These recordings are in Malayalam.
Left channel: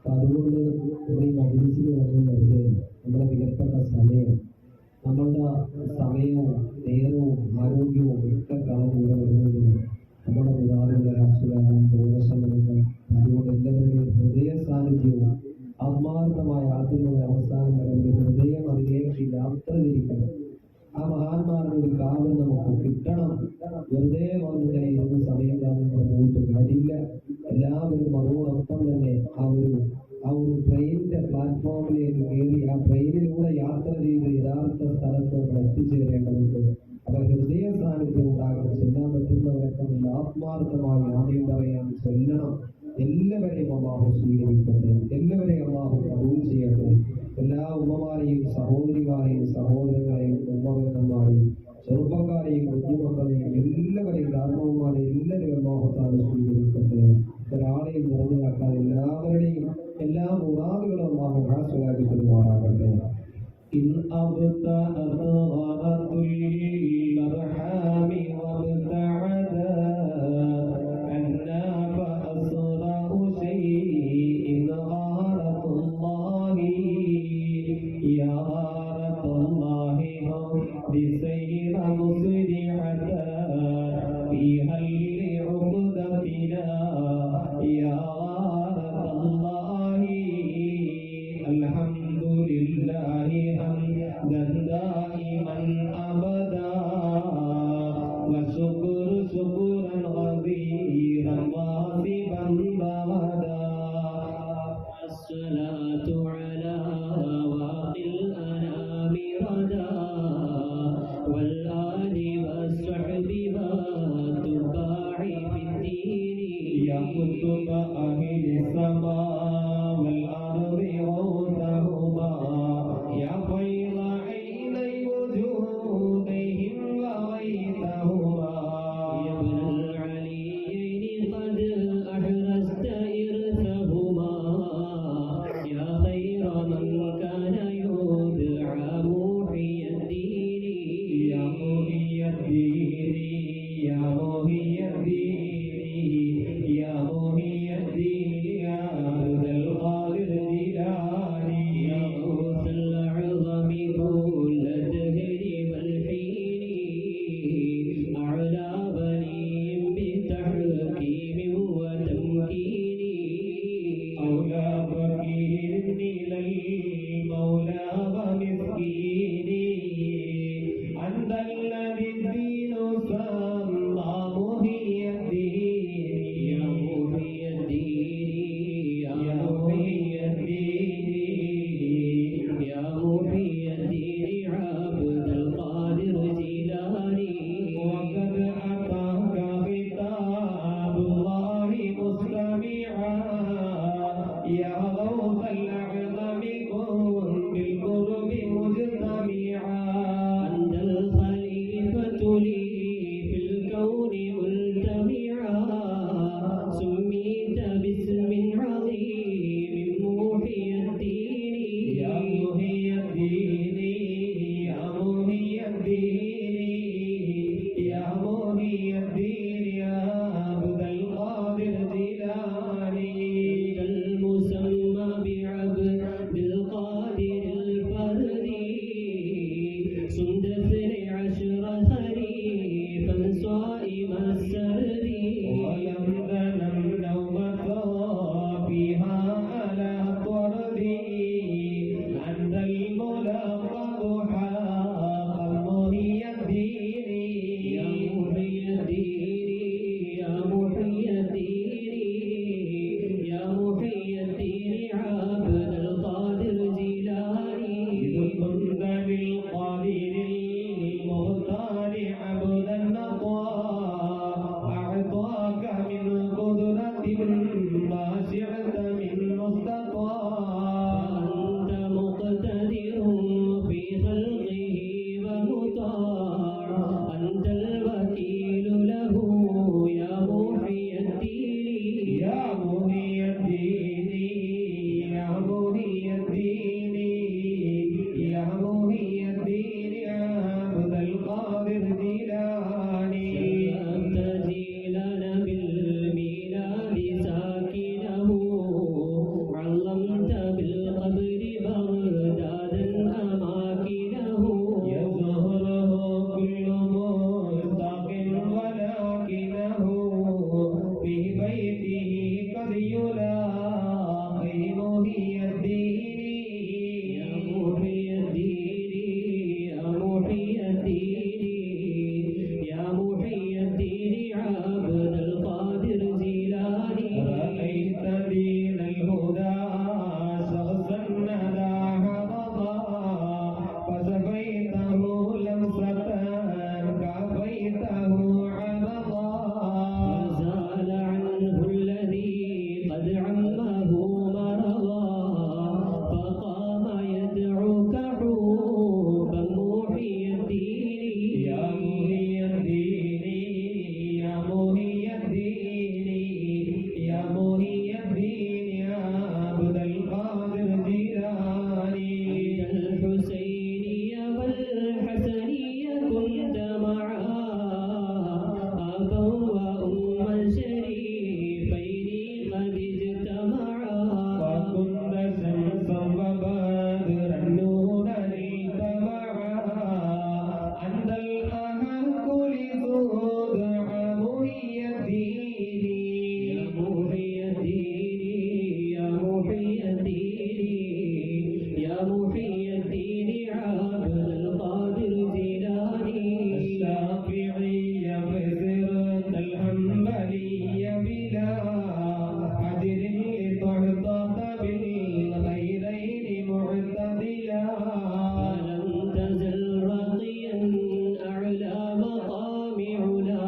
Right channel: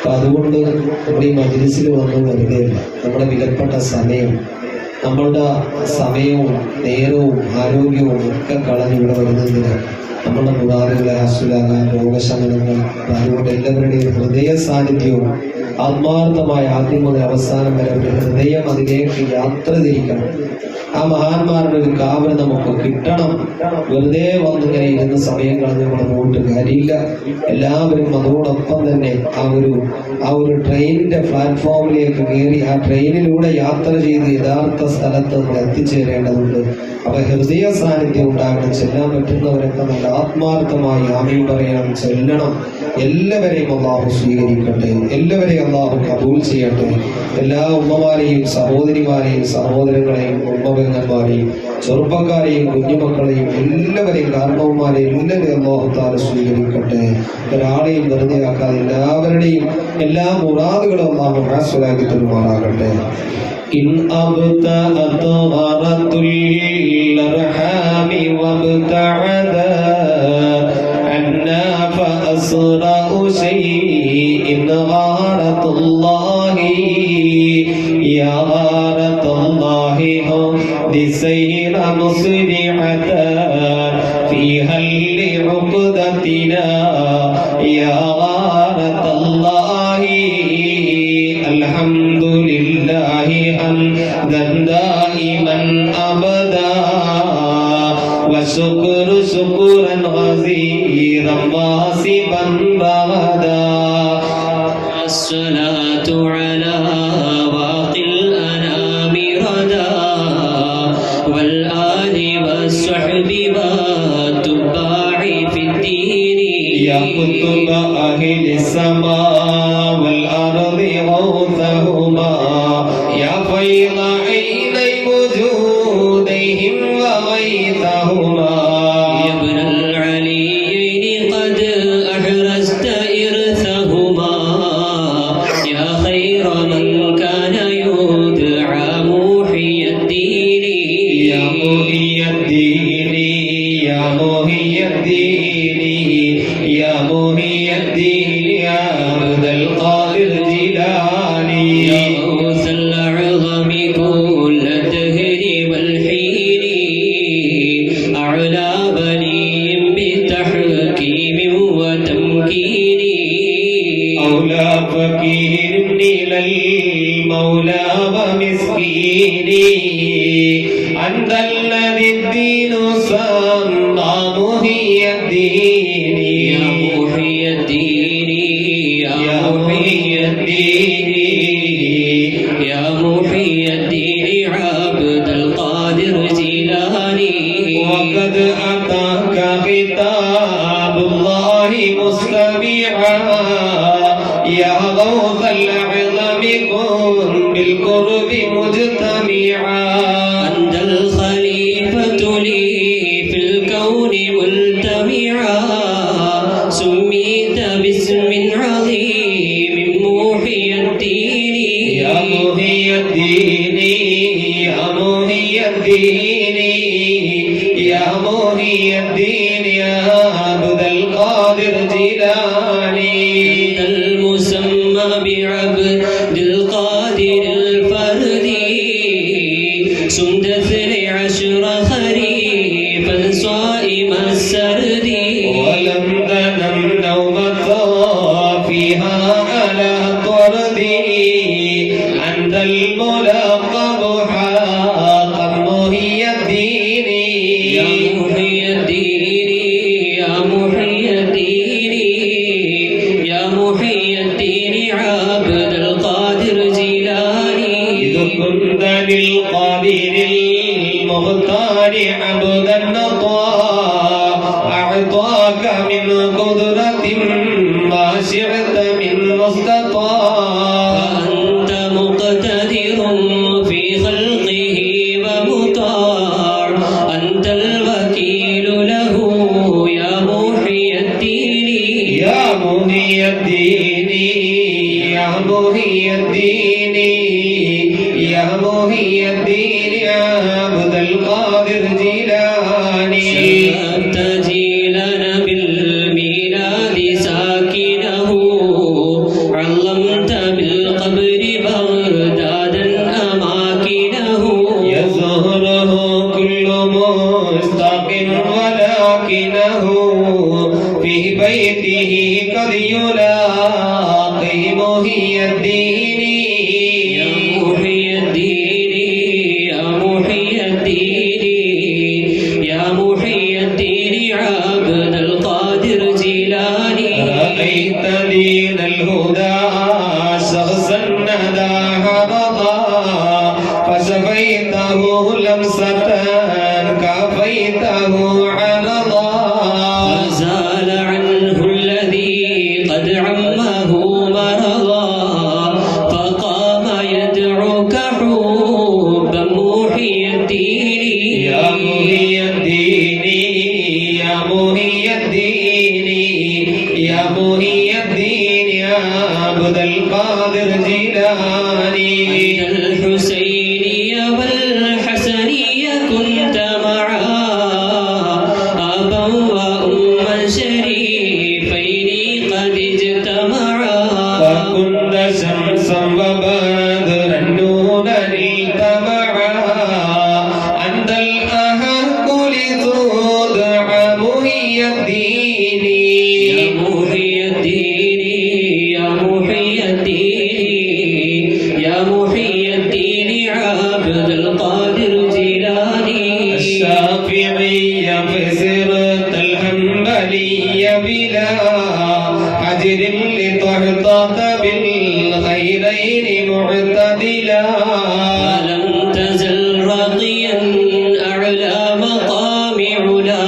അപ്പൊ അതുകൊണ്ട് നമ്മുടെ ഈ മജ്‌ലിസിൽ വന്ന് വെറുതെയല്ല, നമ്മുടെ വിലപ്പെട്ട നമ്മളുടെ സമയവും നേരവും ആരോഗ്യവും ഒക്കെ കളഞ്ഞ് ഇവിടെ വരുന്നതിന് നമ്മുടെ മുറാദുകളെ ഹാസ്യലാകാൻ രോഗശമനങ്ങൾ. അതുകൊണ്ട് എല്ലാവരുടെയും ഹൃദയ സാന്നിധ്യവും ആത്മാർത്ഥമായ ആദ്യം മുതൽ അവസാനം വരെ ഒരു ഹൃദയം അതിലേക്ക് യാത്ര തിരിക്കണം. ആ മഹാന്മാരുടെ ഒരു കാവൽ നമുക്ക് കിട്ടണം. വെറുതെ വന്നിങ്ങനെ ഇരുന്ന സമയം കളഞ്ഞ് നമ്മൾ പോയിട്ട് കാര്യമില്ല. എല്ലാവരും അതോടൊപ്പം തന്നെ ആ ഒരു ട്രെയിനിന്റെ പ്ലാറ്റ്ഫോമിലേക്ക് കയറി ആ ട്രെയിനിലൂടെ യാത്ര ചെയ്ത് യഥാർത്ഥ സ്ഥലത്ത് നമ്മൾ എത്തിച്ചേരേണ്ടതുണ്ട്. അപ്പൊ ഹൃദയ സാന്നിധ്യം ഉണ്ടാകണം. ചെല്ലാൻ പറ്റുന്നവരൊക്കെ നല്ല ആത്മാർത്ഥമായി ആമീൻ പറയാൻ ചെല്ലണം. എല്ലാവരെയും അല്ലാഹു സ്വീകരിക്കട്ടെ, എല്ലാവരെയും അല്ലാഹു കബൂൽ ചെയ്യട്ടെ. എല്ലാ ഉമ്മമാരെയും സഹോദരിമാരെയും സഹോദരങ്ങളെയും ഉമ്മപെങ്ങന്മാരെയും ചെറുപ്പക്കാരെയും കുഞ്ഞുമക്കളെയും എല്ലാവരെയും കാരണവന്മാരെയും എല്ലാവരെയും അല്ലാഹു തആല സ്വീകരിക്കട്ടെ. ഒരാളെയും വെറുതെ ആക്കാതെ എല്ലാവരുടെയും എല്ലാ മുറാദുകളും അല്ലാഹു ഹാസിലാക്കി തരുമാറാകട്ടെ. ഇൻ അബ്തഅത ഗറത്തുൽ അർഹാമി വബ്തഅദ അന്നാ ഫഅസ്റഉ ശൈഇൻ ഗറത്തുല്ലാഹി യാ ഗറത്തുല്ലാഹി ദിസൈറ മുസ്രിഅത ഫീ ഹല്ലി ഉഖദതിനാ യാ ഗറത്തുല്ലാഹി അൽഹംദുലില്ലാഹി ഹംദൻ ദായിമൻ അബദാ വശുക്രു ശുക്രൻ ഗസീറൻ വാസിബൻ റഗദാ. അസ്സലാത്തു അലാ വാഖിൽ അനാമി റദാ വൽ ആലി വസ്സഹ്ബി വത്തുബാഇ ഫിദ്ദീനി യാ കുതുബ അഹ്ലി സമാ വൽ അർളി ഗൗതഹുമാ യാ ഫൈള ഐനൈ വജൂദിഹിം വഗൈതഹുമാ യാ ഇബ്നൽ അലിയൈൻ ഖദ് അഹ്റസ്ത ഇർസഹുമാ യാ ഖൈറ മൻ കാന യുദ്ആ മുഹിയദ്ദീനി യാ മുഹിയദ്ദീനി യാ മുഹിയദ്ദീനി യാ മുഹിയദ്ദീനി യാ അബ്ദുൽ ഖാദിർ ജിലാനി യാ ഗൗസൽ അഅ്ളമി കുല്ല ദഹരി വൽ ഹീനി അഅ്ലാ ബലിയും ബിതഹ്കീമി വതംകീനി ഔലാ ഫകീരിൻ ഇലൽ മൗലാ വമിസ്കീനി അൻതല്ലദി ദീനു സമ്മാ മുഹിയദ്ദീനി യാ മുഹിയദ്ദീനി യാ മുഹിയദ്ദീനി യാ മുഹിയദ്ദീനി അബ്ദുൽ ഖാദിർ ജിലാനി വഖദ് അതാക ഖിതാബുല്ലാഹി മുസ്തമിആ യാ ഗൗസൽ അഅ്ളമി കുൻ ബിൽ ഖുർബി മുജ്തമിആ അൻതൽ ഖലീഫതു ലി ഫിൽ കൗനി മുൽതമിആ സുമ്മീത ബിസ്മിൻ അളീമിൻ മുഹിയദ്ദീനി യാ മുഹിയദ്ദീനി യാ മുഹിയദ്ദീനി യാ മുഹിയദ്ദീനി യാ അബ്ദുൽ ഖാദിർ ജിലാനി അൽ മുസമ്മ ബിഅബ്ദിൽ ഖാദിരിൽ ഫർദി സുംദ 12 ഖരീഫൻ صائم السرد ولم تنم نومة فيها على طردي أنت الملقب حقا محيي الدين يا محيي الدين يا محيي الدين يا محيي الدين عبد القادر جيلاني إذ كنت للقادر المختار عبدا أعطاك من قدرة ما شئت من مستطاع فأنت مقتدر في خلقه ومطاع أنت الوكيل له يا محيي الدين يا محيي الدين يا محيي الدين يا محيي الدين يا عبد القادر جيلاني شرفت جيلنا بالميلاد ساكنه علم القادر جيلاني الحسيني والحسني كنت معا أبا وأما شريفين قد اجتمعا وكنت شمسا وبدرا نورا التمعا أنت الأحق لتدعى محي الدين يا محي الدين يا محي الدين يا محي الدين عبد القادر جيلاني الشافعي فسرت الحنبلي بلا حجر لتحتط بالخيرين معتدلا ولم تزل راقيا أعلى مقام علا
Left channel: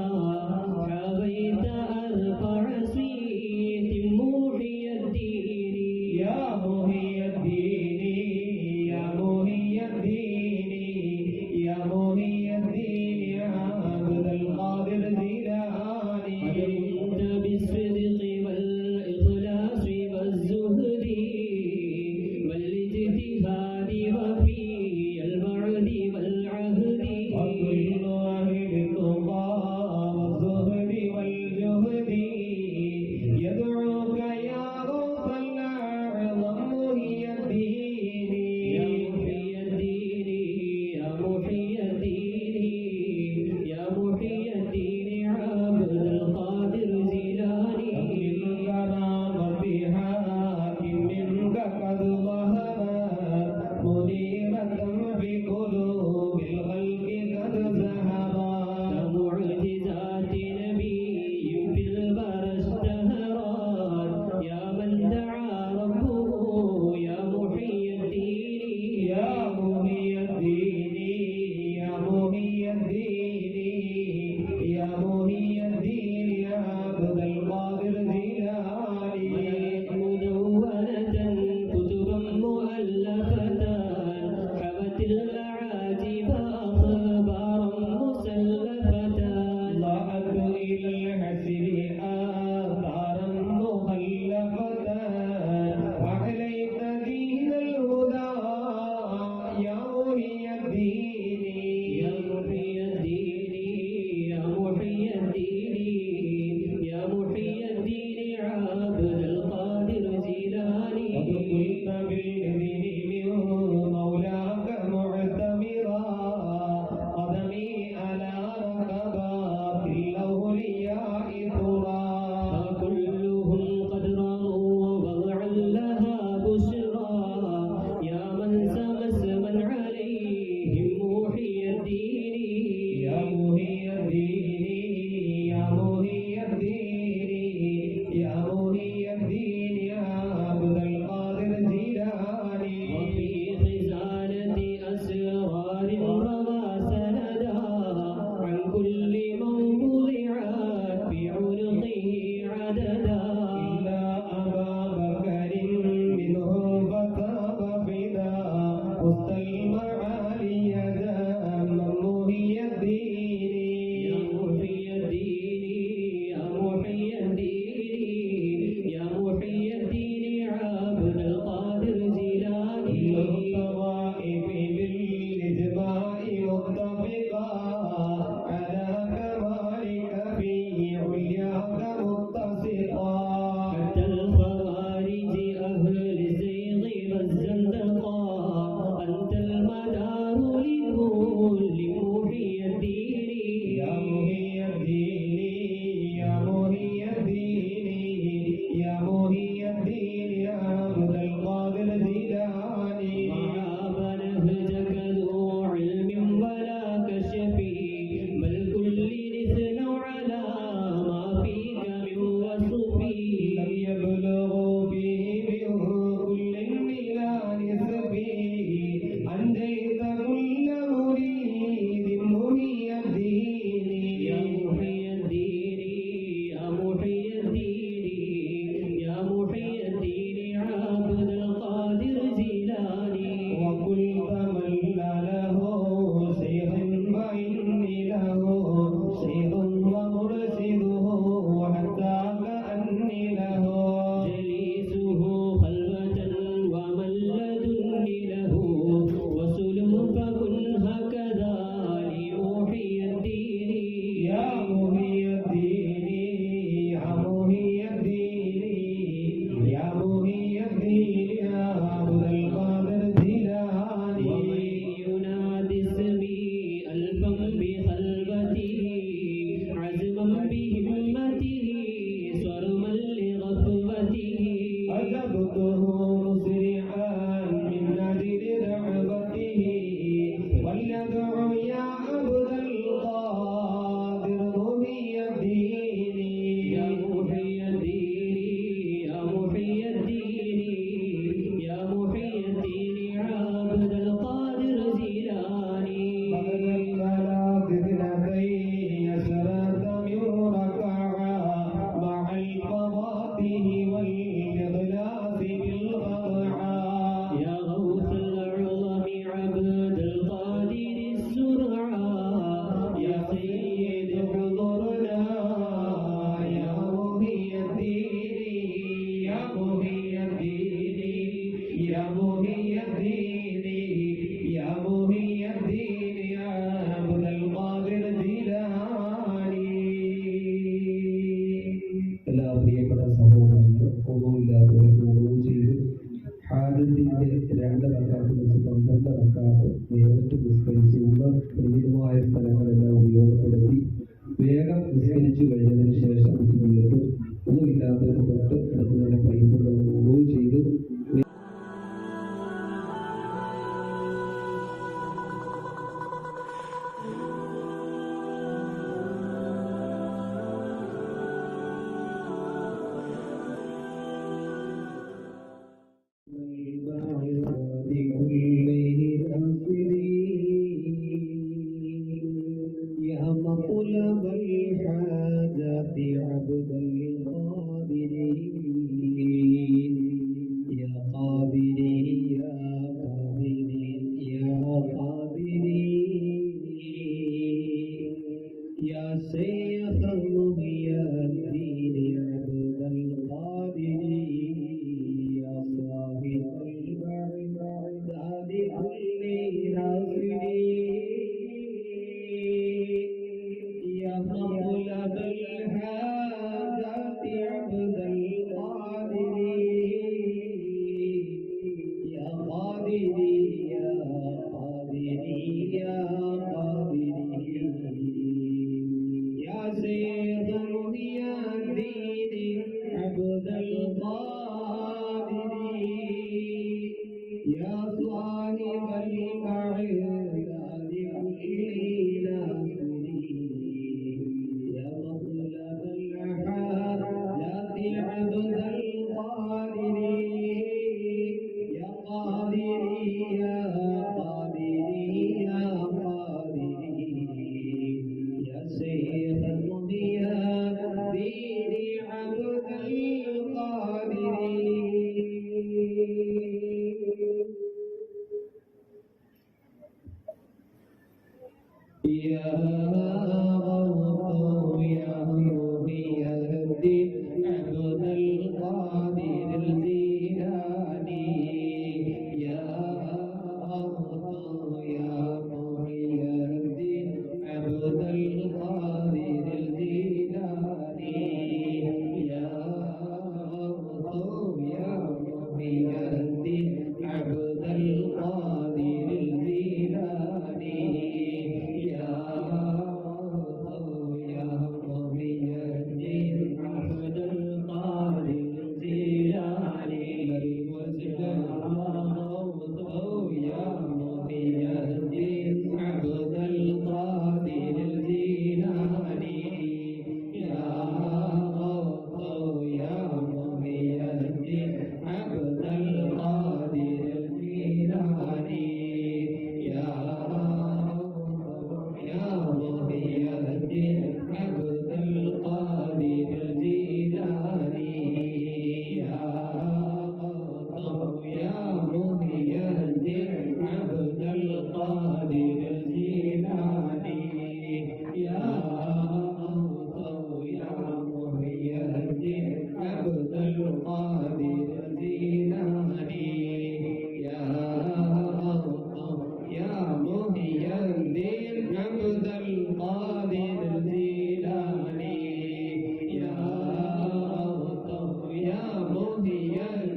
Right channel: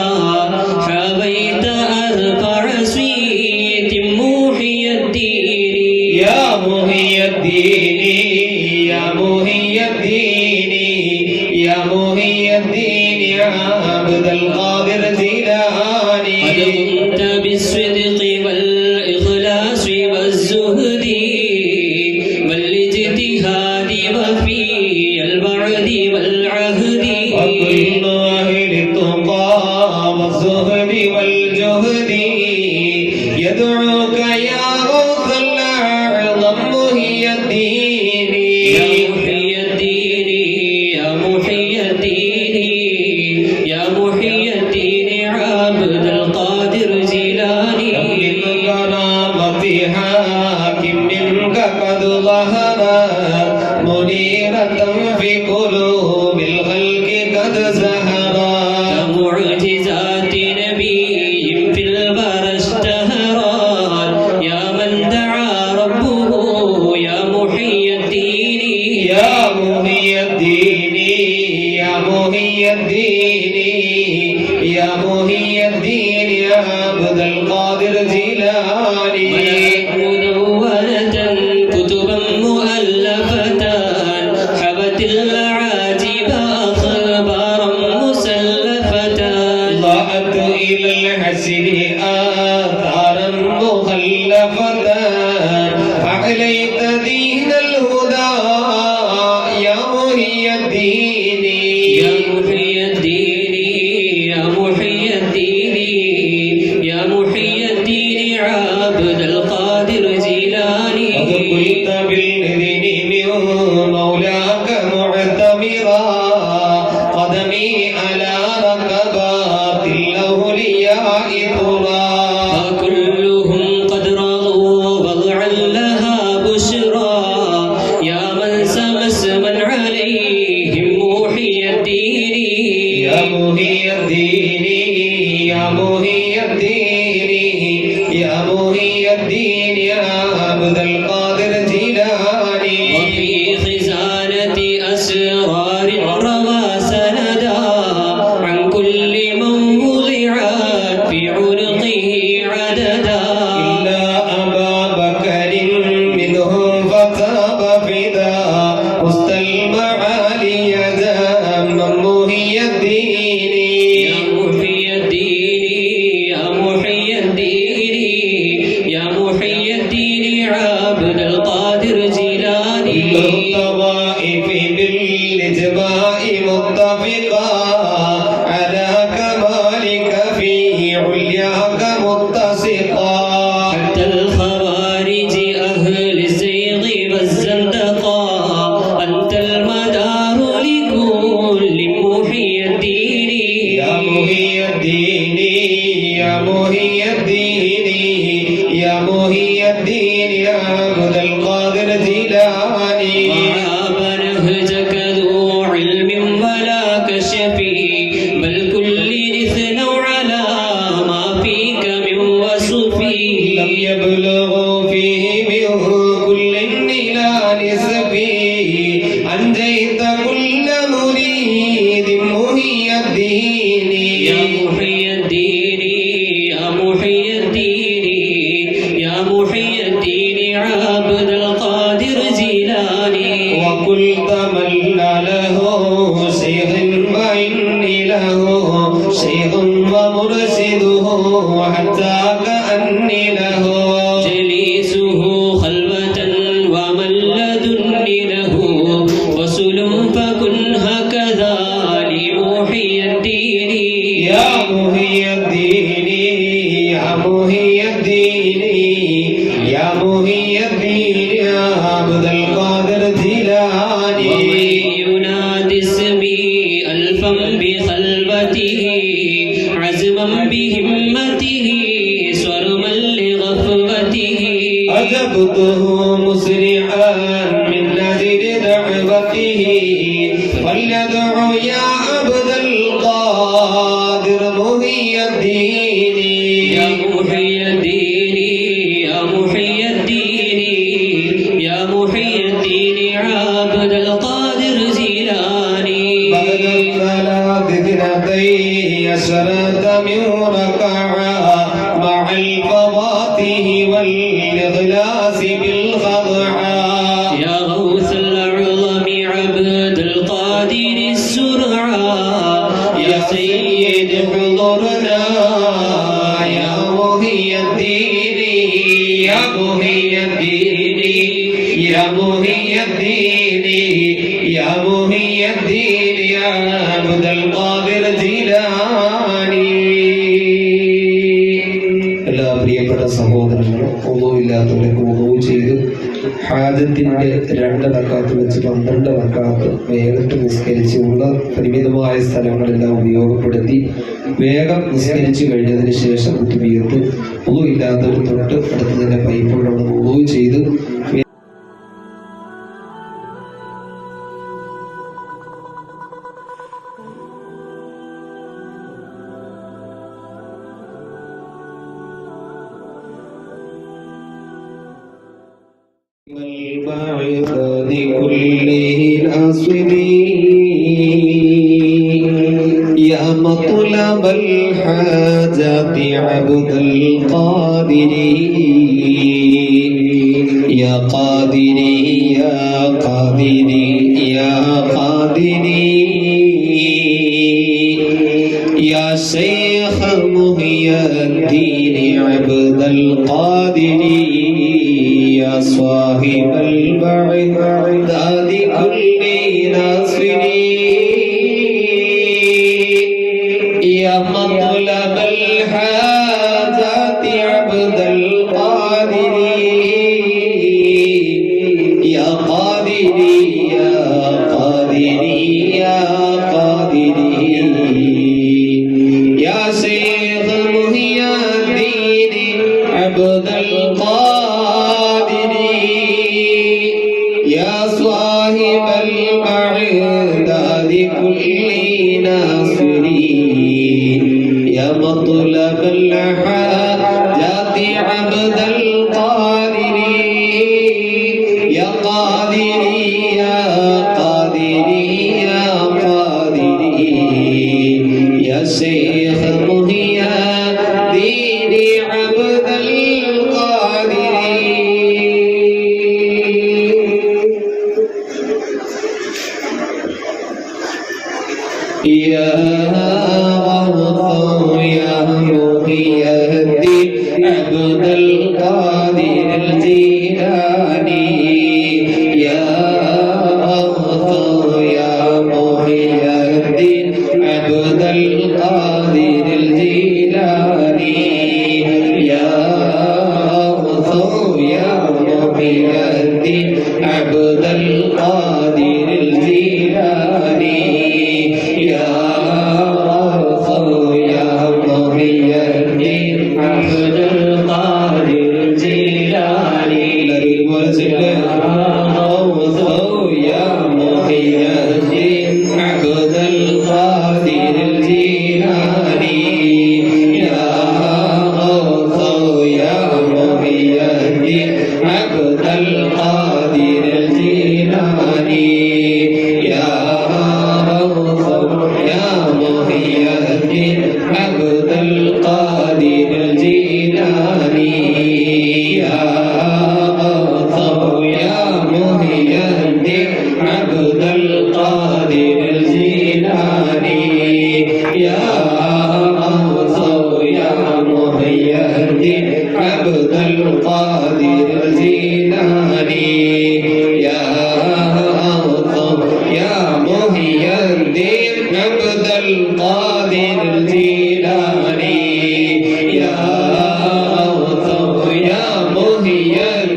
حبيت أرفع سويت محي الدين يا محي الدين يا محي الدين يا محي الدين عبد القادر قد جيلاني كنت بالصدق والإخلاص والزهد والاجتهاد وفي البعد والعهد وكل أهل التقى والزهد والجهد يدعوك يا غوث الأعظم محي الدين يا محي الدين يا محي الدين يا محي الدين عبد القادر جيلاني من كرامة حاكم منك قد ظهرت منيرة في قلوب الخلق قد زهرت كمعجزات نبي في البرى اشتهرت يا من دعا ربه يا محي الدين يا محي الدين يا محي الدين يا محي الدين يا عبد القادر جيلاني مدونة كتبا مؤلفة حبت العاجب أخبارا مسلفة ضاءت إلى الحسن آثارا مخلفة أعليت دين الهدى يا محي الدين يا محي الدين يا محي الدين يا محي الدين عبد القادر جيلاني قد قلت بالإذن من مولاك معتمرا قدمي على ركبات الأولياء ترى فكلهم قد رضوا وضعا لها بشرى يا من سمى اسما عليهم محي الدين يا محي الدين يا محي الدين يا محي الدين يا عبد القادر جيلاني وفي خزانة أسرار روى سندا عن كل من وضعت في عنقه عددا إلا أبا بكر منهم فتاب فدا وسط المعالي داما محي الدين يا محي الدين يا محي الدين يا محي الدين عبد القادر جيلاني الطوائف بالإجماع متفقا على كمالك في علياك متسقا حتى الخوارج أهل الزيغ والزندقة أنت المدار لكل محي الدين يا محي الدين يا محي الدين يا محي الدين يا عبد القادر جيلاني وعاب نهجك ذو علم ولا كشف بل كل اثنوا على ما فيك من وصف لم يبلغوا فيه من كل إلى نسبي أنجيت كل مريد محي الدين يا محي الدين يا محي الدين يا محي الدين عبد القادر جيلاني وكل تمنى له شيخ وإني له شيخ ومرشده حتى كأني له جليسه يا محي الدين يا عبد القادر جيلاني ينادي اسمي ألفا بخلبته عزما بهمته صرما لغفوته أجبته مسرعا من نذر دعوته فليدعو يا عبد القادر محي الدين يا محي الدين يا محي الدين يا محي الدين عبد القادر جيلاني بعد الصلاة اثنتي عشرة من ركعة مع الفواتح والإخلاص بالخضعة يا غوث الأعظم عبد القادر السرعة يا سيد حضورنا يا محي الدين يا محي الدين يا محي الدين يا محي الدين يا عبد القادر جيلاني എല്ലാ പ്രിയപ്പെട്ട സഹോദരങ്ങളും ഒന്നുമില്ലാത്തവരൊക്കെ ഒന്നു ചെയ്ത് ഹാജത്തിന്റെ 2 റക്അത്ത് വെച്ച് 12 റക്അത്ത് വേഗത്തിൽ നിസ്കരിച്ച് ഉള്ള പരിമിതമായ സ്ഥലങ്ങളെല്ലാം ഉപയോഗപ്പെടുത്തി വേഗം നിസ്കരിച്ചു കഴിഞ്ഞതിന് ശേഷം കുത്തുബിയത്ത് ഒന്നുമില്ലാത്തവർ തൊട്ട് അടുത്ത് തന്നെ പൈപ്പുള്ള ഒന്നു ചെയ്ത് والبعث لكله ناصرين يا مطلب الحاجات عبد القادر يا قادر يا قادر يا قادر يا شيخ محي الدين عبد القادر يا صاحب البعث كل ناصرين يا مطلب الحاجات عبد القادر يا قادر يا قادر يا قادر يا شيخ محي الدين عبد القادر يا صاحب البعث كل ناصرين يا مطلب الحاجات عبد القادر يا قادر يا قادر يا قادر يا شيخ محي الدين عبد القادر يا غوث يا محي الدين عبد القادر الجيلاني يا غوث يا محي الدين عبد القادر الجيلاني يا غوث يا محي الدين عبد القادر الجيلاني يا غوث يا محي الدين عبد القادر الجيلاني غوث يا محي الدين عبد القادر الجيلاني يا غوث يا محي الدين عبد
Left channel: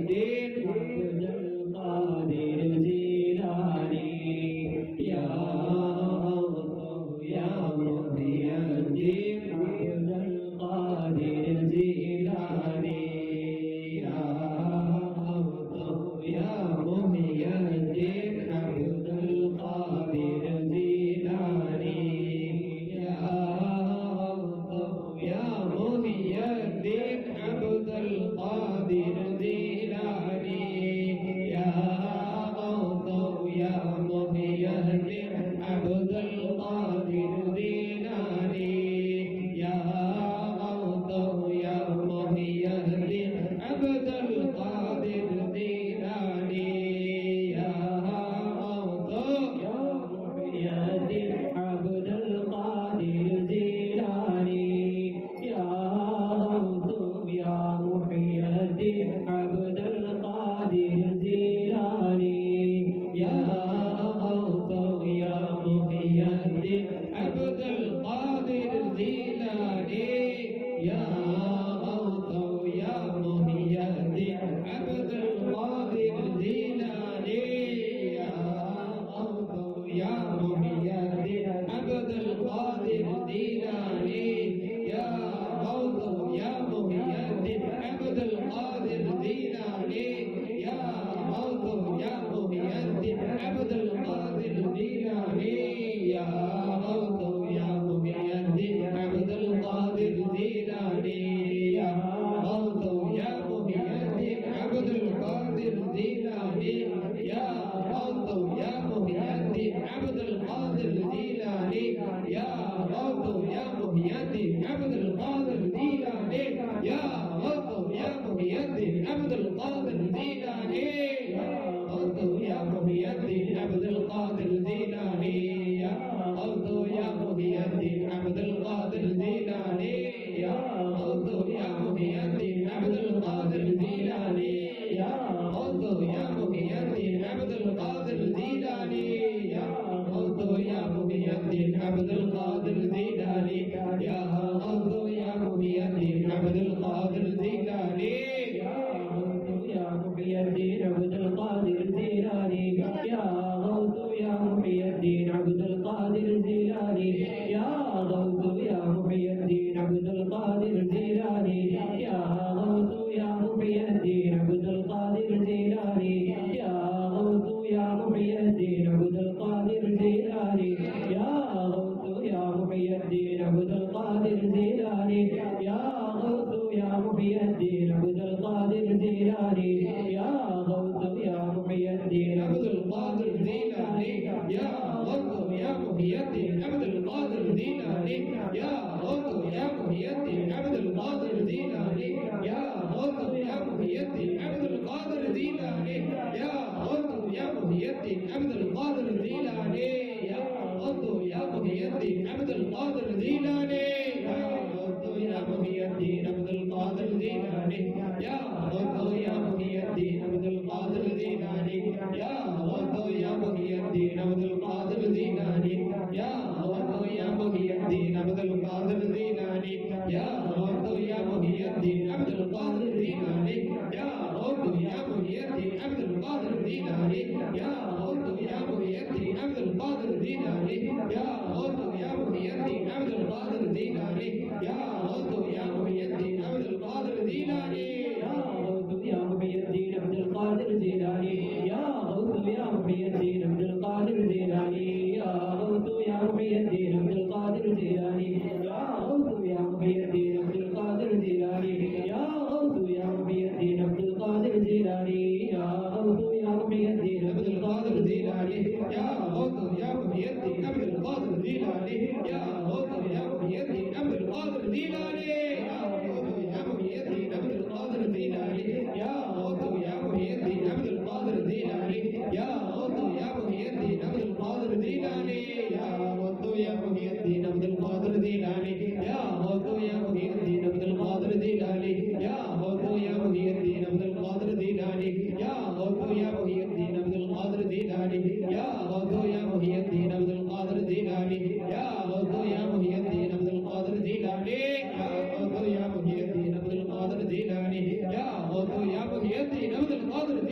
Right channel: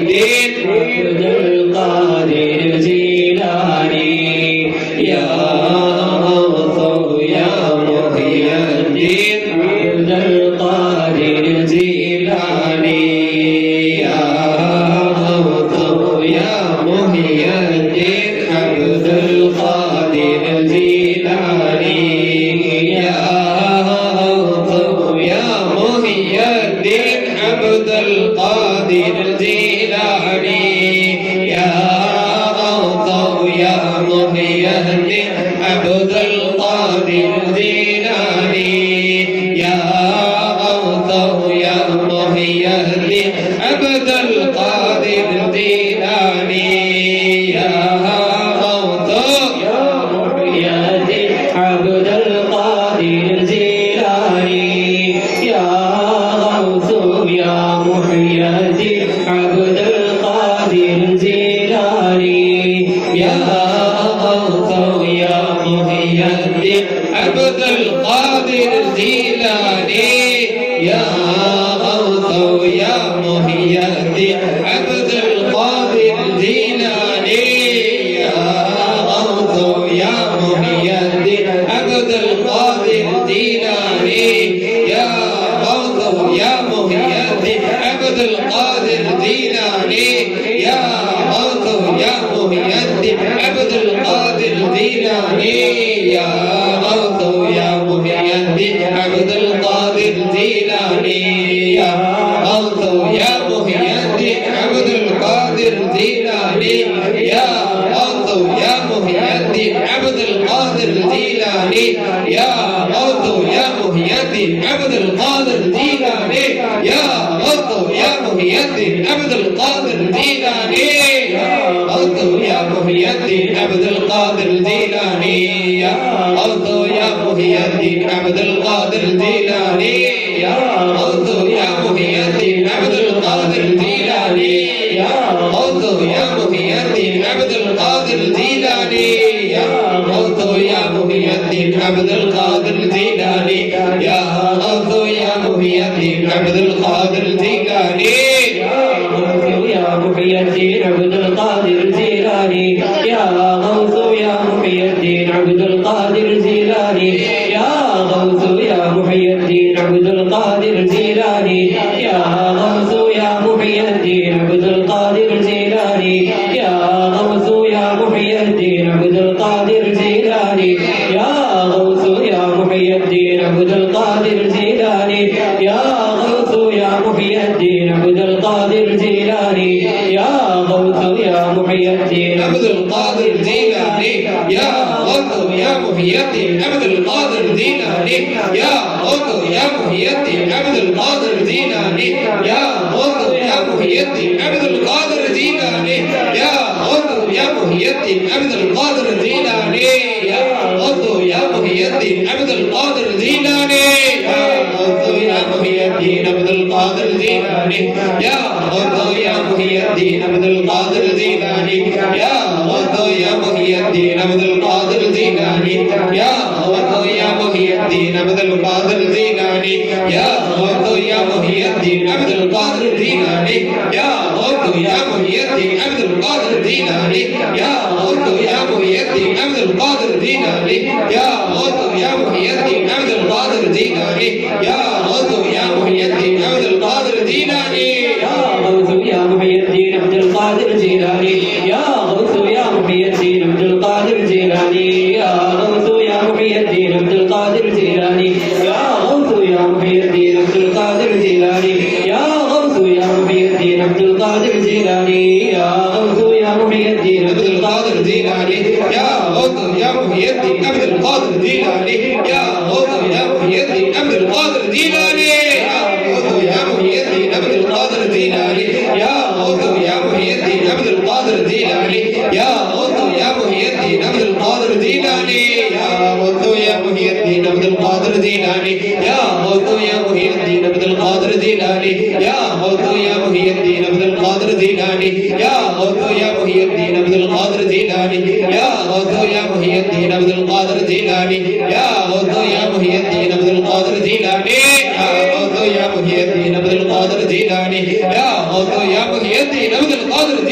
يا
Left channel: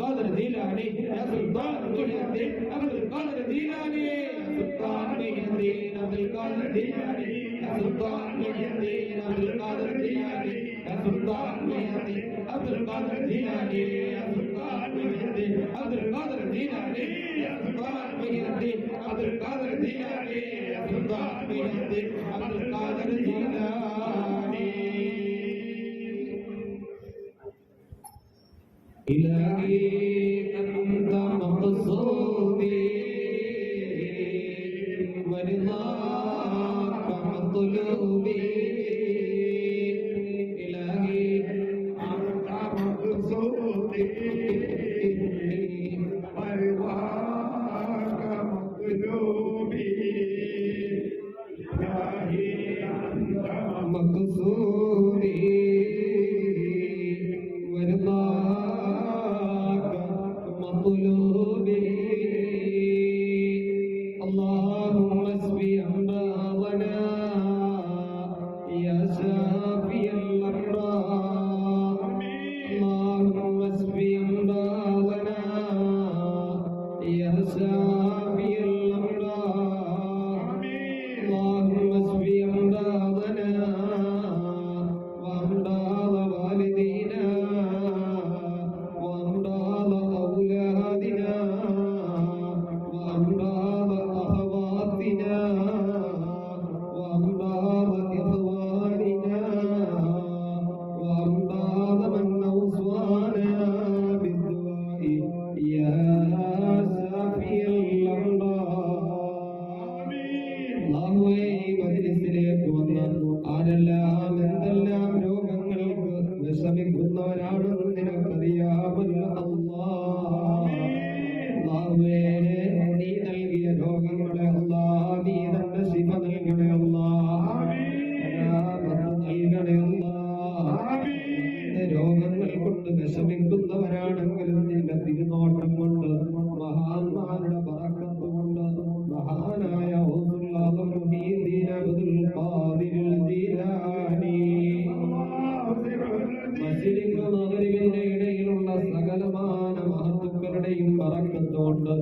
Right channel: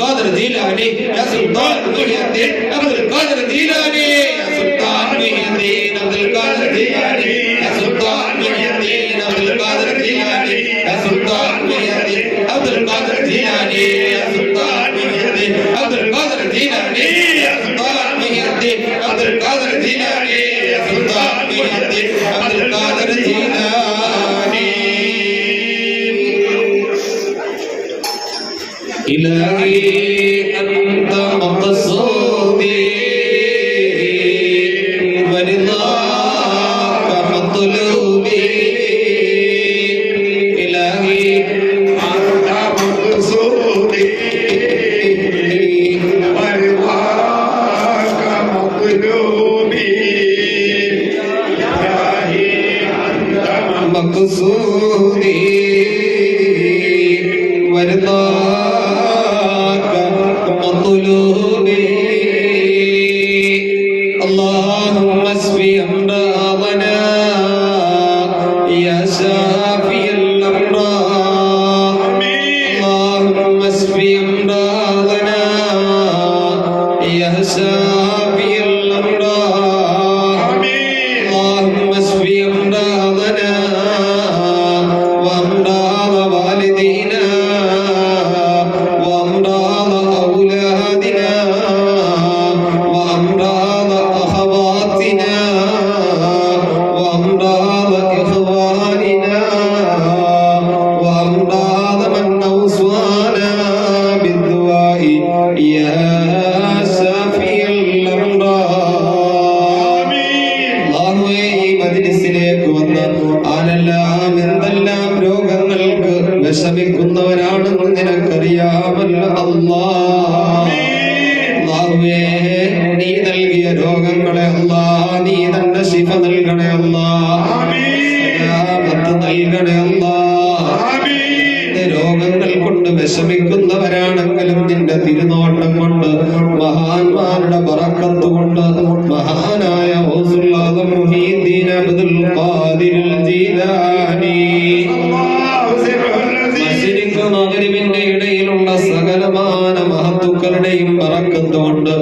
القادر الجيلاني يا سلطان محي الدين عبد القادر الجيلاني يا سلطان محي الدين عبد القادر الجيلاني يا سلطان محي الدين عبد القادر الجيلاني يا سلطان محي الدين عبد القادر الجيلاني يا سلطان محي الدين عبد القادر الجيلاني يا سلطان محي الدين عبد القادر الجيلاني يا سلطان محي الدين عبد القادر الجيلاني إلهي أنت مقصودي ورضاك مطلوبي إلهي أنت مقصودي ورضاك مطلوبي إلهي أنت مقصودي ورضاك مطلوبي اللهم اشفي أمراضنا يا شافي الأمراض اللهم اشفي أمراضنا يا شافي الأمراض اللهم اشفي أمراضنا وأمراض والدينا وأمراض أولادنا وأمراض أخواتنا وأمراض إخواننا وأمراض من أوصانا بالدعاء يا شافي الأمراض അല്ലാഹുവേ ഈ മജ്‌ലിസിലേക്ക് വന്ന് ആരെല്ലാം എന്തെല്ലാം രോഗങ്ങൾക്ക് വിഷമിക്കുന്നവരാണെന്ന് നിനക്കറിയാമല്ലോ അല്ലാഹുവേ നീ നൽകിയ രോഗങ്ങളെ അല്ലാഹ് നീ തന്നെ ശിഫ നൽകണേ അല്ലാഹ് സലാമത്ത് നൽകണേ അല്ലാഹ് രോഗങ്ങൾ കൊണ്ട് വിഷമിക്കുന്നവരാണെങ്കിലും നിന്റെ തിരുനോട്ടം കൊണ്ട് മഹാന്മാരുടെ ബറക്കത്ത് കൊണ്ട് മഹാനായ ഗൗസുൽ ആദം മുഹീദ്ദീൻ അബ്ദുൽ ഖാദിർ ജീലാനി മശ്രിഖ് മഗ്രിബിന്റെ ഇടയിലുള്ള സകലമാന മഹത്തുക്കളുടെയും ബറക്കത്ത് കൊണ്ട്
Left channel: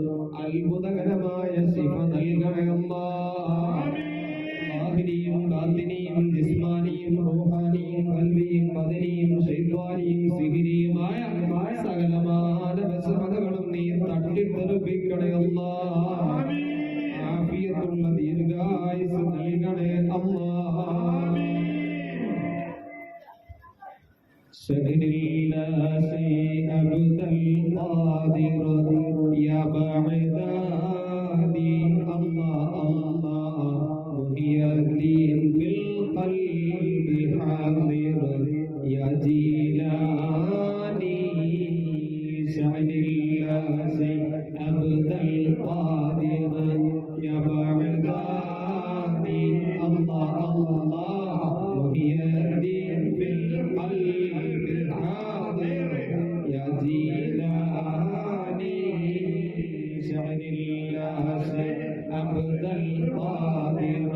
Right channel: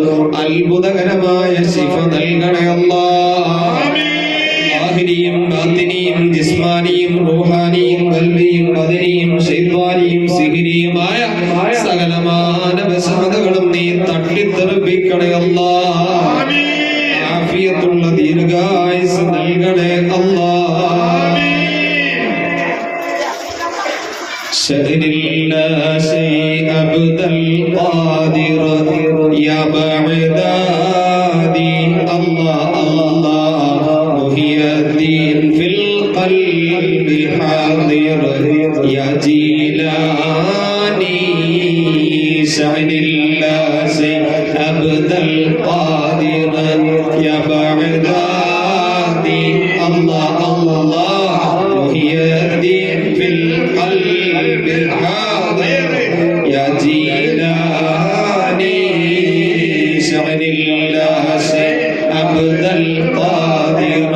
അത്ഭുതകരമായ ശിഫ നൽകണേ അല്ലാഹ് ലാഹിരിയും ബാത്തിനിയും ജിസ്മാനിയും റൂഹാനിയും ഖൽബിയും ബദനിയും ശൈത്വാനിയും സിഹിരിയുമായ സകലമാന വിഷമതകളും നീ തട്ടിത്തെറിപ്പിക്കണേ അല്ലാഹ് ആഫിയത്തുള്ള ദീർഘായുസ് നൽകണേ അല്ലാഹ് ശഹരില്ലാ ശൈഅ അബ്ദൽ ഖാദിർ യാ ബഅദാദി അല്ലാഹ് അല്ലാഹ് മുഹിയദ്ദീൻ ഫിൽ ഖൽബി ഹാദിർ യാ ജീലാനി ശഹരില്ലാ ശൈഅ അബ്ദൽ ഖാദിർ യാ ബഅദാദി അല്ലാഹ് അല്ലാഹ് മുഹിയദ്ദീൻ ഫിൽ ഖൽബി ഹാദിർ യാ ജീലാനി ശഹരില്ലാ ശൈഅ അബ്ദൽ ഖാദിർ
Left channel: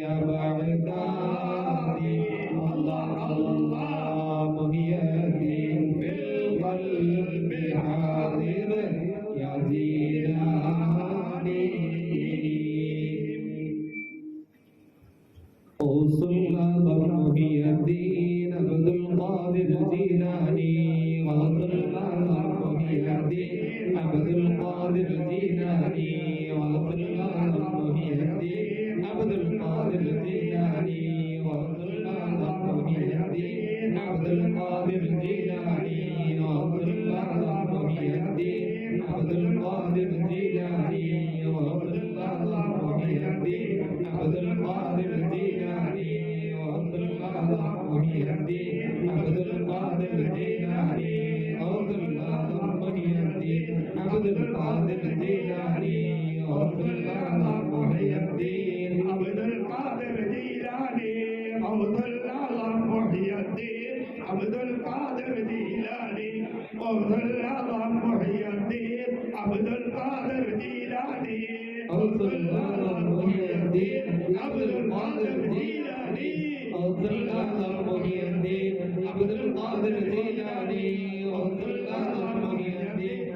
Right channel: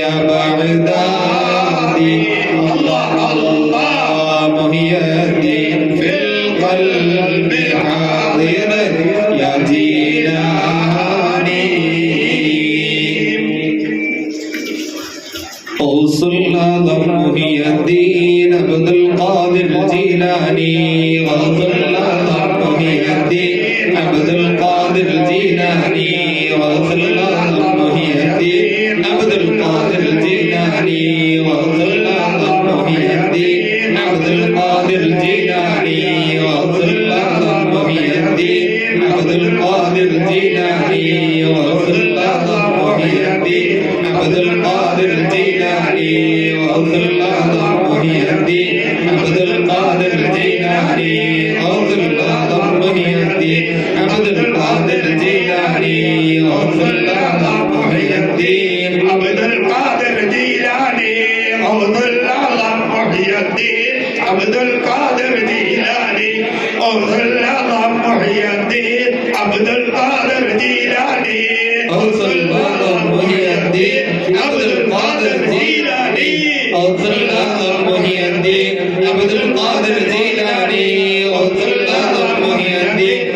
യാ ബഅദാദി അല്ലാഹ് അല്ലാഹ് മുഹിയദ്ദീൻ ഫിൽ ഖൽബി ഹാദിർ യാ ജീലാനി غوث الأعظم محي الدين عبد القادر الجيلاني غوث الأعظم محي الدين عبد القادر الجيلاني غوث الأعظم محي الدين عبد القادر الجيلاني غوث الأعظم محي الدين عبد القادر الجيلاني غوث الأعظم محي الدين عبد القادر الجيلاني غوث الأعظم محي الدين عبد القادر الجيلاني غوث الأعظم محي الدين عبد القادر الجيلاني غوث الأعظم محي الدين عبد القادر الجيلاني غوث الأعظم محي الدين عبد القادر جيلاني غوث الأعظم محي الدين عبد القادر جيلاني غوث الأعظم محي الدين عبد القادر جيلاني غوث الأعظم محي الدين عبد القادر الجيلاني غوث الأعظم محي الدين عبد القادر الجيلاني غوث الأعظم محي الدين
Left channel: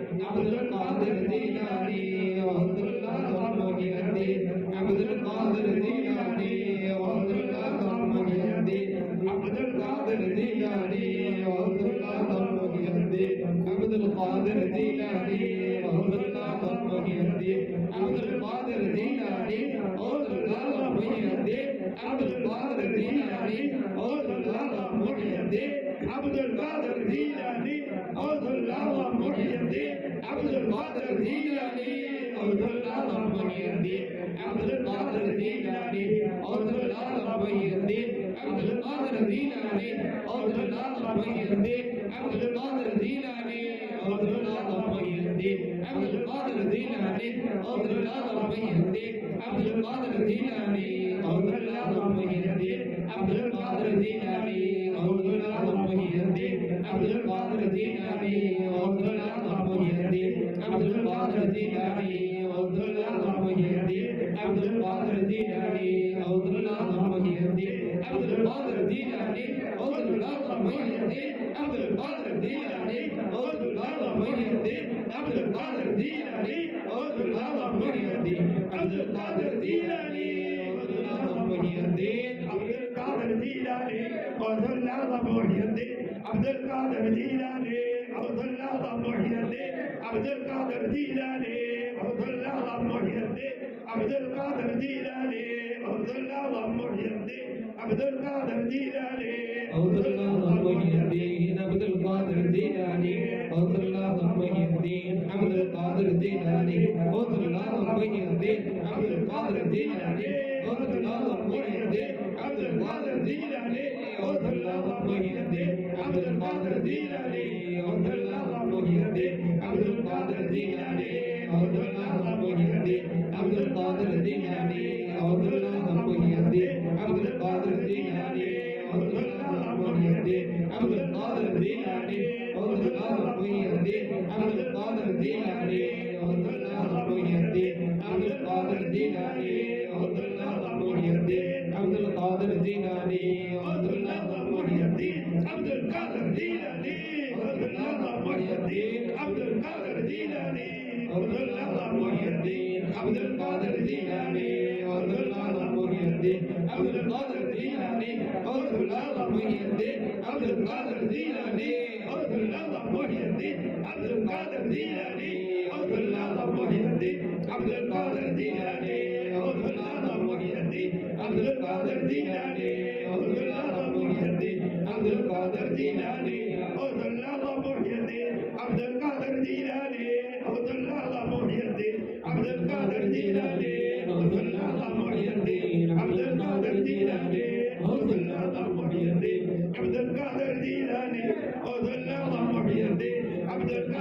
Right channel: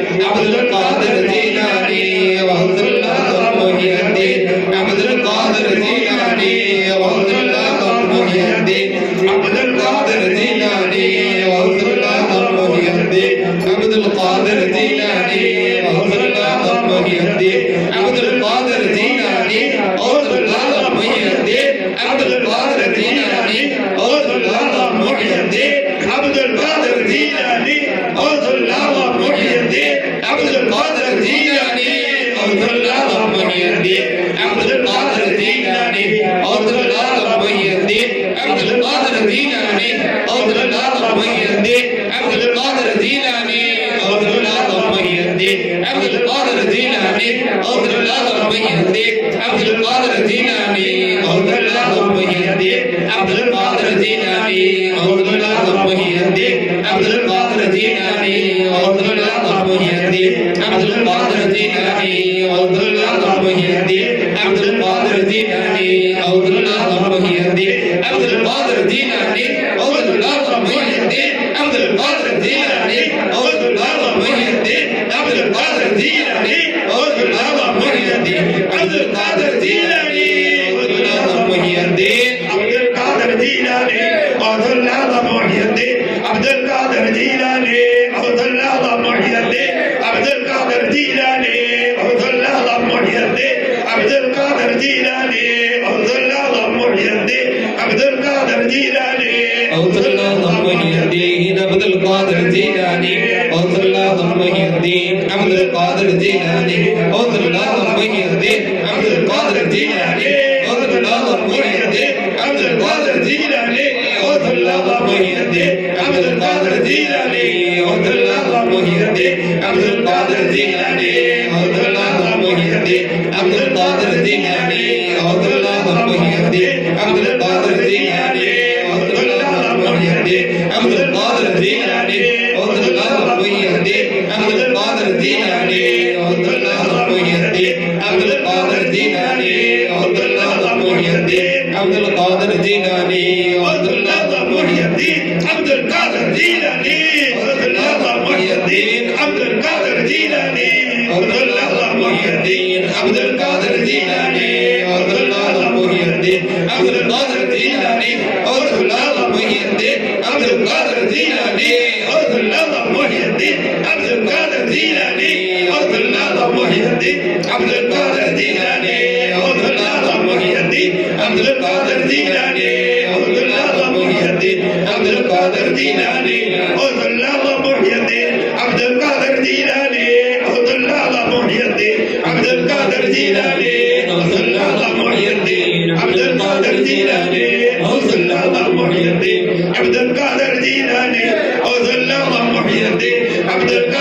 عبد القادر الجيلاني غوث الأعظم محي الدين عبد القادر الجيلاني غوث الأعظم محي الدين عبد القادر الجيلاني غوث الأعظم محي الدين عبد القادر الجيلاني غوث الأعظم محي الدين عبد القادر الجيلاني غوث الأعظم محي الدين عبد القادر الجيلاني غوث الأعظم محي الدين عبد القادر الجيلاني غوث الأعظم محي الدين عبد القادر الجيلاني غوث الأعظم محي الدين عبد القادر الجيلاني غوث الأعظم محي الدين عبد القادر الجيلاني غوث الأعظم محي الدين عبد القادر الجيلاني غوث الأعظم محي الدين عبد القادر الجيلاني غوث الأعظم محي الدين عبد القادر الجيلاني غوث الأعظم محي الدين عبد القادر الجيلاني غوث الأعظم محي الدين عبد القادر الجيلاني غوث الأعظم محي الدين عبد القادر الجيلاني غوث الأعظم محي الدين عبد القادر الجيلاني غوث الأعظم محي الدين عبد القادر الجيلاني غوث الأعظم محي الدين عبد القادر الجيلاني غوث الأعظم محي الدين عبد القادر الجيلاني غوث الأعظم محي الدين عبد القادر الجيلاني غوث الأعظم محي الدين عبد القادر الجيلاني غوث الأعظم محي الدين عبد القادر الجيلاني غوث الأعظم محي الدين عبد القادر الجيلاني غوث الأعظم محي الدين عبد القادر الجيلاني غوث الأعظم محي الدين عبد القادر الجيلاني غوث الأعظم محي الدين عبد القادر الجيلاني غوث الأعظم محي الدين عبد القادر الجيلاني غوث الأعظم محي الدين عبد القادر الجيلاني غوث الأعظم محي الدين عبد القادر الجيلاني غوث الأعظم محي الدين عبد القادر الجيلاني غوث الأعظم محي الدين عبد القادر الجيلاني غوث الأعظم محي الدين عبد القادر الجيلاني غوث الأعظم محي الدين عبد القادر الجيلاني غوث الأعظم محي الدين عبد القادر الجيلاني غوث الأعظم محي الدين عبد القادر الجيلاني غوث الأعظم محي الدين عبد القادر الجيلاني غوث الأعظم محي الدين عبد القادر الجيلاني غوث الأعظم محي الدين عبد القادر الجيلاني غوث الأعظم محي الدين عبد القادر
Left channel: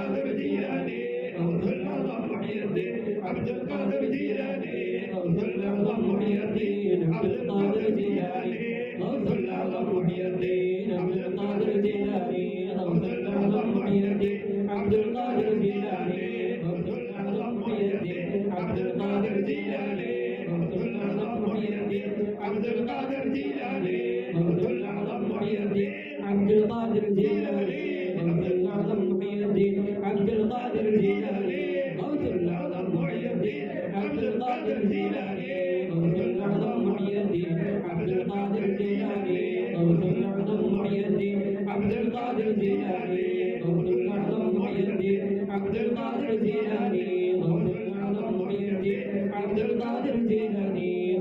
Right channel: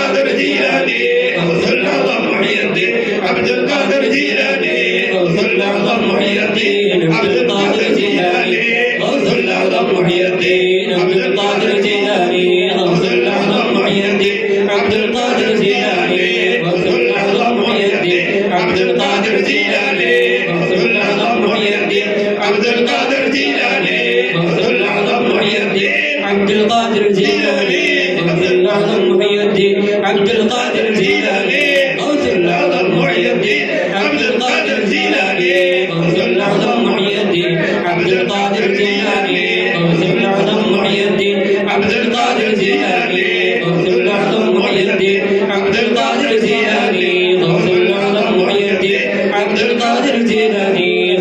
الجيلاني غوث الأعظم محي الدين عبد القادر الجيلاني غوث الأعظم محي الدين عبد القادر الجيلاني غوث الأعظم محي الدين عبد القادر الجيلاني غوث الأعظم محي الدين عبد القادر الجيلاني غوث الأعظم محي الدين عبد القادر الجيلاني غوث الأعظم محي الدين عبد القادر الجيلاني غوث الأعظم محي الدين عبد القادر الجيلاني غوث الأعظم محي الدين عبد القادر الجيلاني غوث الأعظم محي الدين عبد القادر الجيلاني غوث الأعظم محي الدين عبد القادر الجيلاني غوث الأعظم محي الدين عبد القادر الجيلاني غوث الأعظم محي الدين عبد القادر الجيلاني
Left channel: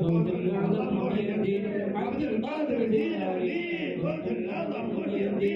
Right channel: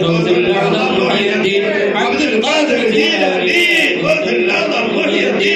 غوث الأعظم محي الدين عبد القادر الجيلاني غوث الأعظم محي الدين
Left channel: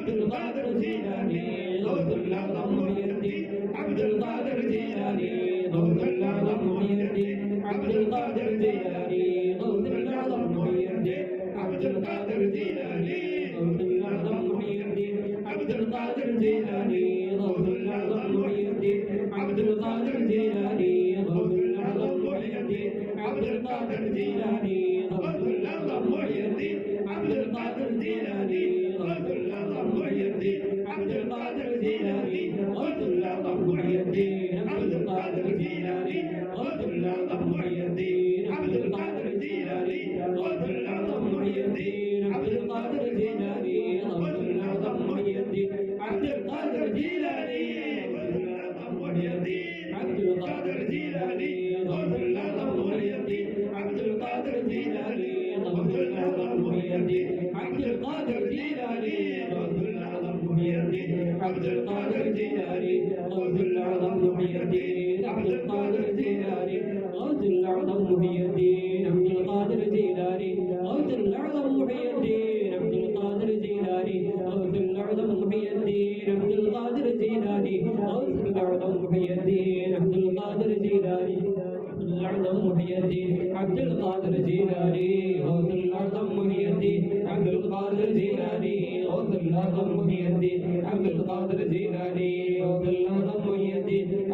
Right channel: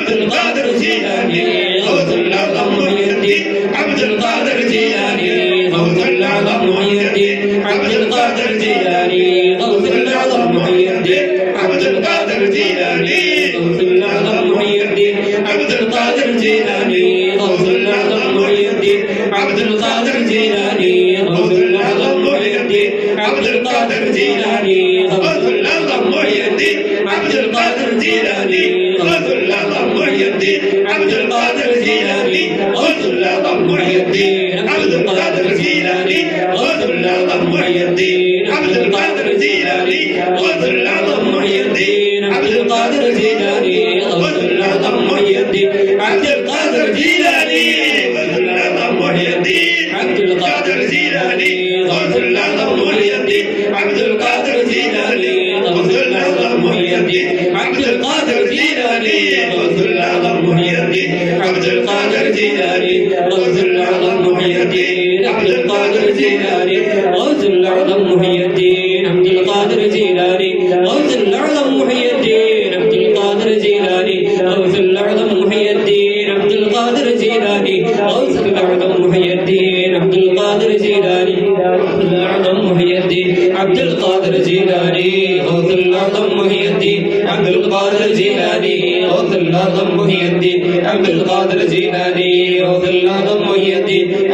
عبد القادر الجيلاني غوث الأعظم محي الدين عبد القادر الجيلاني غوث الأعظم محي الدين عبد القادر الجيلاني غوث الأعظم محي الدين عبد القادر الجيلاني غوث الأعظم محي الدين عبد القادر الجيلاني غوث الأعظم محي الدين عبد القادر الجيلاني غوث الأعظم محي الدين عبد القادر الجيلاني غوث الأعظم محي الدين عبد القادر الجيلاني غوث الأعظم محي الدين عبد القادر الجيلاني غوث الأعظم محي الدين عبد القادر الجيلاني غوث الأعظم محي الدين عبد القادر الجيلاني غوث الأعظم محي الدين عبد القادر الجيلاني غوث الأعظم محي الدين عبد القادر الجيلاني غوث الأعظم محي الدين عبد القادر الجيلاني غوث الأعظم محي الدين عبد القادر الجيلاني غوث الأعظم محي الدين عبد القادر الجيلاني غوث الأعظم محي الدين عبد القادر الجيلاني غوث الأعظم محي الدين عبد القادر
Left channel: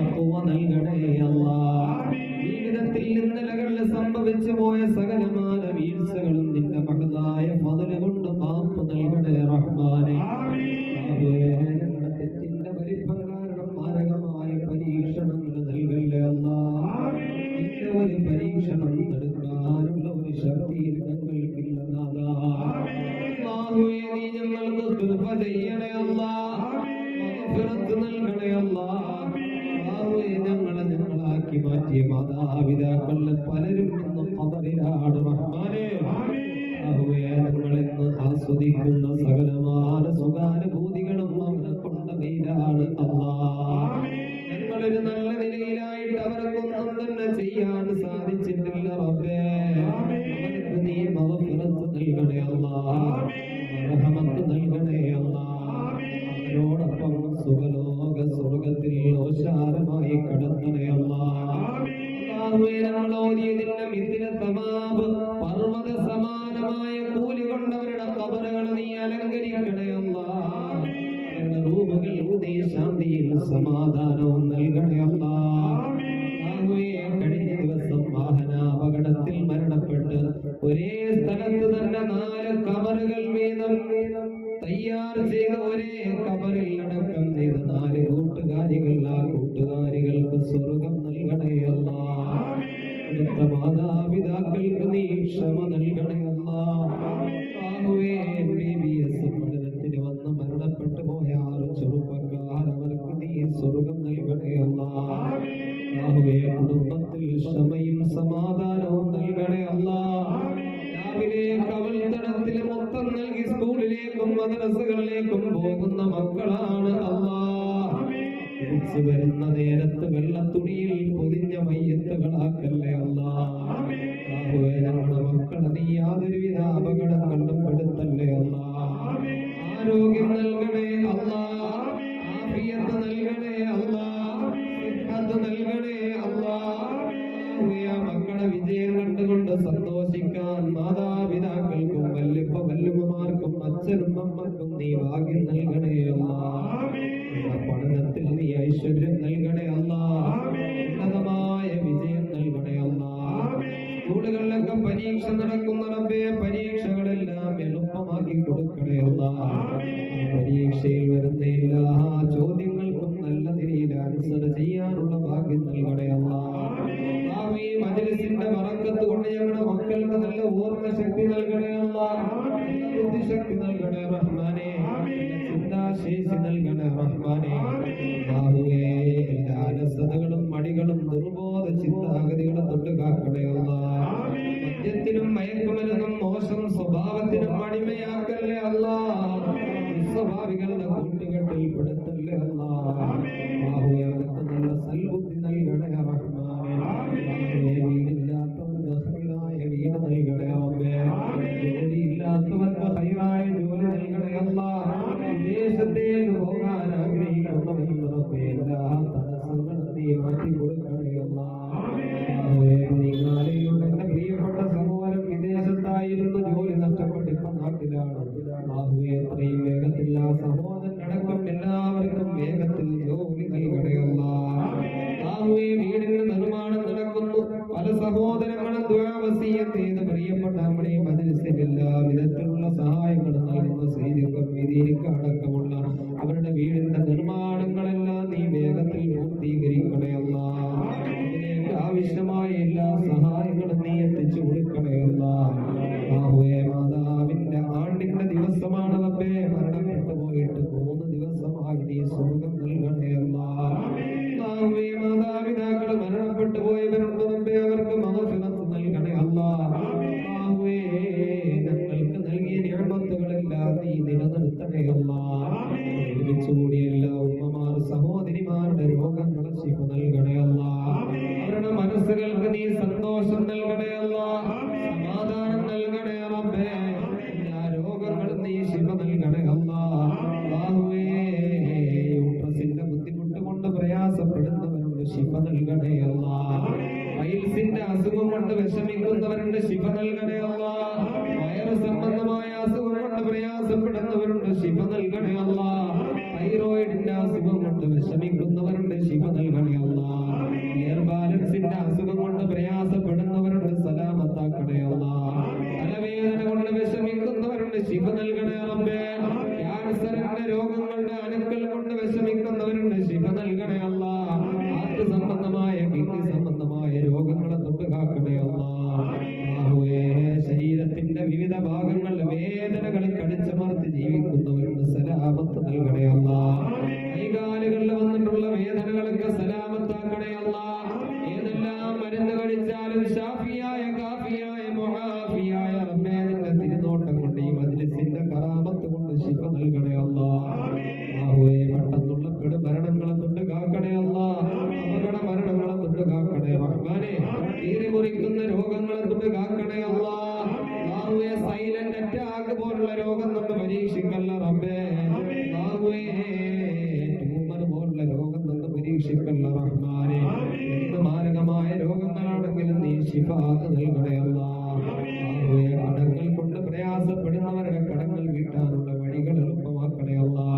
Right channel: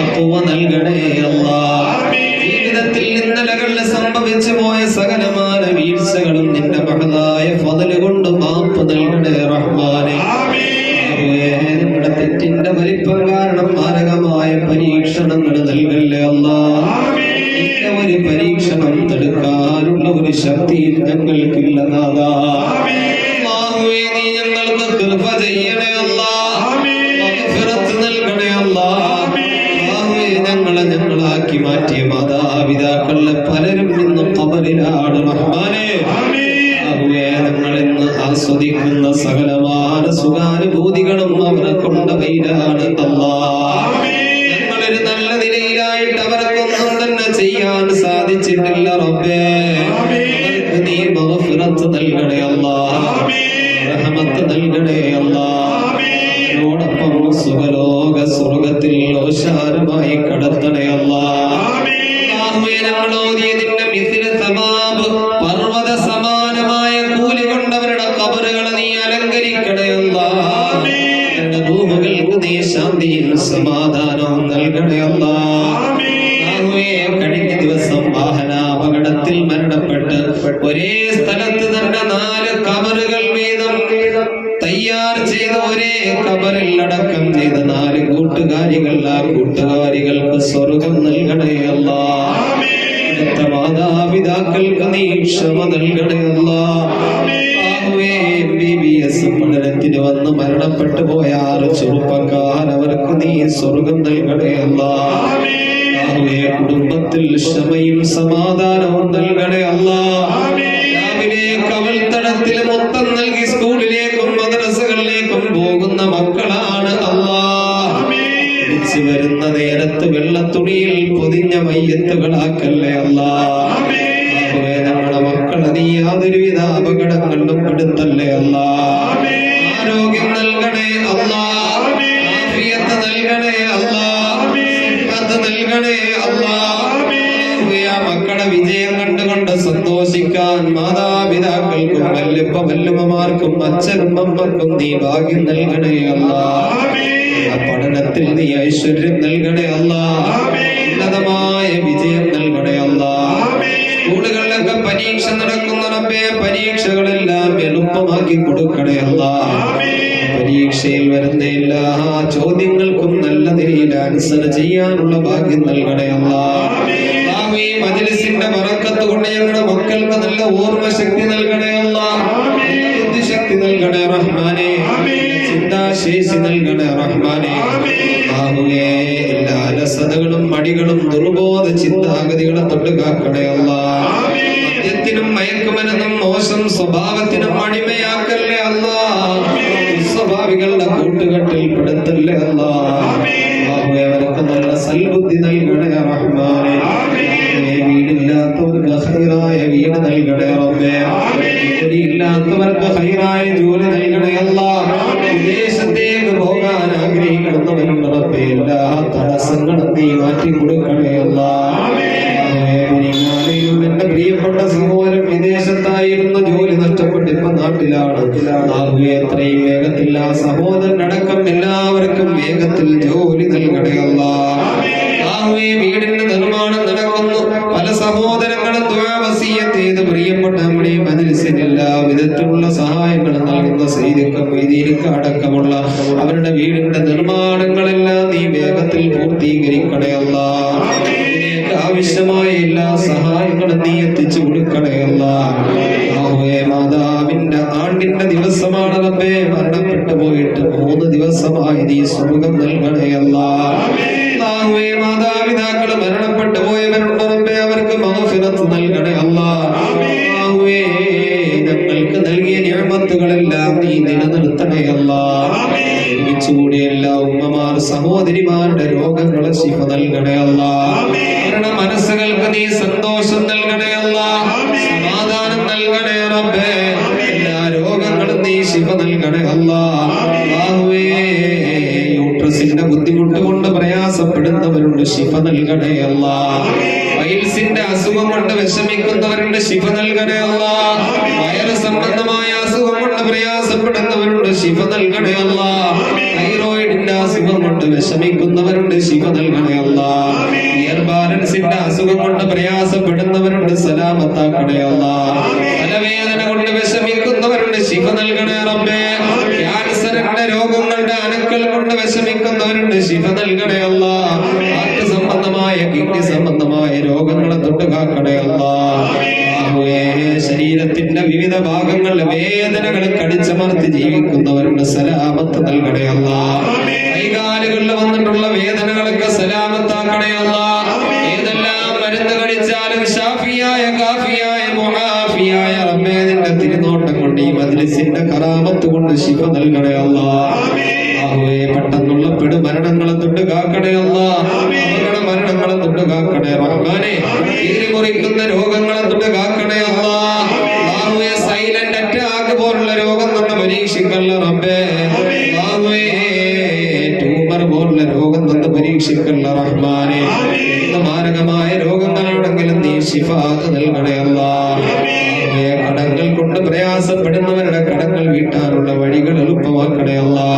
തഖ്വ നൽകണേ അല്ലാഹ്. ജീവിതത്തിൽ ഇന്നലകളിൽ സംഭവിച്ചു പോയ സകലമായ വീഴ്ചകളും നിന്റെ മഹതായ ഫضل കൊണ്ട് മാപ്പ് നൽകണേ റഹ്മാനെ. ഞങ്ങളുടെ തെറ്റിന്റെ വലിപ്പം കാരണം മാരകമായ പരീക്ഷണങ്ങൾ നൽകല്ലേ അല്ലാഹ്. നിന്റെ ഒരു പരീക്ഷണം തടുക്കാനുള്ള ഒരു ശക്തിയും ഞങ്ങൾക്കില്ല നാഥാ. അല്ലാഹുവേ, നീ ഞങ്ങൾക്ക് കൃപ ചെയ്യണേ അല്ലാഹ്. മഗ്ഫിറത്ത് നൽകണേ അല്ലാഹ്. ഞങ്ങളാക്കി മാറ്റിയ മാതാപിതാക്കളിലെ പലരും ഇന്ന് ഖബറിലാണ് റഹ്മാനെ. ഞങ്ങളിന്ന് ആസ്വദിക്കുന്ന സകലമായ സുഖാനുഭൂതികളും അവരെ കൊണ്ടവയിലാണ് അല്ലാഹ്. ഞങ്ങളൊരു നല്ല നിലയിലായിട്ട് അവർക്കൊന്നും തന്നെ ചെയ്യാൻ സാധിച്ചിട്ടില്ല റബ്ബേ. അവർക്ക് നീ മഗ്ഫിറത്ത് നൽകണേ അല്ലാഹ്. റഹ്മത്ത് നൽകണേ അല്ലാഹ്. അവരോടൊപ്പം സുഖലോക സ്വർഗത്തിൽ ഓശാരമായി കടത്തണേ അല്ലാഹ്. ഞങ്ങൾ ഓതിയതിന്റെ മിഥില സവാബ് പർവ്വത സമാനമായ കൂലി കൊണ്ടവരുടെ ഖബറുകളെ നീ അലങ്കരിക്കണേ അല്ലാഹ്. ഞങ്ങളുടെ റൂഹുകൾക്ക് നീ ശാന്തിയും സമാധാനവും നൽകണേ അല്ലാഹ്. കഴിഞ്ഞ ദിവസം വാഹനാപകടത്തിൽ മരണപ്പെട്ട് ഒരേ സ്ഥലത്ത് തന്നെ 4 ഖബറുകൾ വീതം തയ്യാർ ചെയ്ത ഒരേ ഖബറിൽ അടക്കം ചെയ്ത 4 കൂട്ടുകാരികൾ, ആ കൂട്ടുകാരികൾക്ക് സ്വർഗം നൽകണേ അല്ലാഹ്. അടുത്ത മാതാപിതാക്കൾക്ക് നീ ക്ഷമ നൽകണേ അല്ലാഹ്. MBBS പഠനത്തിന് വന്ന് മരണപ്പെട്ടു പോയ 6 ചെറുപ്പക്കാർ, അവർക്ക് നീ സ്വർഗം നൽകണേ അല്ലാഹ്. കുടുംബത്തിൽ ക്ഷമയും സമാധാനവും നൽകണേ അല്ലാഹ്. രാവിലെ കവൽത്തടത്തിൽ മൊത്തം നൽകി സ്കൂളിലേക്കും മദ്രസകളിലേക്കും പോകുന്ന മക്കളാണ് അല്ലാഹ്. തിരിച്ചു വരുന്ന നേരത്ത് വെള്ളത്തുണിയിൽ പൊതിഞ്ഞ മയ്യത്തുകളാക്കല്ലേ അല്ലാഹ്. നമ്മുടെ മക്കളെ നീ യാതൊരുവിധ അപകടങ്ങളിലും പെടുത്തല്ലേ അല്ലാഹ്. ആരോഗ്യം നൽകണേ അല്ലാഹ്. ആഫിയത്ത് നൽകണേ അല്ലാഹ്. സിഹ്ഹത്ത് നൽകണേ അല്ലാഹ്. മക്കളുടെ വിജയം കണ്ടുകൊണ്ട് സന്തോഷിക്കാൻ മാതാപിതാക്കൾക്കും വല്യപ്പ-വല്യമ്മമാർക്കും അച്ഛനും അമ്മക്കും നീ ഭാഗ്യം നൽകണേ അല്ലാഹ്. പഠനത്തിൽ നീ ഐശ്വര്യം നൽകണേ അല്ലാഹ്. ഉന്നതമായ വിജയം നൽകണേ അല്ലാഹ്. സ്കൂളുകളിലൊക്കെ പരീക്ഷ നടക്കുന്ന റബ്ബേ, പരീക്ഷകളെല്ലാം എളുപ്പമാക്കി കൊടുക്കണേ അല്ലാഹ്. പരീക്ഷയിൽ വരുന്ന എല്ലാ ചോദ്യങ്ങൾക്കും നല്ല നിലയിൽ ആൻസർ ചെയ്യാനുള്ള ഭാഗ്യം നൽകണേ അല്ലാഹ്. ഈ മജ്‌ലിസിന്റെ ബറക്കത്ത് കൊണ്ട് ഞങ്ങളുടെ മക്കൾക്ക് നല്ല ഓർമ്മശക്തി നൽകണേ അല്ലാഹ്. ബുദ്ധിശക്തി നൽകണേ റഹ്മാനെ. ചിന്താശേഷി നൽകണേ റഹ്മാനെ. എല്ലാ അലസതകളും മടികളും ദുർബോധ ചിന്താഗതികളും തൊട്ട് കാക്കണേ അല്ലാഹ്. മദ്യത്തിനും മയക്കുമരുന്നും മോശം സ്വഭാവത്തിനും അടിമയാക്കല്ലേ അല്ലാഹ്. സ്വഭാവികളുടെ കൂട്ടുകെട്ടിൽ പെടുത്തല്ലേ അല്ലാഹ്. അവർക്ക് നല്ല സൽബുദ്ധി നൽകണേ റഹ്മാനെ. വീടില്ലാത്തവർക്ക് ഖൈറായ വീട് നൽകണേ റബ്ബേ. ജോലിയില്ലാത്തവർക്ക് ഖൈറായ ജോലി നൽകണേ അല്ലാഹ്. വിദേശത്തേക്ക് പോകാൻ ആഗ്രഹിക്കുന്നവരുണ്ട് റബ്ബേ, എല്ലാ തടസ്സങ്ങളും നീ മാറ്റി കൊടുക്കണേ അല്ലാഹ്. എന്റെ പ്രിയപ്പെട്ട സഹോദരൻ വിദേശത്തായിരുന്നു, ജോലി നഷ്ടപ്പെട്ട് ഇപ്പൊ നാട്ടിലാണ്. എത്രയും വേഗത്തിൽ ആ സഹോദരൻ അടക്കം എല്ലാവർക്കും വേഗത്തിൽ ജോലി നൽകണേ അല്ലാഹ്. വീടിന്റെ നിർമ്മാണം നടക്കുന്നു. പല സഹോദരങ്ങളും ദുആ വസിയ്യത്ത് ചെയ്ത് പ്രിയപ്പെട്ട നമ്മുടെ മജ്‌ലിസിന് എല്ലാ വിധത്തിലുള്ള സഹായങ്ങളും നൽകുന്ന സയ്യിദ് അടക്കമുള്ള അവരുടെ വീടിന്റെ നിർമ്മാണങ്ങളെല്ലാം നീ വേഗത്തിൽ പൂർത്തീകരിക്കണേ അല്ലാഹ്. ആവശ്യമായ എല്ലാ സഹായങ്ങളും നീ എത്തിച്ചു കൊടുക്കണേ അല്ലാഹ്. മാതാവിന്റെ ആണ്ടിന്റെ ദിവസമാണ് റബ്ബേ, മരണപ്പെട്ടു പോയിട്ട് 3 ദിവസമായി നീ സ്വർഗം നൽകണേ അല്ലാഹ്. മാതാപിതാക്കൾ മരണപ്പെട്ടു പോയവരുണ്ട് റബ്ബേ, അവർക്ക് മഗ്ഫിറത്ത് നൽകണേ അല്ലാഹ്. ഞങ്ങൾക്ക് നൽകിയ നിഅമത്തുകളെല്ലാം നീ നിലനിർത്തണേ അല്ലാഹ്. ഒരുമിച്ചുകൂടിയ എല്ലാ ഉമ്മമാർ സഹോദരിമാരുടെ രോഗങ്ങളെ ശിഫ നൽകണേ അല്ലാഹ്. അവരുടെ മനസ്സുകൾക്ക് നീ സന്തോഷം നൽകണേ അല്ലാഹ്. സമാധാനം നൽകണേ റബ്ബേ. എല്ലാ രോഗങ്ങളും നീ ശിഫ നൽകണേ അല്ലാഹ്. യൂട്രസിന്റെ ബുദ്ധിമുട്ട് കൊണ്ട് പ്രയാസപ്പെടുന്നവരുണ്ട്, ശിഫ നൽകണേ അല്ലാഹ്. പൈൽസിന്റെ അസുഖം കൊണ്ട് വിഷമിക്കുന്നവരുണ്ട്, ശിഫ നൽകണേ അല്ലാഹ്. വയറ് സംബന്ധമായ അസുഖം കൊണ്ട് പ്രയാസപ്പെടുന്നവരുണ്ട്, ശിഫ നൽകണേ അല്ലാഹ്. തൈറോയിഡിന്റെ അസുഖം കൊണ്ട് വിഷമിക്കുന്നവരുണ്ട്, ശിഫ നൽകണേ അല്ലാ. ഇയർ ബാലൻസിന്റെ അസുഖം കൊണ്ട് പ്രയാസപ്പെടുന്നവരുണ്ട്, സലാമത്താക്കണേ അല്ലാ. തലവേദന കൊണ്ട് വിഷമിക്കുന്നവരുണ്ട്, ശിഫ നൽകണേ റബ്ബേ. ക്യാൻസറിന്റെ രോഗങ്ങളുടെ അണുക്കൾ കൊണ്ട് വിഷമിക്കുന്നവരുണ്ട്, ശിഫ നൽകണേ അല്ലാ. ഹാർട്ട് സംബന്ധമായ കിഡ്നി സംബന്ധമായ രോഗങ്ങളെ തൊട്ട് കാക്കണേ അല്ലാ. ശരീരത്തിന്റെ വിവിധ ഭാഗങ്ങളിൽ വേദനകൾ കടിച്ചമർത്തി ജീവിക്കുന്നവരുണ്ട്, സലാമത്ത് നൽകണേ അല്ലാ. കൈകാലുകളിൽ വന്നിട്ടുള്ള വേദനകളൊക്കെ സലാമത്താക്കണേ അല്ലാ. ഏതെല്ലാം മരുന്ന് കഴിച്ചാലും ഷാഫിയായ കാഫിയായ മുആഫിയായ റബ്ബേ നിന്റെ തിരുനോട്ടം കൊണ്ട് ഈ മജ്ലിസിന്റെ കറാമത്ത് കൊണ്ട് ശിഫ നൽകണേ അല്ലാ. പെട്ടെന്നുള്ള പെടുമരണങ്ങളെ തൊട്ട് കാക്കണേ അല്ലാ. അവരുടെ മരണങ്ങളെ തൊട്ട് കാക്കണേ റഹ്മാനെ. മുറിക്കുന്ന രോഗങ്ങളെ തൊട്ട് കാക്കണേ അല്ലാ. സൈലന്റ് അറ്റാക്ക് പോലുള്ള രോഗം തൊട്ട് പരീക്ഷിക്കല്ല റബ്ബേ. ട്യൂമർ പോലുള്ള രോഗം തൊട്ട് പരീക്ഷിക്കല്ല റഹ്മാനെ. എന്ത് മാരകമായ രോഗങ്ങളാണെങ്കിലും നീ ശിഫാത്ത് നൽകണേ അല്ലാ. കടങ്ങൾ കൊണ്ട് പ്രയാസപ്പെടുന്നവരുടെ കടങ്ങൾ വീട്ടാനുള്ള വഴികൾ എളുപ്പമാക്കണേ അല്ലാ.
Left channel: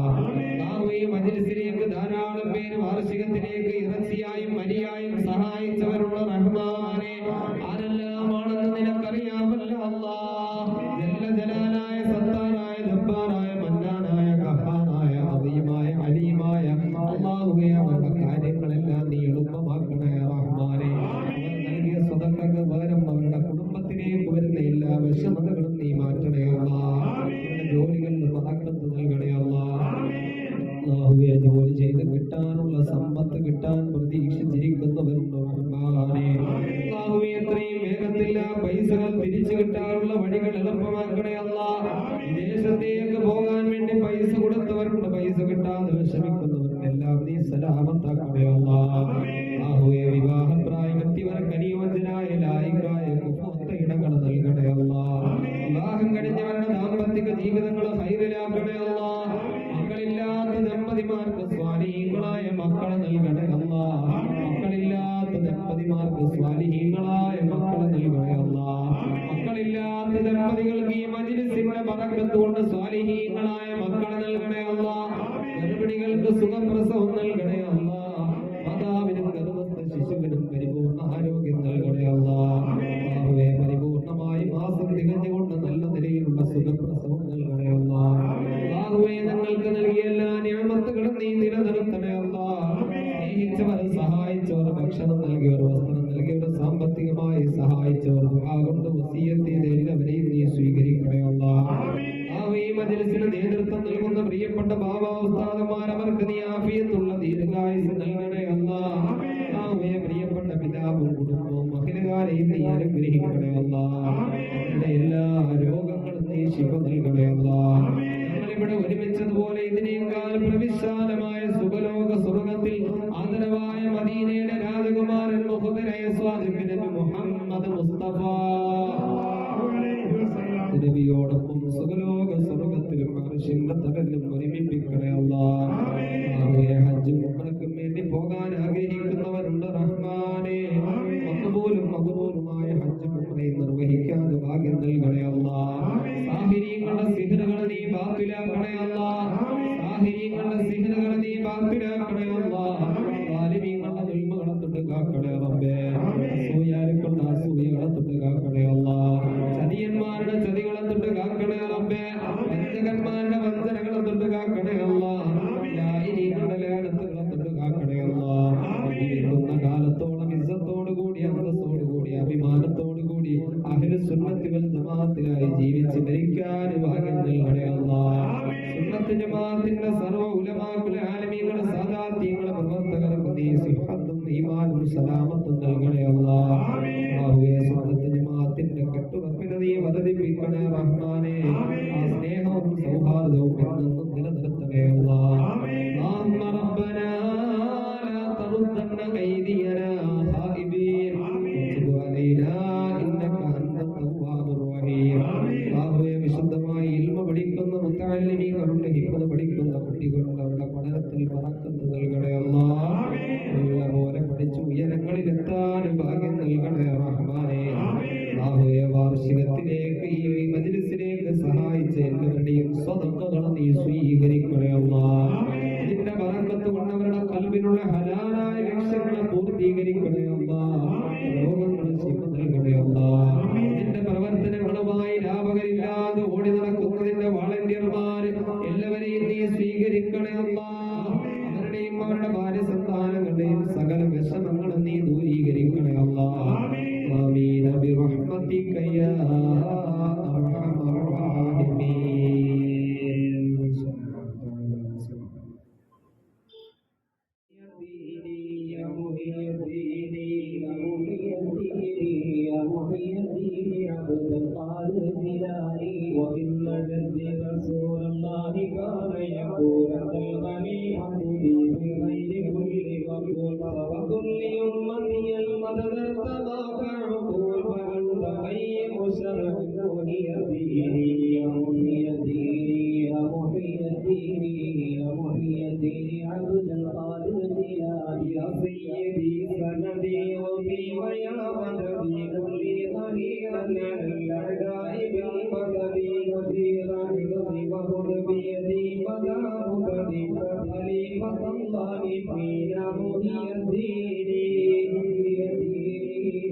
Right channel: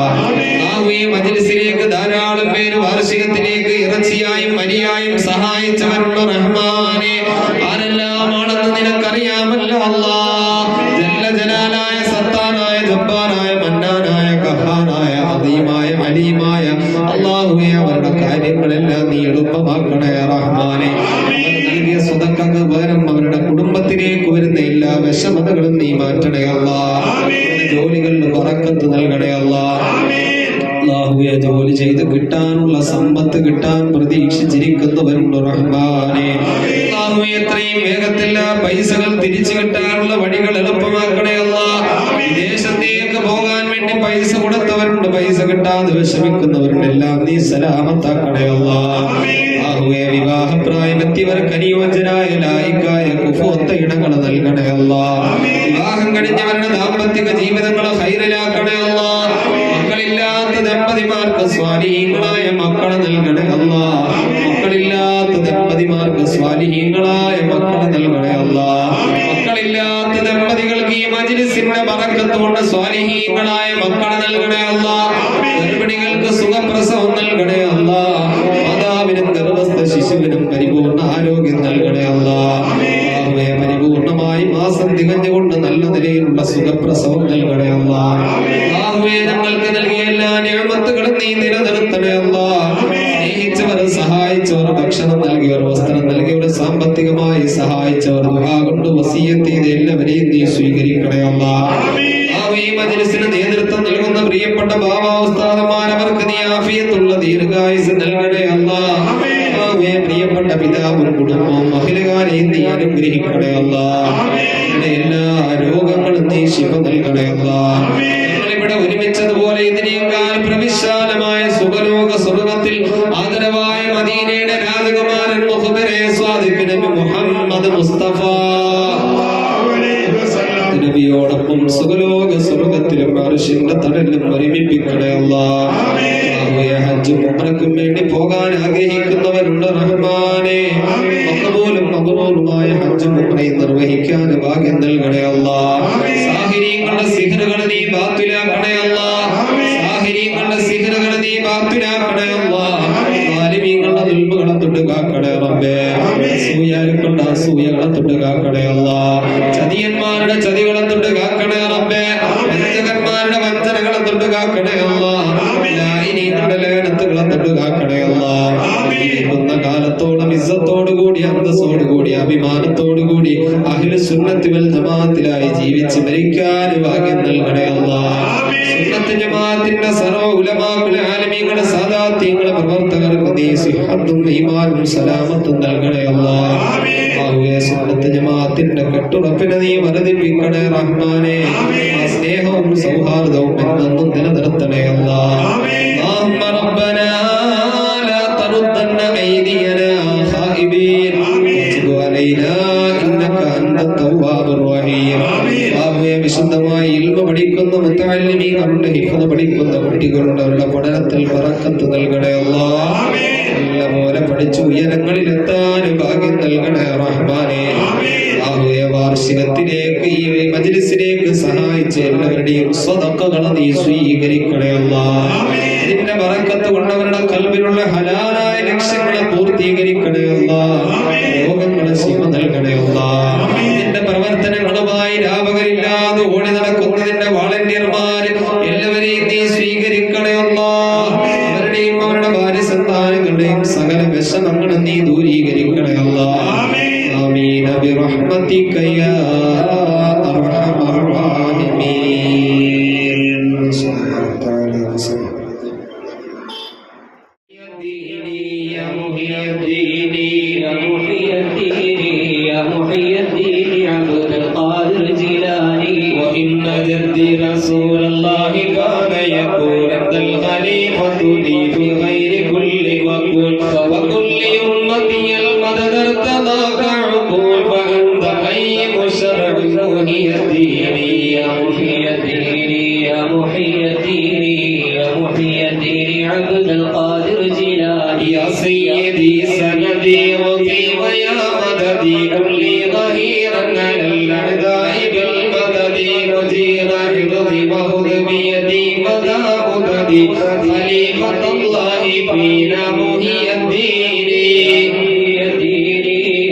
മജ്‌ലിസിലേക്ക് ധാരാളം പേര് വാർഷികത്തിലേക്ക് ഇറച്ചിയായും മരിയായും സഹായിച്ചവരുള്ള റഹ്മാനെ. ആരെല്ലാമാണെന്ന് നിനക്കറിയാമല്ലോ അല്ലാ. ജല്ല ജലാലായ സത്താനായ ജബ്ബാറായ മന്നാനായ കഹാനായ അദീമായ അലീമായ അല്ലാഹുവേ അവരുടെ കാര്യങ്ങളെല്ലാം നീ എളുപ്പമാക്കണേ റഹ്മാനെ. നൽകിയ സ്വതക്കൾക്ക് പകരം അവരുടെ കുടുംബത്തിലേക്ക് വരുന്ന എല്ലാ വിഷമതകളും നീ മാറ്റണേ അല്ലാ. ജോലികളിൽ ബറക്കത്ത് നൽകണേ അല്ലാ. അല്ലാഹുവേ ജോലി ചെയ്ത് കിട്ടാനുള്ള സമ്പത്ത് കിട്ടാൻ പ്രതീക്ഷിച്ചിരിക്കുന്നവരുണ്ട് റഹ്മാനെ. അല്ലാഹുവേ എത്രയും വേഗത്തിൽ പൈസകൾ തിരിച്ചു കിട്ടാനുള്ള വഴികൾ എളുപ്പമാക്കണേ അല്ലാ. വിദേശത്തേക്ക് പോകാൻ വേണ്ടി പൈസ കൊടുത്തവരുണ്ട്, പൈസ കിട്ടാതെ വിഷമിക്കുന്നവരുണ്ട്, എല്ലാം നീ സലാമത്താക്കണേ അല്ലാ. അല്ലാഹുവേ വിവാഹപ്രായമെത്തിയവർക്ക് അനുയോജ്യരായ ലായിക്കായ കുഫുവത്ത ഇണങ്ങൾ നൽകണേ അല്ലാ. വിവാഹം കഴിഞ്ഞവരുടെ ദാമ്പത്തിക ജീവിതങ്ങളെ ഹൈറിലാക്കണേ അല്ലാ. മക്കളില്ലാത്ത ദമ്പതിമാർക്ക് സ്വാലിഹീങ്ങളായ മക്കളെ നൽകണേ അല്ലാ. മക്കളില്ലാത്ത ദമ്പതിമാർക്ക് സ്വാലിഹീങ്ങളായ മക്കളെ നൽകണേ അല്ലാ. മക്കളില്ലാത്ത ദമ്പതികൾക്ക് ഈ മജ്‌ലിസിന്റെ ബറക്കത്ത് കൊണ്ട് സ്വാലിഹീങ്ങളായ മക്കളെ നൽകണേ അല്ലാ. ഗർഭിണികൾക്ക് സുഖപ്രസവം നൽകണേ അല്ലാ. മാതാവിനും ഗർഭസ്ഥ ശിശുവിനും പരിപൂർണ ആരോഗ്യം നൽകണേ അല്ലാ. പരിപൂർണമായി മാസം തികഞ്ഞുകൊണ്ട് നല്ല നിലയിലുള്ള സുഖപ്രസവം നൽകണേ അല്ലാ. ഞങ്ങൾക്ക് നൽകിയ എല്ലാ നിഅമത്തുകളും നീ നിലനിർത്തണേ അല്ലാ. സ്നേഹിച്ചവർ, സഹായിച്ചവർ, ഭക്ഷണം നൽകിയവർ, വസ്ത്രം നൽകിയവർ, സാമ്പത്തികമായി സഹായിച്ചവർ, ദുആ കൊണ്ട് വസിയ്യത്ത് ചെയ്ത എല്ലാവരെയും നീ സ്വീകരിക്കണേ അല്ലാ. ഈ മജ്‌ലിസിന് നേതൃത്വം നൽകുന്ന പ്രിയപ്പെട്ട ബാബാ ഉസ്താദുമാരവർക്ക് നീ ആഫിയത്തുള്ള ദീർഘായുസ് നൽകണേ അല്ലാ. പ്രിയപ്പെട്ട പിതാവും കുടുംബവും മഹിലകാരെയും നീ അനുഗ്രഹിക്കണേ അല്ലാ. എല്ലാ രോഗങ്ങളും നീ ശിഫ നൽകണേ അല്ലാ. ഞങ്ങളിവിടെ ഒരുമിച്ചതുപോലെ ഇതിനേക്കാൾ പ്രവിശാലമായ സുഖലോക സ്വർഗ്ഗത്തിൽ ആദരവായ മദീനയുടെ രാജകുമാരൻ മുഹമ്മദ് സ്വാദിഖ് നബി മുഹമ്മദ് മുസ്തഫ നബിയോടൊപ്പം സുഖലോക സ്വർഗ്ഗത്തിലും അർശിന്റെ തണലിലും ഒരുമിപ്പിക്കണേ അല്ലാ. ഹജ്ജും ഉംറയ്ക്കും വേണ്ടി പോകാൻ ആഗ്രഹിക്കുന്നവരുണ്ട് റഹ്മാനെ. മഖബൂലും മബ്റൂറുമായ ഹജ്ജും ഉംറയും നിർവഹിക്കാൻ ഭാഗ്യം നൽകണേ അല്ലാ. സാഹിരീങ്ങളുടെ സിഹ്റുകളെ നീ ബാത്തിലാക്കണേ അല്ലാ. സാഹിരീങ്ങളുടെ സിഹ്റുകളെ നീ ബാത്തിലാക്കണേ അല്ലാ. സാലിമീങ്ങളുടെ ദുൽമുകളെ തൊട്ട് കാക്കണേ റബ്ബേ. അസൂയാലുക്കളുടെ അസൂയകളെ തൊട്ട് കാക്കണേ അല്ലാ. ചതിയന്മാരുടെ ചതികളെ തൊട്ട് കാക്കണേ റബ്ബേ. വഞ്ചകന്മാരുടെ വഞ്ചനകളെ തൊട്ട് കാക്കണേ അല്ലാ. ലായിനീങ്ങളുടെ ലേനത്തുകളെ തൊട്ട് കാക്കണേ അല്ലാ. ഇരിക്കുന്ന കാലത്തോളം ഇസ്സത്തോടുകൂടി അന്തസ്സോടുകൂടി അഭിമാനത്തോടുകൂടി അഹ്ലു സുന്നത്തി വൽ ജമാഅത്തിലായി ജീവിച്ച് മരിക്കാൻ ഭാഗ്യം നൽകണേ അല്ലാ. സുന്നത്ത് ജമാഅത്തിന്റെ സർവ്വ ഉലമാക്കളെ ആലിമീങ്ങളെ സാദാത്യങ്ങളെ പ്രവർത്തകർക്ക് നീ സിഹത്തും ഈമാനും സലാമത്തും നൽകണേ അല്ലാ. സുന്നത്ത് ജമാഅത്തിന്റെ കെട്ടുറപ്പിനെ നീ വർദ്ധിപ്പിക്കണേ റഹ്മാനെ. ആ സ്നേഹവും സൗഹാർദ്ദവും എന്നെന്നും നിലനിർത്തണേ അല്ലാ. ربنا لا تردن أيدينا خائبين وتب علينا إنك أنت التواب الرحيم. വിശുദ്ധമായി ഇൽമ പഠിക്കുന്ന മുത്തഅല്ലിമീങ്ങളുടെ ഹിഫ്ള് പഠിക്കുന്ന കുട്ടികളുടെ അവരുടെ പഠനത്തിൽ ബറക്കത്ത് നൽകണേ അല്ലാ. നല്ലപോലെ പഠിച്ച് ഉയരങ്ങളിൽ എത്താൻ ഭാഗ്യം നൽകണേ റഹ്മാനെ. വാർഷികത്തിലേക്ക് ഈ മജ്‌ലിസിലേക്ക് സഹായിച്ച എല്ലാവരുടെയും സ്വതക്കകളെ നീ സ്വീകരിക്കണേ അല്ലാ. ഇതിന്റെ ബറക്കത്ത് കൊണ്ട് അവരുടെ കൽബിലുള്ള ഹലാലായ ലക്ഷ്യങ്ങളെ പൂർത്തീകരിക്കണേ അല്ലാഹ്. രോഗങ്ങളെ ശിവ നൽകണേ അല്ലാഹ്. നിന്റെ പ്രവർത്തനങ്ങളുമായി രാപകരില്ലാതെ ഓടി നടക്കുന്നതിന്റെ വാളണ്ടിയർമാര് എല്ലാവരെയും നീ സ്വീകരിക്കണേ അല്ലാഹ്. അവരുടെയും അവരുടെ ഭാര്യ സന്താനങ്ങളുടെയും സകല വിഷമങ്ങളും നീ ദൂരീകരിക്കണേ അല്ലാഹ്. ആമീൻ ബിറഹ്മതിക യാ അർഹമർ റഹീമീൻ. يا محي الدين يا محي الدين يا محي الدين عبد القادر الجيلاني. وإن جدي رسول الله كان يقول أنت الخليفة لي في خير كل وكل وكل أمتي المدد ارتضاك عقول فأنت قيم شرع محي الدين يا محي الدين يا محي الدين يا محي الدين عبد القادر الجيلاني. يا سيدي سندي وفي ويا مددي كل ظهيرا على الأعداء بالمدد مجير حفظي وخذ بيدي مدى مددي خليفة الله فينا محي الدين.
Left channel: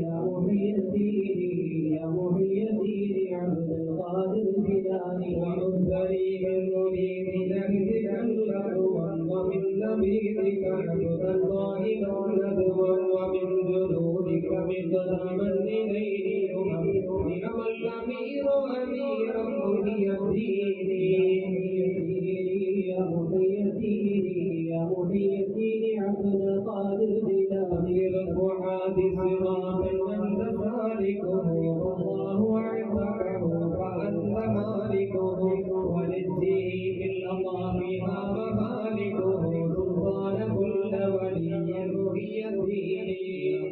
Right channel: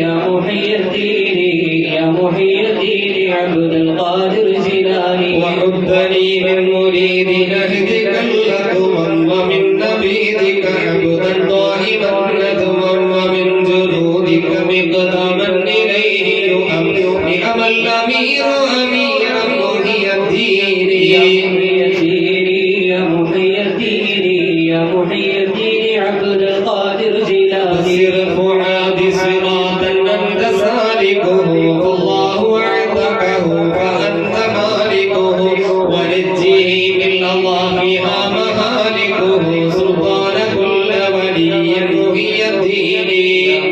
يا محي الدين يا محي الدين عبد القادر الجيلاني. وحبني من مريد نهدك اللدما ومن نبيذك عبدا ضائما ندما ومن جنودك مقدما إليه يؤم نعم الأمير أميرا محي الدين. يا محي الدين يا محي الدين يا محي الدين عبد القادر الجيلاني. سر فؤاد صراطا أنت سالكه فالله اعتقه فأنت مالكه ونجيه من الله فيها مهالكه سلطان كل ولي محي الدين.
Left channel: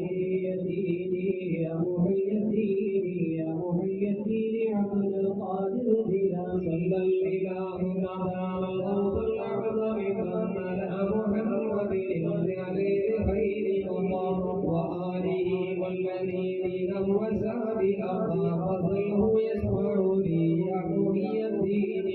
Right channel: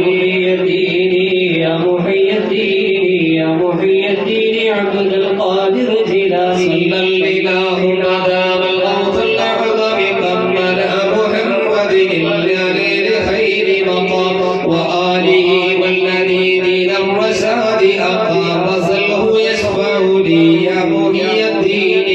محي الدين يا محي الدين يا محي الدين عبد القادر الجيلاني. صلى الإله ما دام الغوث الأعظم قمنا محمد للجليل خير مقام وآله والذين لم رشاد أقام فصله يشفع لي يا محي الدين.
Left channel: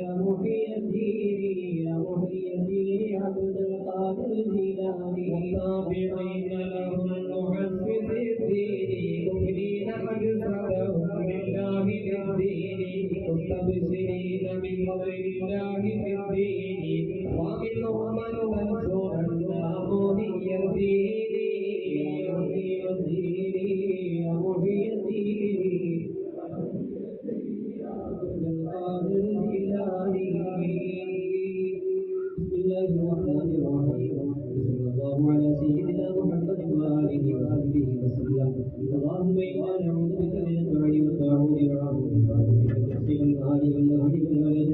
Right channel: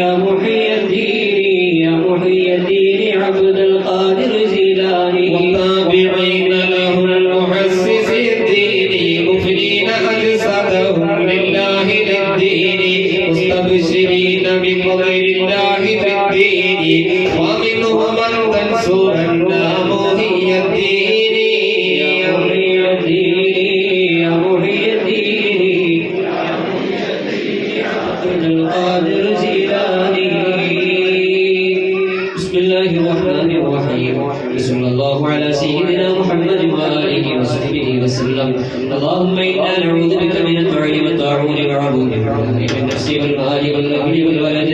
يا محي الدين يا محي الدين عبد القادر الجيلاني. والتابعين لهم المحسس الدين مفنين أجسادهم لله للدين مستبشرين بفضل الله في الدين ومنهم من تنصرنا محي الدين. يا محي الدين يا محي الدين عبد القادر الجيلاني. بسم الله الرحمن الرحيم. صلى الله على سيدنا محمد وآله وصحبه وسلم. اللهم إنا نعوذ بك من الطعن والطاعون وعبود من النفس والمال والأهل والولد.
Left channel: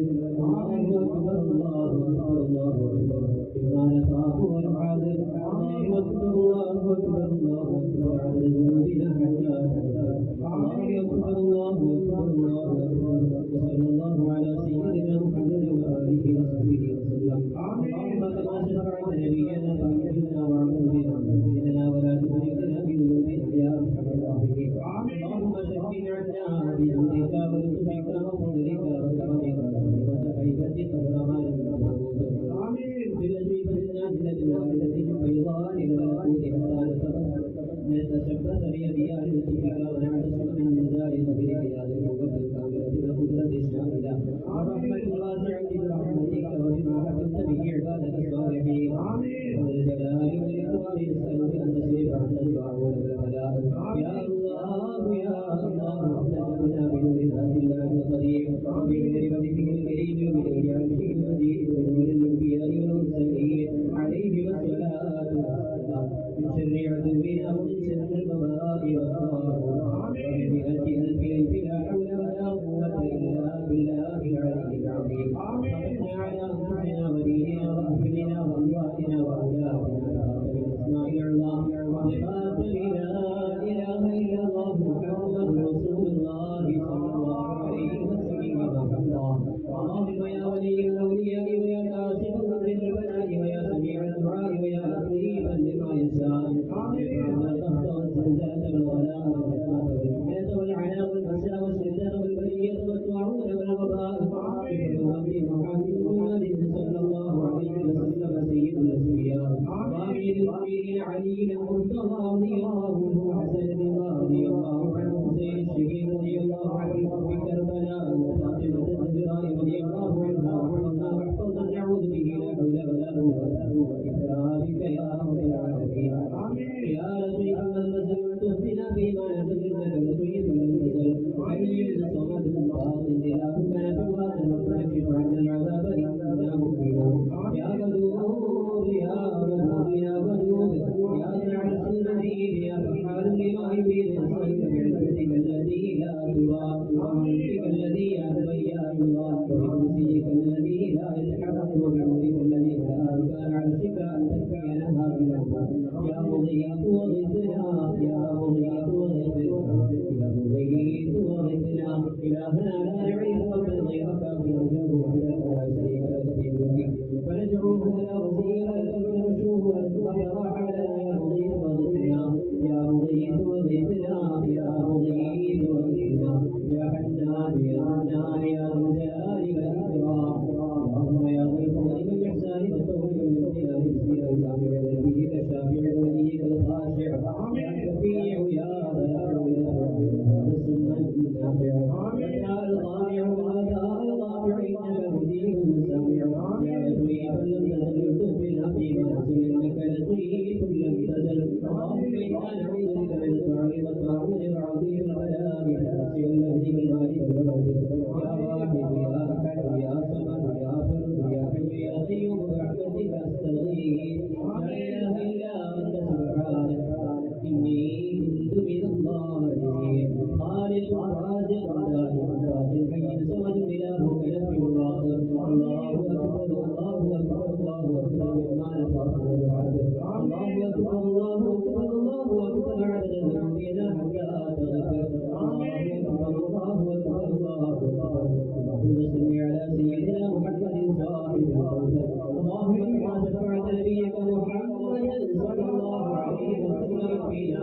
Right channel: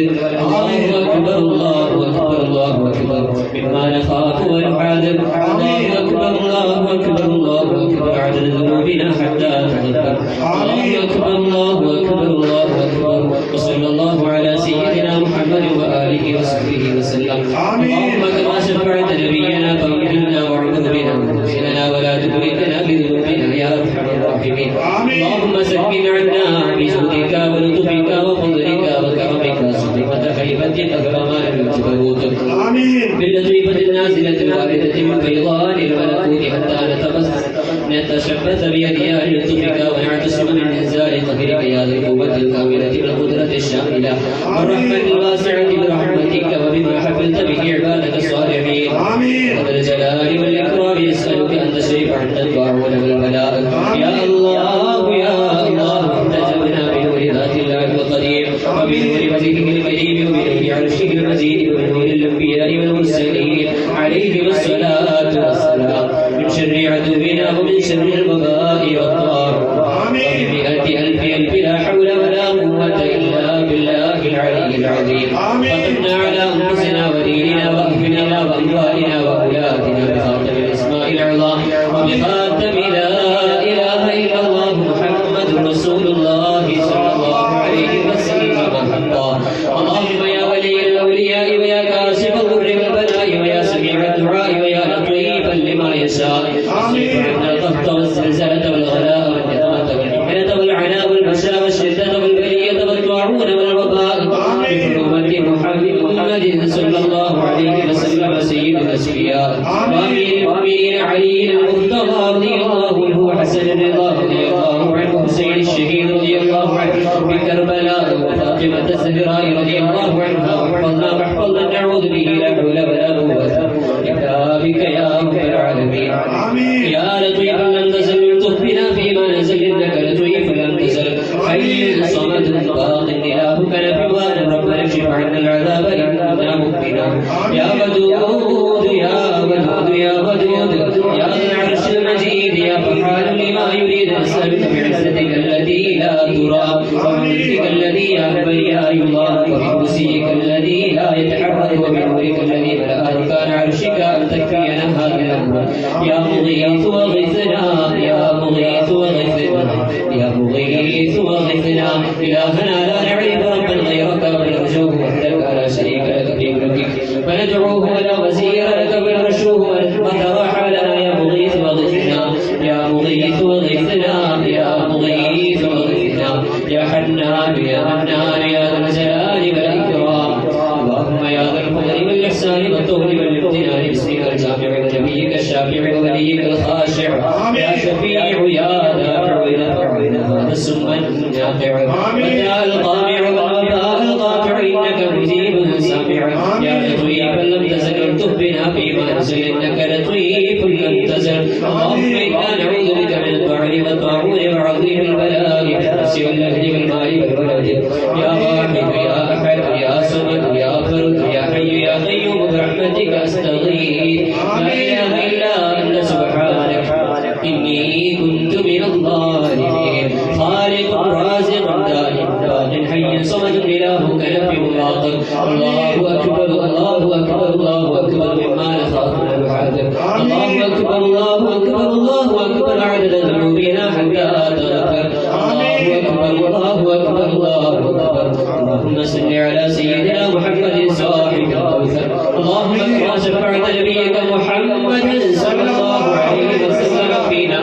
الله أكبر الله أكبر الله أكبر مما نخاف ونحاذر. الله أكبر الله أكبر الله أكبر عدد ذنوبنا حتى تغفر. الله أكبر الله أكبر الله أكبر. وصلى الله على سيدنا محمد وآله وصحبه وسلم. اللهم كما شفعت نبينا فاغفرنا وارحم بنا وانزلنا ولا تدركنا بذنوبنا يا أرحم الراحمين. اللهم سكن عنا بجودك ولطفك وفضلك وكرمك صدقة خيفتك كرمان الجبروت باللطيفة النازلة الواردة من فيضان الملكوت حتى نتشبث بيدها لطفك ونعتصم من إنزال قدرك يا ذا القوة الكاملة والقدرة الشاملة والرحمة الواسعة برحمتك وبما حفظت به عبادك الصالحين. وذا الجلال والإكرام نسألك أن تشرف عنا الطاعون والبلاء يا الله يا الله. احتجبنا بنور ذات الله القدير وبنور وجهه الكريم وبنور عرشه المجيد وبنور الأنبياء والمرسلين عليهم الصلاة والسلام من شر عدونا ومن شر الوباء والطار. بمئة ألف ألف لا حول ولا قوة إلا بالله العلي العظيم. وقنا على أنفسنا وديننا وأهلنا وأموالنا وأولادنا بخاتم الأسماء العظام وبخاتم لا إله إلا الله محمد رسول الله صلى الله عليه وسلم. اللهم يا ولي الأولياء ويا كاشف الضر والبلاء ويا سميع الدعاء ويا لطيفا لما يشاء. اصرف عنا القهط والزلزلة والغلاء والنقمة والمحنة والعناء والبشاء والشدة والبلية والطاعون والوباء بحرمة محمد صلى أمير المؤمنين علي المرتضى رضي الله عنه وحسن الرضا رضي الله عنه حسين الشهيد رضي الله عنه بكربلاء وفاطمة الزهراء رضي الله عنها واحفظنا نعوذ به لا حول ولا قوة إلا بك يا رب العالمين. يا لطيفا لم تزل الطف بنا فيما نزل إنك لطيف لم تزل حي صمد باق إلهك نبي ربنا اكشف عنا العذاب إنا مؤمنون. يا ودود يا ودود يا ودود يا ذا العرش المجيد يا فعال لما يريد نسألك بعزتك الذي لا ترى وبملكك الذي يهبل يا الله وبكرسيك الذي لا يتحرك وبنورك الذي ملأ أركان عرشك أن تكفينا هذا الأمر. يا مغيث وغثنا يا مغيث وغثنا يا مغيث وغثنا. إلهنا لا نعرف ربا غيرك ونرجوه وحدك لا شريك لك في ملكك فندعوه ولا وزير لك ونرجوه وتراحى لنا يا مغيث وغثنا يا مغيث وغثنا يا مغيث وغثنا يا حنان يا منان يا ذا الجلال والإكرام. اللهم يا ذا الفضل والإحسان والطول والامتنان باسمك الجامع ونبيك الشافع ووليك الخاشع يا شفيع يا دافع نفع هذا السم النافع ويا القامع والوفاء القاطع إنك مجيب سامع. يا لطيفا لم تزل الطف بنا فيما نزل إنك لطيف لم تزل. اللهم إنا نعوذ بك من الطعن والطاعون وعظيم البلاء في النفس والأهل والمال والولد. يا واحد يا أحد يا صمد يا فرد يا حي يا قيوم برحمتك أستغيث لا إله إلا أنت سبحانك إني كنت من الظالمين. خالق رازق دائم باق حي صمد إلهك نفي باطل. الله أكبر الله أكبر الله أكبر مما نخاف ونحاذر. الله أكبر الله أكبر الله أكبر عدد ذنوبنا حتى تغفر. الله أكبر الله أكبر الله أكبر. اللهم صل على سيدنا محمد صاحب الكوثر. اللهم كما شفعت نبيك محمد صلى الله عليه وسلم فينا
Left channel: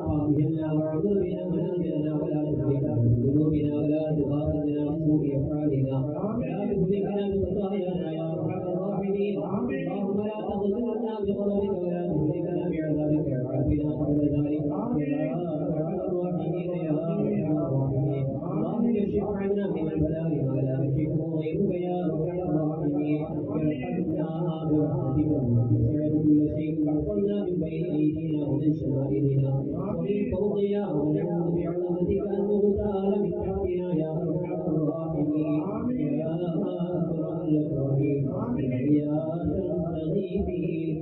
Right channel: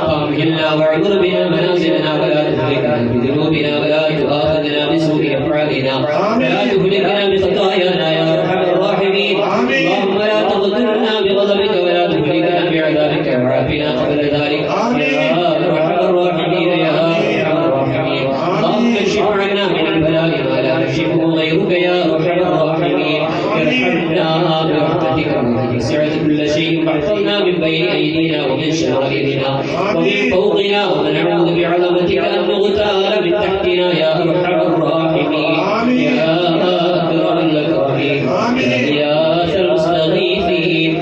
فأمهلنا واعذر بنا منازلنا ولا تهلكنا بذنوبنا ولا تؤاخذنا بسوء أفعالنا ولا تهلكنا بخطايانا يا أرحم الراحمين. اللهم لا تغفرنا بغضبك ولا تهلكنا بعذابك وعافنا قبل ذلك يا أرحم الراحمين يا أرحم الراحمين. اللهم اكشف عنا من البلاء ما لا يكشفه غيرك يا أرحم الراحمين. ارحمنا برحمتك التي سعت كل شيء واحفظنا من بين أيدينا ومن شمائلنا ومن فوقنا ونعوذ بعظمتك أن نغتال من تحتنا يا أرحم الراحمين يا أكرم الأكرمين يا غياث المستغيثين.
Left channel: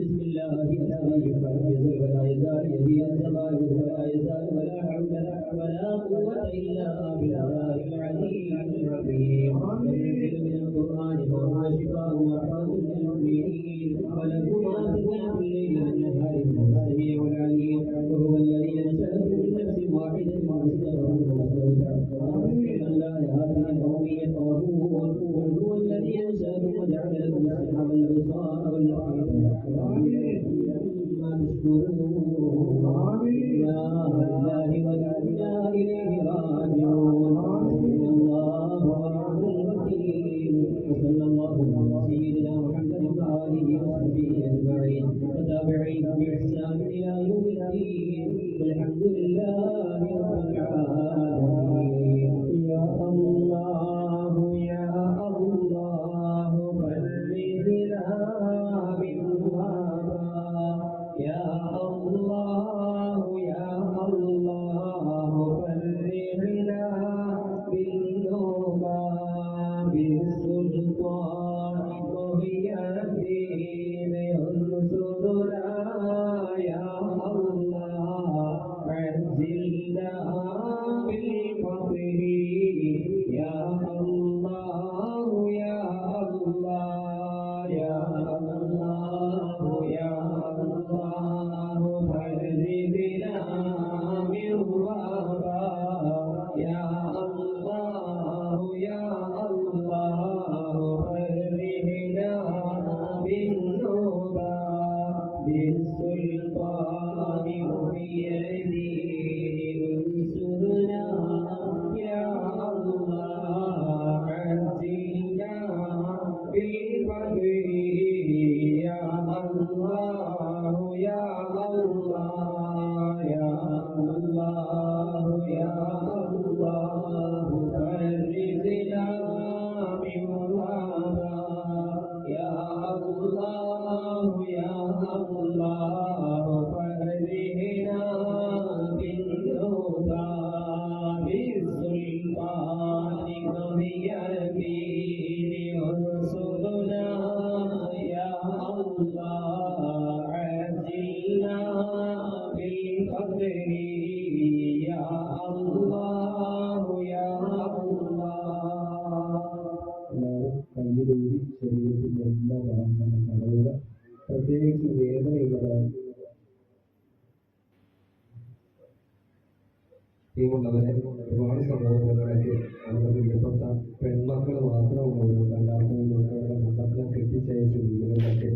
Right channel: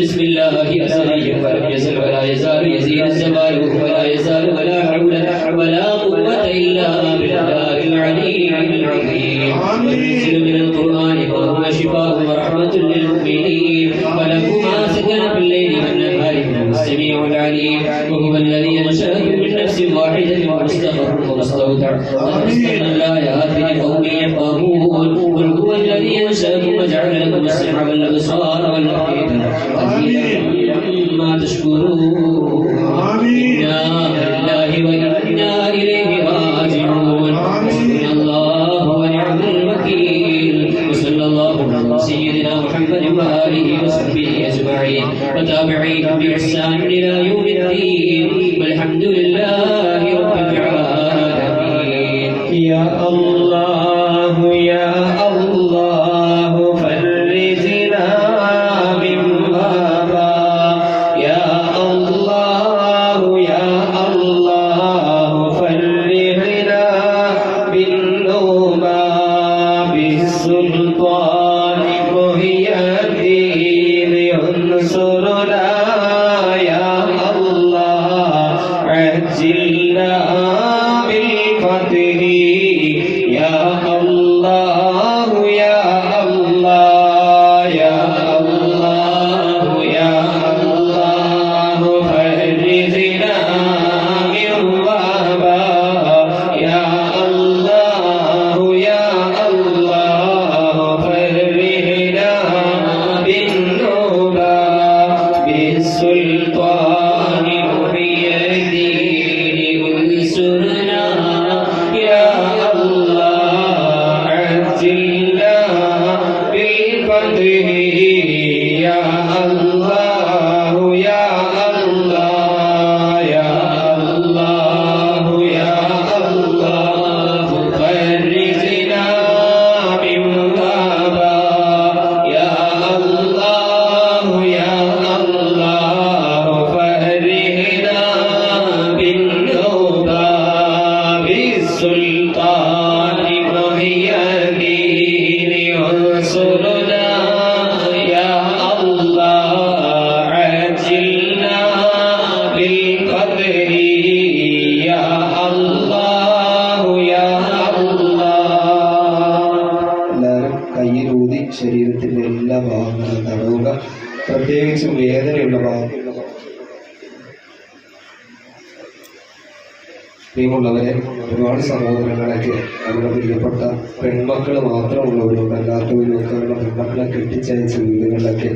بسم الله أسألك ولم يزل ولا يزال يزيد الزمان ولا يزال ولا حول ولا قوة إلا بالله العلي العظيم. وننزل من القرآن ما هو شفاء ورحمة للمؤمنين وله ما سكن في الليل والنهار إنه السميع العليم. وهو الذي أنشأكم من نفس واحدة مستقر ومستودع ونزلنا الآيات لقوم يفقهون. قل هو الذي أنشأكم وجعل لكم السمع والأبصار والأفئدة قليلا ما تشكرون. إنا لله وإنا إليه راجعون. حسبنا الله ونعم الوكيل. وصلى الله على سيدنا محمد وآله وصحبه أجمعين وتابعيهم بإحسان إلى يوم الدين والحمد لله رب العالمين. يا الله يا الله فرجنا من بابا. يا الله يا الله فرجنا بالنوبة بالسلطان محيي الدين انصرنا يا الله عجلنا بالفتح. يا الله يا الله يا الله يا الله فرجنا من بابا. يا الله يا الله فرجنا بالنوبة بالسلطان محيي الدين انصرنا يا الله عجلنا بالفتح. يا الله വേദനയുള്ള ഭാഗം. പ്രിയമുള്ളവരെ, ഒരുപാട് സഹോദരങ്ങളൊക്കെ അവരുടെ പ്രിയപ്പെട്ട പെൺമക്കൾ മാത്രമുള്ളവരുണ്ട്. അല്ലാത്തവരും ഒക്കെ അവരുടെ പെൺമക്കളെ കെട്ടിച്ചയച്ച വീടുകളിലൊക്കെ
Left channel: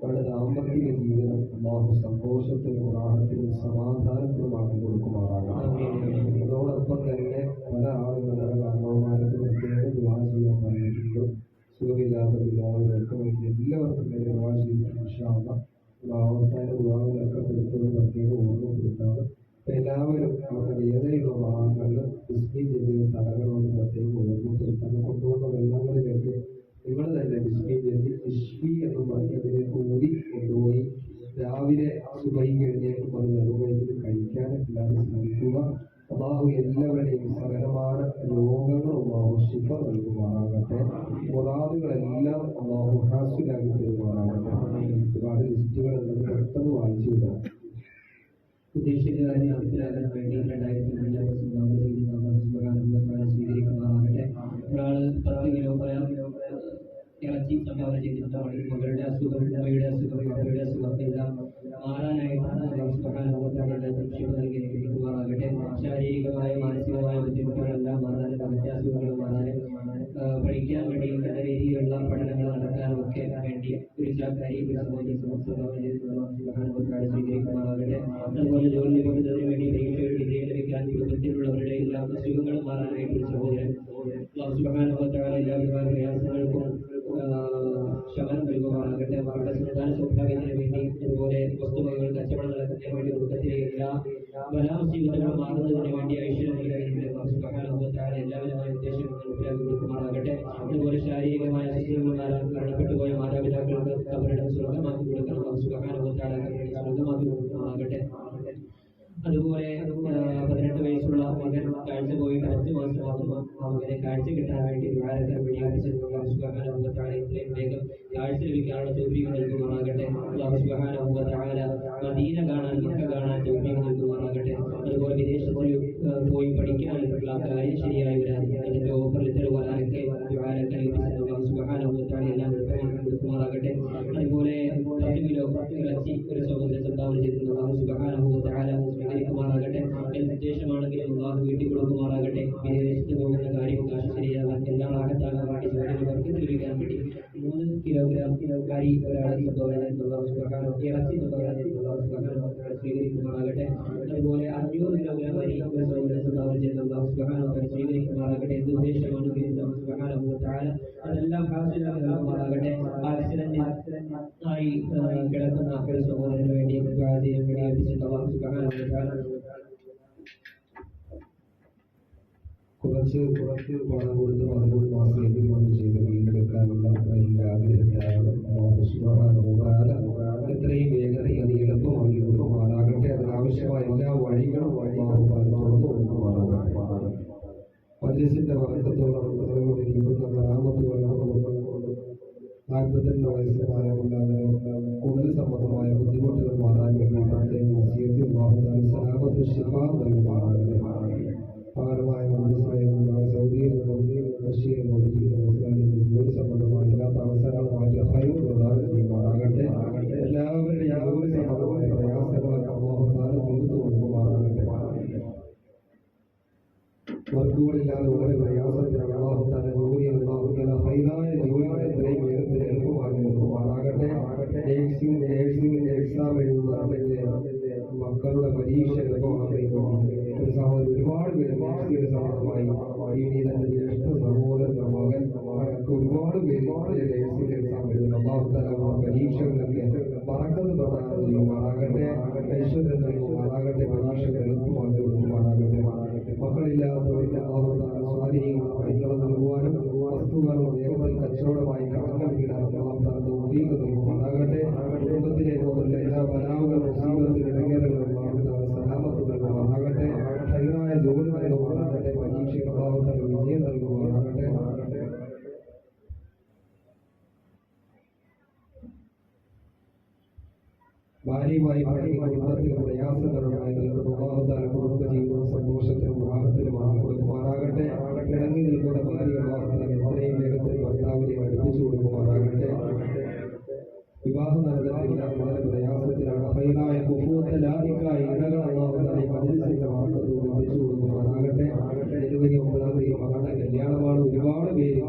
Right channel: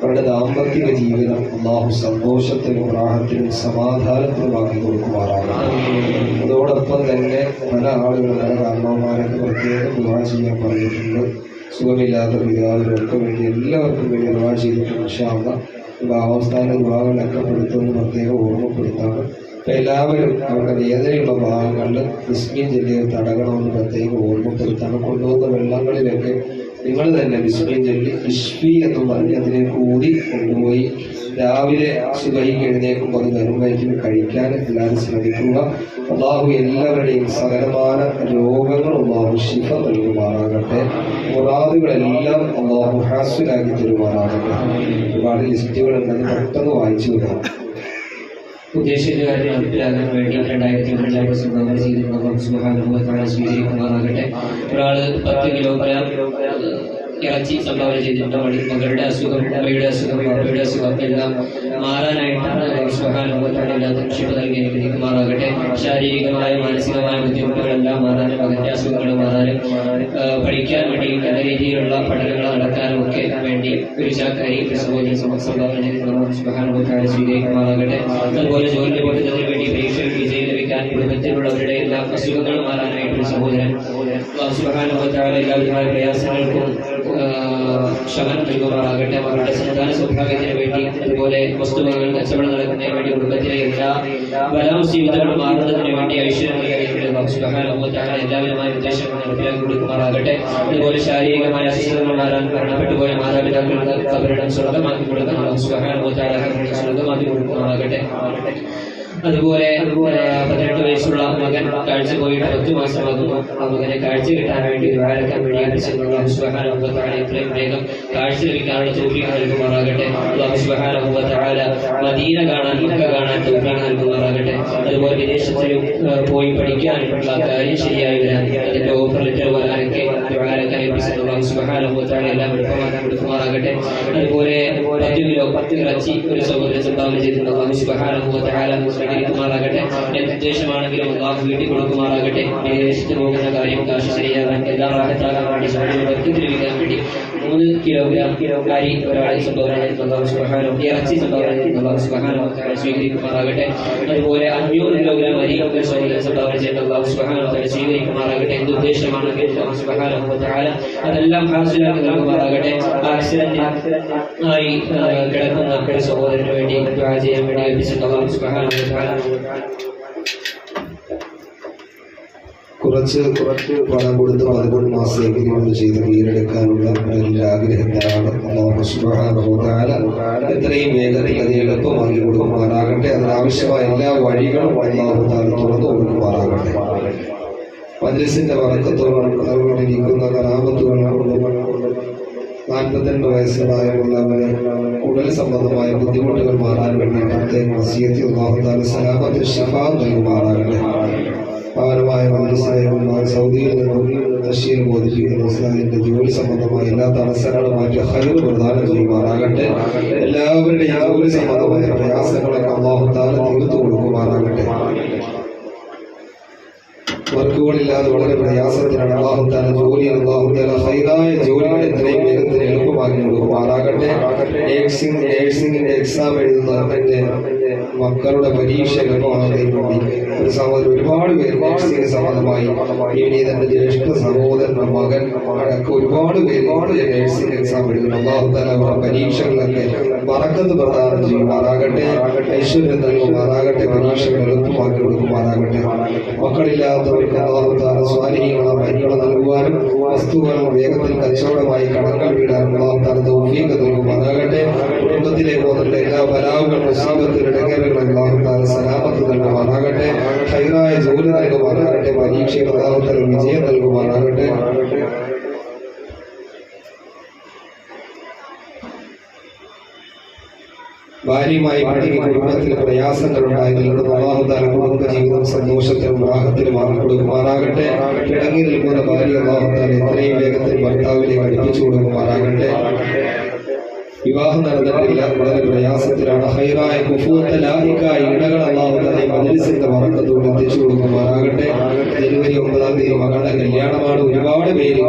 അവരുടെ ദാമ്പത്തിക ജീവിതം അല്ലാഹു സന്തോഷത്തിനും റാഹത്തിനും സമാധാനത്തിനുമാക്കി കൊടുക്കുമാറാണ്. അതോടൊപ്പം തന്നെ പല ആളുകളും പല കാരണവന്മാരൊക്കെ പ്രത്യേകം ദുആ ചെയ്യാൻ പറഞ്ഞിട്ടുണ്ട്. സുഖമില്ലാത്ത പിതാവിനൊക്കെ വേണ്ടി എല്ലാവർക്കും വേണ്ടി ദുആ ചെയ്തിട്ടുണ്ട്. ഇൻഷാ അല്ലാഹ് അവസ്ഥാന ദുആകളൊക്കെ പെടുത്തുമെന്ന് പ്രത്യേകം ഓർമ്മപ്പെടുത്താണ്. അപ്പം എല്ലാവരും അവരുടെ വേദനയുള്ള ഭാഗങ്ങളിൽ ബിസ്മി ചൊല്ലി തടകണമെന്ന് പ്രത്യേകം ഓർമ്മപ്പെടുത്താണ്. കൊണ്ടുവന്ന വെള്ളങ്ങളിലൊക്കെ നിങ്ങൾ തന്നെ ബിസ്മി ചൊല്ലി ഇഷ്ഫി എന്ന് പറഞ്ഞ് അതിലേക്ക് ഊതി കൊണ്ടുപോയി രാവിലെ സുബഹിക്ക് എഴുന്നേൽക്കുമ്പോൾ അത് വെറും വയറ്റിൽ കഴിക്കാൻ എല്ലാവരും ശ്രമിക്കുക. അല്ലാഹു എല്ലാവരുടെയും സകലമാന രോഗങ്ങളും അല്ലാഹു ശിഫ നൽകുമാറാകട്ടെ. മുറാദുകളെല്ലാം അല്ലാഹു ഹാസിലാക്കി തരുമാറാകട്ടെ. ഒരുപാട് ലിസ്റ്റുകളുണ്ടെന്ന് പെട്ടെന്ന് വായിച്ചു വിടാം. ഉദ്ദേശിച്ച കാര്യം നടപ്പിലാക്കാൻ വേണ്ടി 2000 സംഭാവന ചെയ്തിട്ടുള്ള സുബ്ഹാനഹു വ തആല സ്വീകരിക്കുമാറാകട്ടെ. ഒരാൾ 10 കിലോഗ്രാം ഇറച്ചി സംഭാവന ചെയ്തിട്ടുണ്ട്. മകളുടെ അസുഖം, അമ്മയുടെ അസുഖം, അപ്പയുടെ അസുഖം എല്ലാം മാറാനായിട്ടാണ് സുബ്ഹാനഹു വ തആല എല്ലാത്തിനും ശിഫ നൽകി അനുഗ്രഹിക്കുമാറാകട്ടെ. ശാരീരികമായ മാനസികമായ ബുദ്ധിമുട്ടുകളെല്ലാം മാറാനും മകന്റെ അസുഖങ്ങൾ മാറാനും പഠിക്കാൻ വേണ്ടി നല്ല രീതിയിലുള്ള പഠനങ്ങൾ നടക്കാനും ഒക്കെ വേണ്ടി ഒരു ചാക്കാരി സഹോദരൻ സംഭാവന ചെയ്തിട്ടുള്ള സുബ്ഹാനഹു വ തആല സ്വീകരിക്കുമാറാകട്ടെ. അതുപോലെ ജോലി ലഭിക്കുന്നതിന് വേണ്ടി പരീക്ഷയിൽ വിജയം ലഭിക്കാൻ കുടുംബത്തിലുള്ളവരുടെ എല്ലാ അസുഖങ്ങൾ മാറാനായിട്ടൊരു സഹോദരൻ സുബ്ഹാനഹു വ തആല എല്ലാവിധമായ പ്രയാസങ്ങൾക്കും ശമനം നൽകുമാറാകട്ടെ. അവരുടെ സന്താന സൗഭാഗ്യത്തിന് വേണ്ടി അതുപോലെ വസ്തുവകൾ കച്ചവടം നടക്കുന്നതിന് വേണ്ടി കുടുംബത്തിലെ എല്ലാ ബലാമുസീബത്തുകളും മാറുന്നതിന് വേണ്ടി ഐശ്വര്യം നൽകിയിട്ടുള്ള സുബ്ഹാനഹു വ തആല എല്ലാവിധമായ ഉദ്ദേശങ്ങൾ നടപ്പിലാക്കി കൊടുക്കുമാറാകട്ടെ. അതുപോലെ ശാരീരികമായ അസ്വസ്ഥതകൾ മാറാൻ മരണപ്പെട്ടുപോയ മാതാപിതാക്കൾക്ക് അവരുടെ സ്വർഗമാക്കി കൊടുക്കുന്ന സുബ്ഹാനഹു വ തആല സ്വർഗമാക്കി കൊടുക്കുമാറാകട്ടെ. അതുപോലെ 18 വയസ്സുള്ള മകൻ കാഴ്ച പോയിട്ട് 10 മാസമാകുന്നു. ആ മകനെ കാഴ്ച കിട്ടാൻ വേണ്ടി ദ്വാരക്കാൻ വേണ്ടി സുബ്ഹാനഹു വ തആല എത്രയും വേഗം കാഴ്ച ലഭിക്കാനുള്ള തൗഫീഖ് നൽകുമാറാകട്ടെ. അല്ലാഹു സുബ്ഹാനഹു വ തആല മദീന കാണാൻ, മക്ക കാണാൻ തൗഫീഖ് നൽകുമാറാകട്ടെ. അതുപോലെ വിദേശത്തിലും പോയി പഠിക്കാനുള്ള കാര്യം ശരിയായി വരാൻ അതിന്റെ ഓഫർ ലെറ്റർ വരാനൊക്കെ ദ്വാരക്കാൻ അല്ലാഹു സുബ്ഹാനഹു വ തആല എല്ലാം എളുപ്പമാക്കി കൊടുക്കുമാറാകട്ടെ. അതുപോലെ 10 കിലോ ഇറച്ചി ഒരു സഹോദരൻ സംഭാവന ചെയ്തിട്ടുണ്ട്. അല്ലാഹു സുബ്ഹാനഹു വ തആല സ്വീകരിക്കുമാറാകട്ടെ. എന്ത് ഉദ്ദേശമാണെങ്കിലും അല്ലാഹു വീട്ടിൽ കൊടുക്കുമാറാകട്ടെ. വിദേശത്ത് പോകുന്ന കാര്യം കാശ് ശരിയാകാൻ എല്ലാം റാഹത്താകാൻ വേണ്ടി സൗകര്യങ്ങൾക്ക് ലഭിക്കാൻ വേണ്ടി 3 കിലോഗ്രാം അരി ഒരാളെ സംഭാവന ചെയ്തിട്ടുണ്ട്. അല്ലാഹു സുബ്ഹാനഹു ഇറച്ചി സംഭാവന ചെയ്തിട്ടുണ്ട്. അല്ലാഹു സുബ്ഹാനഹു വ തആല സ്വീകരിക്കുമാറാകട്ടെ. അതുപോലെ 500 കിലോഗ്രാം അരി ഒരു സഹോദരൻ സംഭാവന ചെയ്തിട്ടുണ്ട്. അല്ലാഹു സുബ്ഹാനഹു വ തആല സ്വീകരിക്കുമാറാകട്ടെ. എന്ത് ഉദ്ദേശമാണെങ്കിലും അല്ലാഹു സുബ്ഹാനഹു വ തആല അതെല്ലാം ഹാസിലാക്കി നൽകുമാറാകട്ടെ. ആക്സിഡന്റ് ആയി കിടക്കുന്ന ഒരു സഹോദരന് വേണ്ടി ദുആ ചെയ്യാൻ വേണ്ടി ഏൽപ്പിച്ചിട്ടുണ്ട്. അല്ലാഹു സുബ്ഹാനഹു വ തആല കുറച്ച് പണം കൊടുത്ത് 11 മാസത്തേക്ക് നമ്മൾ ചെയ്ത് കീഴടക്കാനുള്ള ആഗ്രഹത്തിലാണ്. അല്ലാഹു സുബ്ഹാനഹു വ തആല എത്രയും വേഗത്തിൽ അത് എളുപ്പമാക്കി കൊടുക്കുമാറാകട്ടെ. അതിനാവശ്യമായ എല്ലാ വഴികളും അല്ലാഹു തആല തുറന്നു കൊടുക്കുമാറാകട്ടെ. മജ്ലിസിന്റെ ബറക്കത്തോടുകൂടിയിരിക്കുന്ന കറാമത്തുകളും 42 വയസ്സുള്ളവരെ ഉടൽ സംബന്ധമായ ബുദ്ധിമുട്ടുകൾ മാറാൻ വേണ്ടി പ്രത്യേകം വസിയത്ത് അല്ലാഹു തആല സലാമത്ത് ശിഫ നൽകുമാറാകട്ടെ. പൗരമായ മനസ്സിലായ സൗദിയിൽ നിന്നും റഷ്യയിൽ ബോധിപ്പിക്കുന്ന ഇസ്ലാമിന്റെ ജോലി സംബന്ധമായ എല്ലാ തടസ്സങ്ങളും മാറ്റി ഖൈർ പ്രദാനം ചെയ്യുമാറാകട്ടെ. എല്ലാവരുടെയും ജോലി സംബന്ധമായ പ്രയാസങ്ങളൊക്കെ അല്ലാഹു തആല തീർത്തു കൊടുക്കുമാറാകട്ടെ. വർക്കുകളില്ലാതെ വളരെ പ്രയാസത്തിലാണ്. അല്ലാഹു തആല ഖൈറായ ജോലികൾ എത്രയും വേഗത്തിൽ എളുപ്പമാക്കി കൊടുക്കുമാറാകട്ടെ. നേഴ്സിംഗിന്റെ എക്സാം എഴുതുന്നവരുടെ മക്കളുടെ പരീക്ഷ എളുപ്പമാകുന്നതിന് വേണ്ടി ഒരു സഹോദരൻ ഒരുപാട് പേര് നേഴ്സിംഗ് സംബന്ധമായി ഇനി തന്റെ ജ്യേഷ്ഠ സഹോദരന്റെ മകൻ അടക്കം ഒരുപാട് പേര് നേഴ്സിംഗ് എക്സാം എഴുതുന്നു. അല്ലാഹു തആല അവരുടെ പരീക്ഷകളിലൊക്കെ ബറക്കത്ത് പ്രദാനം ചെയ്യുമാറാകട്ടെ. ഐശ്വര്യം നൽകുമാറാകട്ടെ. പരീക്ഷകൾ എളുപ്പമാക്കി കൊടുക്കുമാറാകട്ടെ. മക്കളില്ലാത്തവർക്ക് അല്ലാഹു തആല സ്വാലിഹീങ്ങളായ മക്കളെ നൽകുവാനും വസ്തുക്കളും വേഗത്തിൽ കച്ചവടമായി കടങ്ങൾ വീടാനും അല്ലാഹു തആല തൗഫീഖ് നൽകുമാറാകട്ടെ. കുടുംബത്തിലെ പോകുന്ന എല്ലാ ബലാവുകളും മുസീബത്തുകളും ഇടങ്ങേറുകളും അല്ലാഹു തആല സലാമത്ത് നൽകുമാറാകട്ടെ. ഖൈറായ ജോലി നൽകുമാറാകട്ടെ. പരീക്ഷയിൽ അല്ലാഹു തആല വിജയം നൽകുമാറാകട്ടെ. ഭാര്യയുമായി പഴകി കുടുംബത്തിൽ പ്രയാസങ്ങളുണ്ടായതിൽ അല്ലാഹു തആല കുടുംബജീവിതം സന്തോഷത്തിലും റാഹത്തിലും ആക്കി കൊടുക്കുമാറാകട്ടെ. കിടങ്ങി നിൽക്കുന്ന ഭാര്യ അല്ലാഹു തആല എത്രയും വേഗത്തിൽ ഭർത്താവിനെ അടുപ്പിച്ചു കൊടുക്കുമാറാകട്ടെ. വിവാഹം നടന്നിട്ടില്ല, വളരെ പ്രയാസത്തിലാണ്. ഹൈറായ കുഫൂത്ത് ലാഹിക്കായ ഇണകൾ അല്ലാഹു തആല മജ്ലിസിന്റെ ബറക്കത്തോടെ എത്തിച്ചു കൊടുക്കുമാറാകട്ടെ. ജനുവരി 9-ാം തീയതി മകളുടെ കല്യാണമാണ്. ഒരുപാട് പേര്